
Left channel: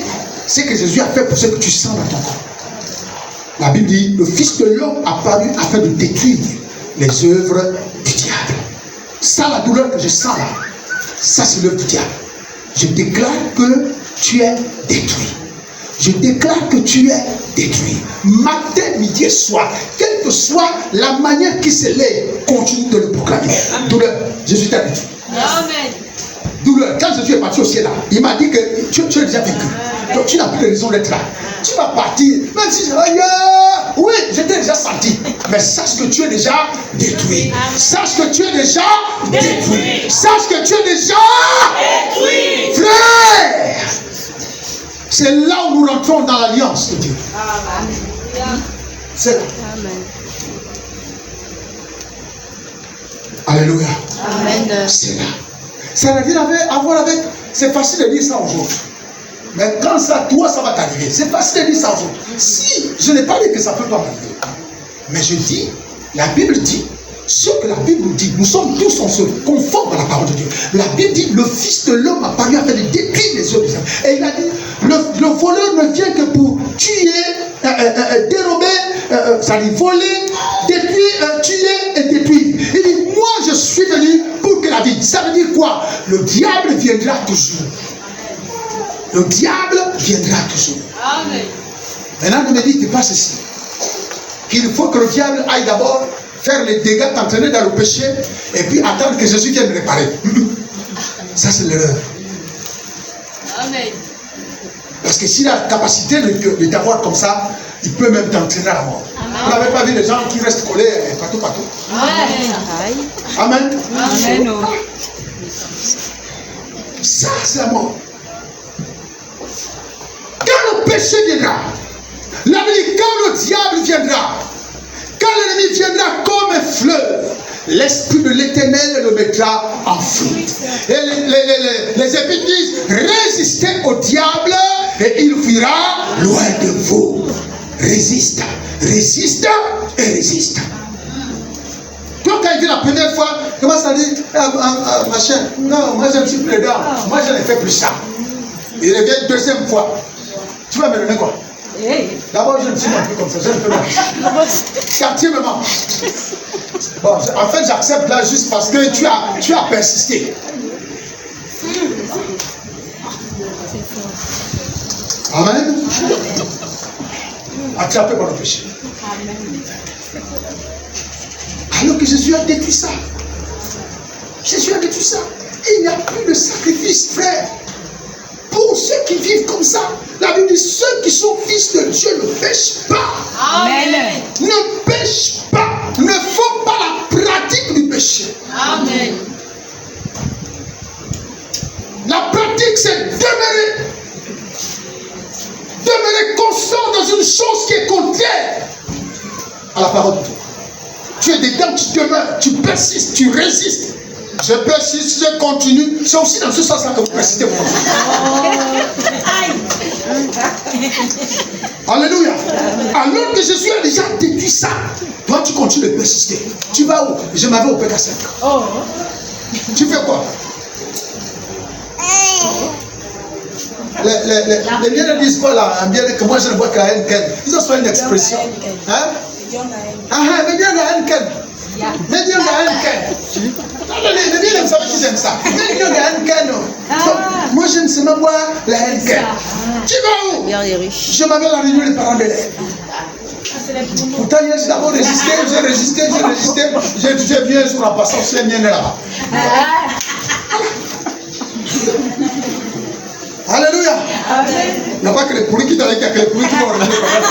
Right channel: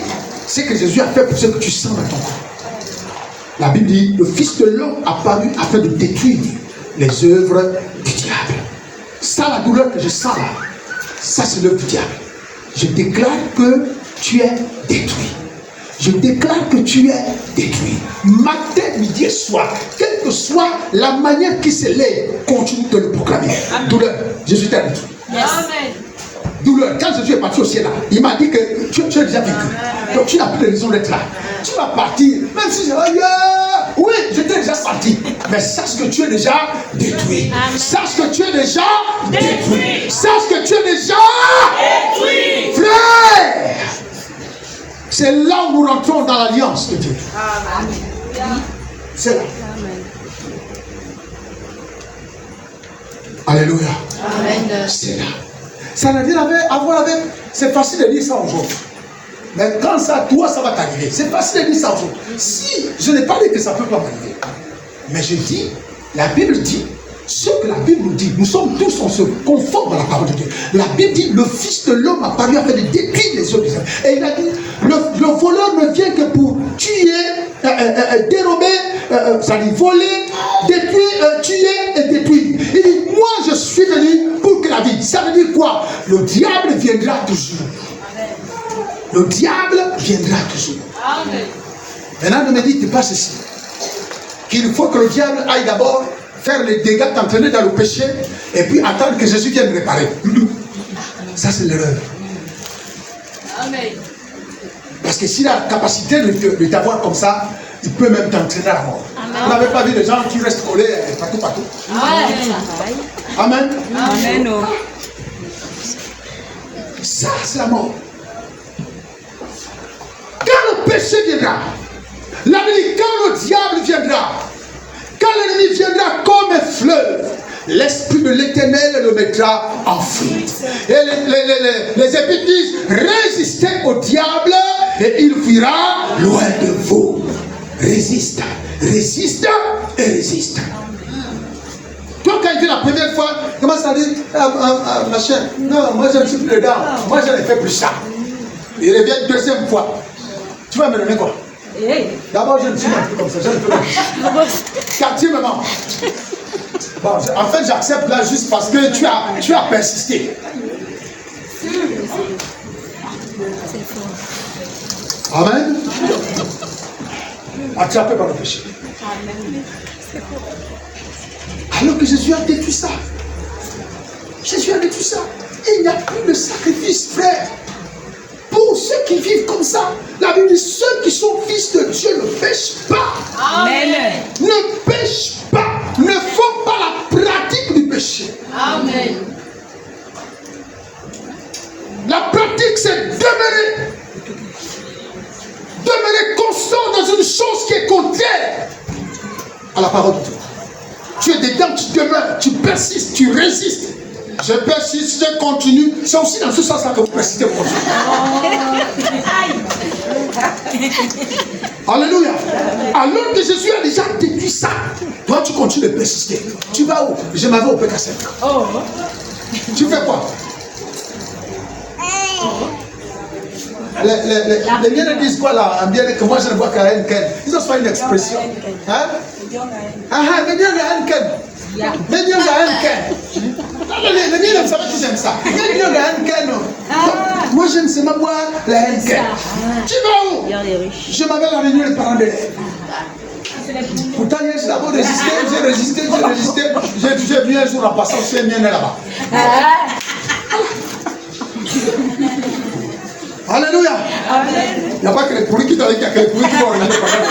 ce que Jésus a fait pour ce que tu sens dans ton corps. La Bible dit, le Fils de l'homme a paru afin de détruire les œuvres du diable. Ça, la douleur que je sens là, ça c'est l'œuvre du diable. Je déclare que tu es détruit. Je déclare que tu es détruit. Matin, midi et soir, quelle que soit la manière qui se lève, continue de le proclamer. Douleur, Jésus t'a détruit. Amen. Douleur, quand Jésus est parti au ciel là, il m'a dit que tu es déjà vécu. Donc tu n'as plus de raison d'être là. Tu vas partir, même si oui, je t'ai déjà senti. Mais sache que tu es déjà détruit. Sache que tu es déjà détruit. Sache que tu es déjà détruit. Frère, c'est là où nous rentrons dans l'alliance de Dieu. C'est là. Alléluia. C'est là. Ça n'a rien à voir avec. C'est facile de dire ça aujourd'hui. Mais quand ça, toi, ça va t'arriver. C'est facile de dire ça aujourd'hui. Si je n'ai pas dit que ça ne peut pas m'arriver. Mais je dis, la Bible dit, ce que la Bible nous dit, nous sommes tous, on se conforme à la parole de Dieu. La Bible dit, le Fils de l'homme a paru afin de détruire les œuvres des hommes. Et il a dit, le voleur ne vient que pour tuer, dérober, ça dit voler, détruire, tuer et détruire. Il dit, moi je suis venu pour que la vie. Ça veut dire quoi? Le diable viendra toujours. Le diable viendra toujours. Amen. Maintenant, ne me dites pas ceci. Qu'il faut que le diable aille d'abord faire les dégâts, t'entraîner dans le péché, et puis attendre que Jésus vienne réparer. Ça, c'est l'erreur. Amen. Parce que s'il a la capacité de t'avoir comme ça, il peut même t'entraîner à la mort. Vous n'avez pas vu les gens qui restent collés partout. Amen. Amen. Ça, c'est la mort. Quand le péché viendra, la vie, quand le diable viendra, quand l'ennemi viendra comme un fleuve, l'Esprit de l'Éternel le mettra en fuite. Et les Épîtres disent, résistez au diable et il fuira loin de vous. Résiste, résiste et résiste. Toi, quand il vient la première fois, comment ça dit, machin, non, moi je ne suis plus dedans, moi je ne fais plus ça. Il revient deuxième fois. Tu vas me donner quoi? D'abord, je ne suis même plus comme ça, je ne fais plus. Quatrièmement, bon, en fait, j'accepte là juste parce que tu as persisté. Amen. Attrapé par le péché. Alors que Jésus a détruit ça. Jésus a détruit ça. Et il n'y a plus de sacrifice, frère. Pour ceux qui vivent comme ça, la Bible dit, ceux qui sont fils de Dieu ne pêchent pas. Amen. Ne pêchent pas. Ne font pas la pratique du péché. Amen. La pratique, c'est demeurer constant dans une chose qui est contraire à la parole de Dieu. Tu es dedans, tu demeures, tu persistes, tu résistes. Je persiste, je continue. C'est aussi dans ce sens-là que vous persistez. Alléluia. Alors que Jésus a déjà déduit ça, toi tu continues de persister. Tu vas où? Je m'en vais au PK5. Tu fais quoi? Les miens disent quoi là? En bien que moi je ne vois qu'à Henken. Ils ont soit une expression. Hein? Ah, mais bien à Henken. Mais bien à Henken. Les miens ne savent pas qu'ils aiment ça. Mais bien à Henken. Moi je ne sais même pas la Henken. Tu vas où? Je m'en vais à la réunion des parents d'élèves. Pourtant, j'ai d'abord résisté, j'ai résisté. Je viens un jour en passant, c'est mien là-bas. Alléluia. Il n'y a pas que les pourris qui t'arrivent, il y a que les pourris qui vont revenir pendant le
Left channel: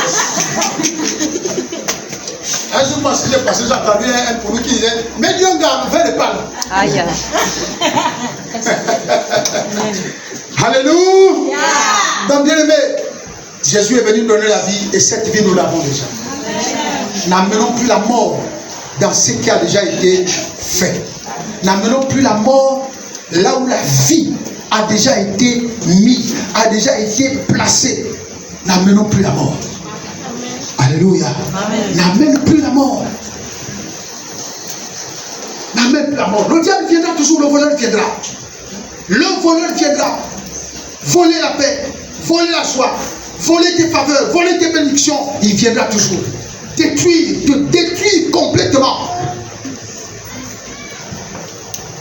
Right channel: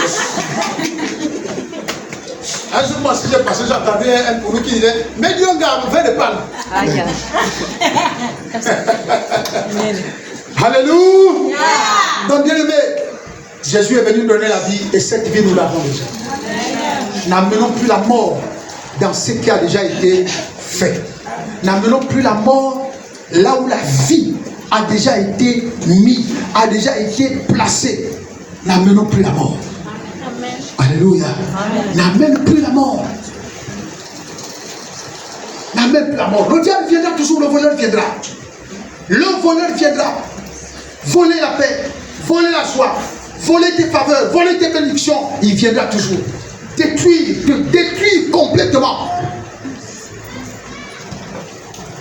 un jour, moi, si j'ai passé, j'entendais un pourri qui disait mais Dieu, gars, fais des palmes. Alléluia. Donc, bien aimé, Jésus est venu nous donner la vie et cette vie, nous l'avons déjà. N'amenons plus la mort dans ce qui a déjà été fait. N'amenons plus la mort là où la vie a déjà été mise, a déjà été placée. N'amenons plus la mort. Alléluia. N'amène plus la mort. N'amène plus la mort. Le diable viendra toujours, le voleur viendra. Le voleur viendra voler la paix, voler la joie, voler tes faveurs, voler tes bénédictions. Il viendra toujours détruire, te détruire complètement.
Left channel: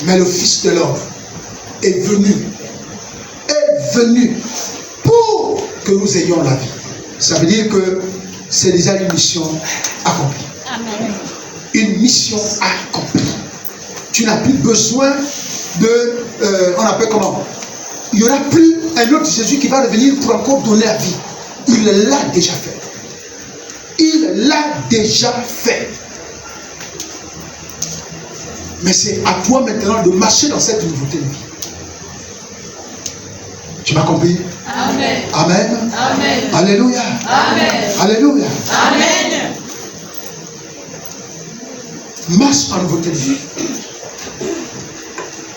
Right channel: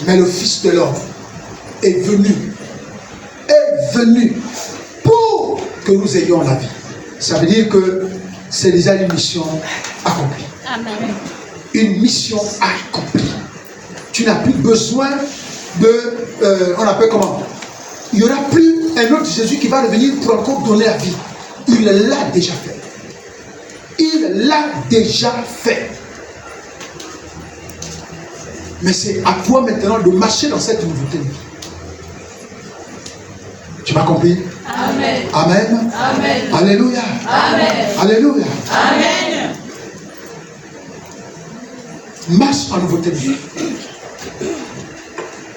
Mais le Fils de l'homme est venu pour que nous ayons la vie. Ça veut dire que c'est déjà une mission accomplie. Amen. Une mission accomplie. Tu n'as plus besoin de, on appelle comment? Il n'y aura plus un autre Jésus qui va revenir pour encore donner la vie. Il l'a déjà fait. Il l'a déjà fait. Mais c'est à toi maintenant de marcher dans cette nouveauté de vie. Tu m'as compris? Amen. Amen. Amen. Alléluia. Amen. Alléluia. Amen. Marche en nouveauté de vie.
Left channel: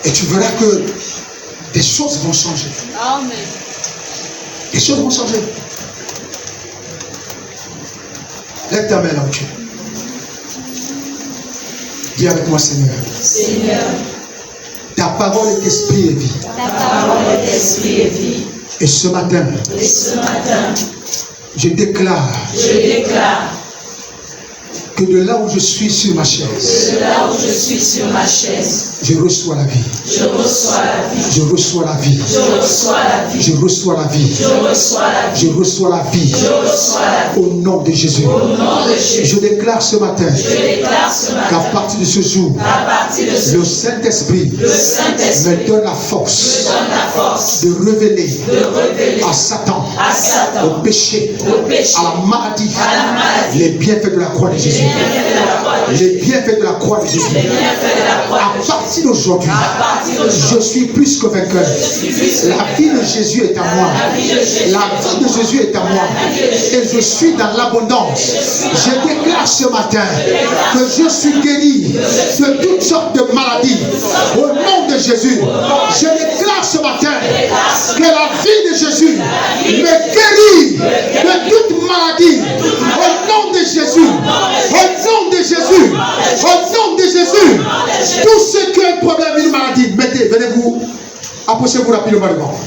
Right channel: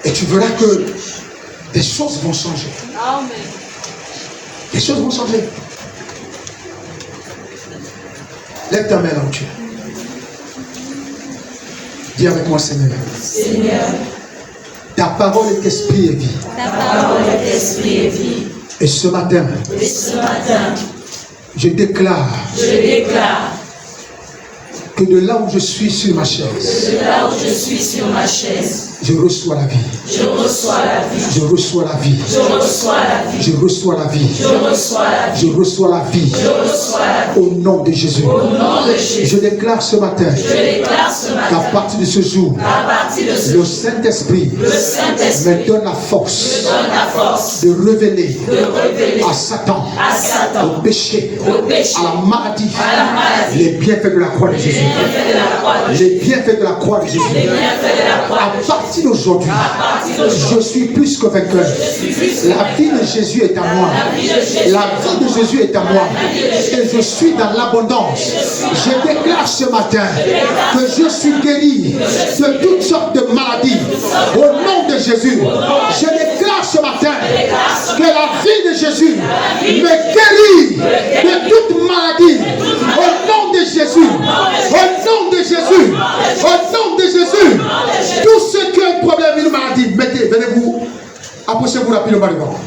Et tu verras que des choses vont changer. Amen. Des choses vont changer. Lève ta main là où tu es. Dis avec moi, Seigneur. Seigneur. Ta parole est esprit et vie. Ta parole est esprit et vie. Et ce matin, je déclare que de là où je suis sur ma chaise, je reçois la vie. Je reçois la vie. Je reçois la vie. Je reçois la vie. Je reçois la vie. Je reçois la vie. Je reçois la vie. Je reçois la vie. Au nom de Jésus. Au nom de Jésus. Je déclare ce matin qu'à partir de ce jour, le Saint-Esprit me donne la force de révéler à Satan, au péché, à la maladie, les bienfaits de la croix de Jésus. Les bienfaits de la croix de Jésus. À partir d'aujourd'hui, je suis plus que vainqueur. La vie de Jésus est à moi. La vie de Jésus est à moi. Et je suis dans l'abondance. Je déclare ce matin que je suis guéri de toutes sortes de maladies. Au nom de Jésus, je déclare ce matin que la vie de Jésus me guérit de toute maladie. Au nom de Jésus. Au nom de Jésus. Au nom de Jésus. Tous ceux qui ont un problème, une maladie, mettez, venez-vous, approchez-vous rapidement devant.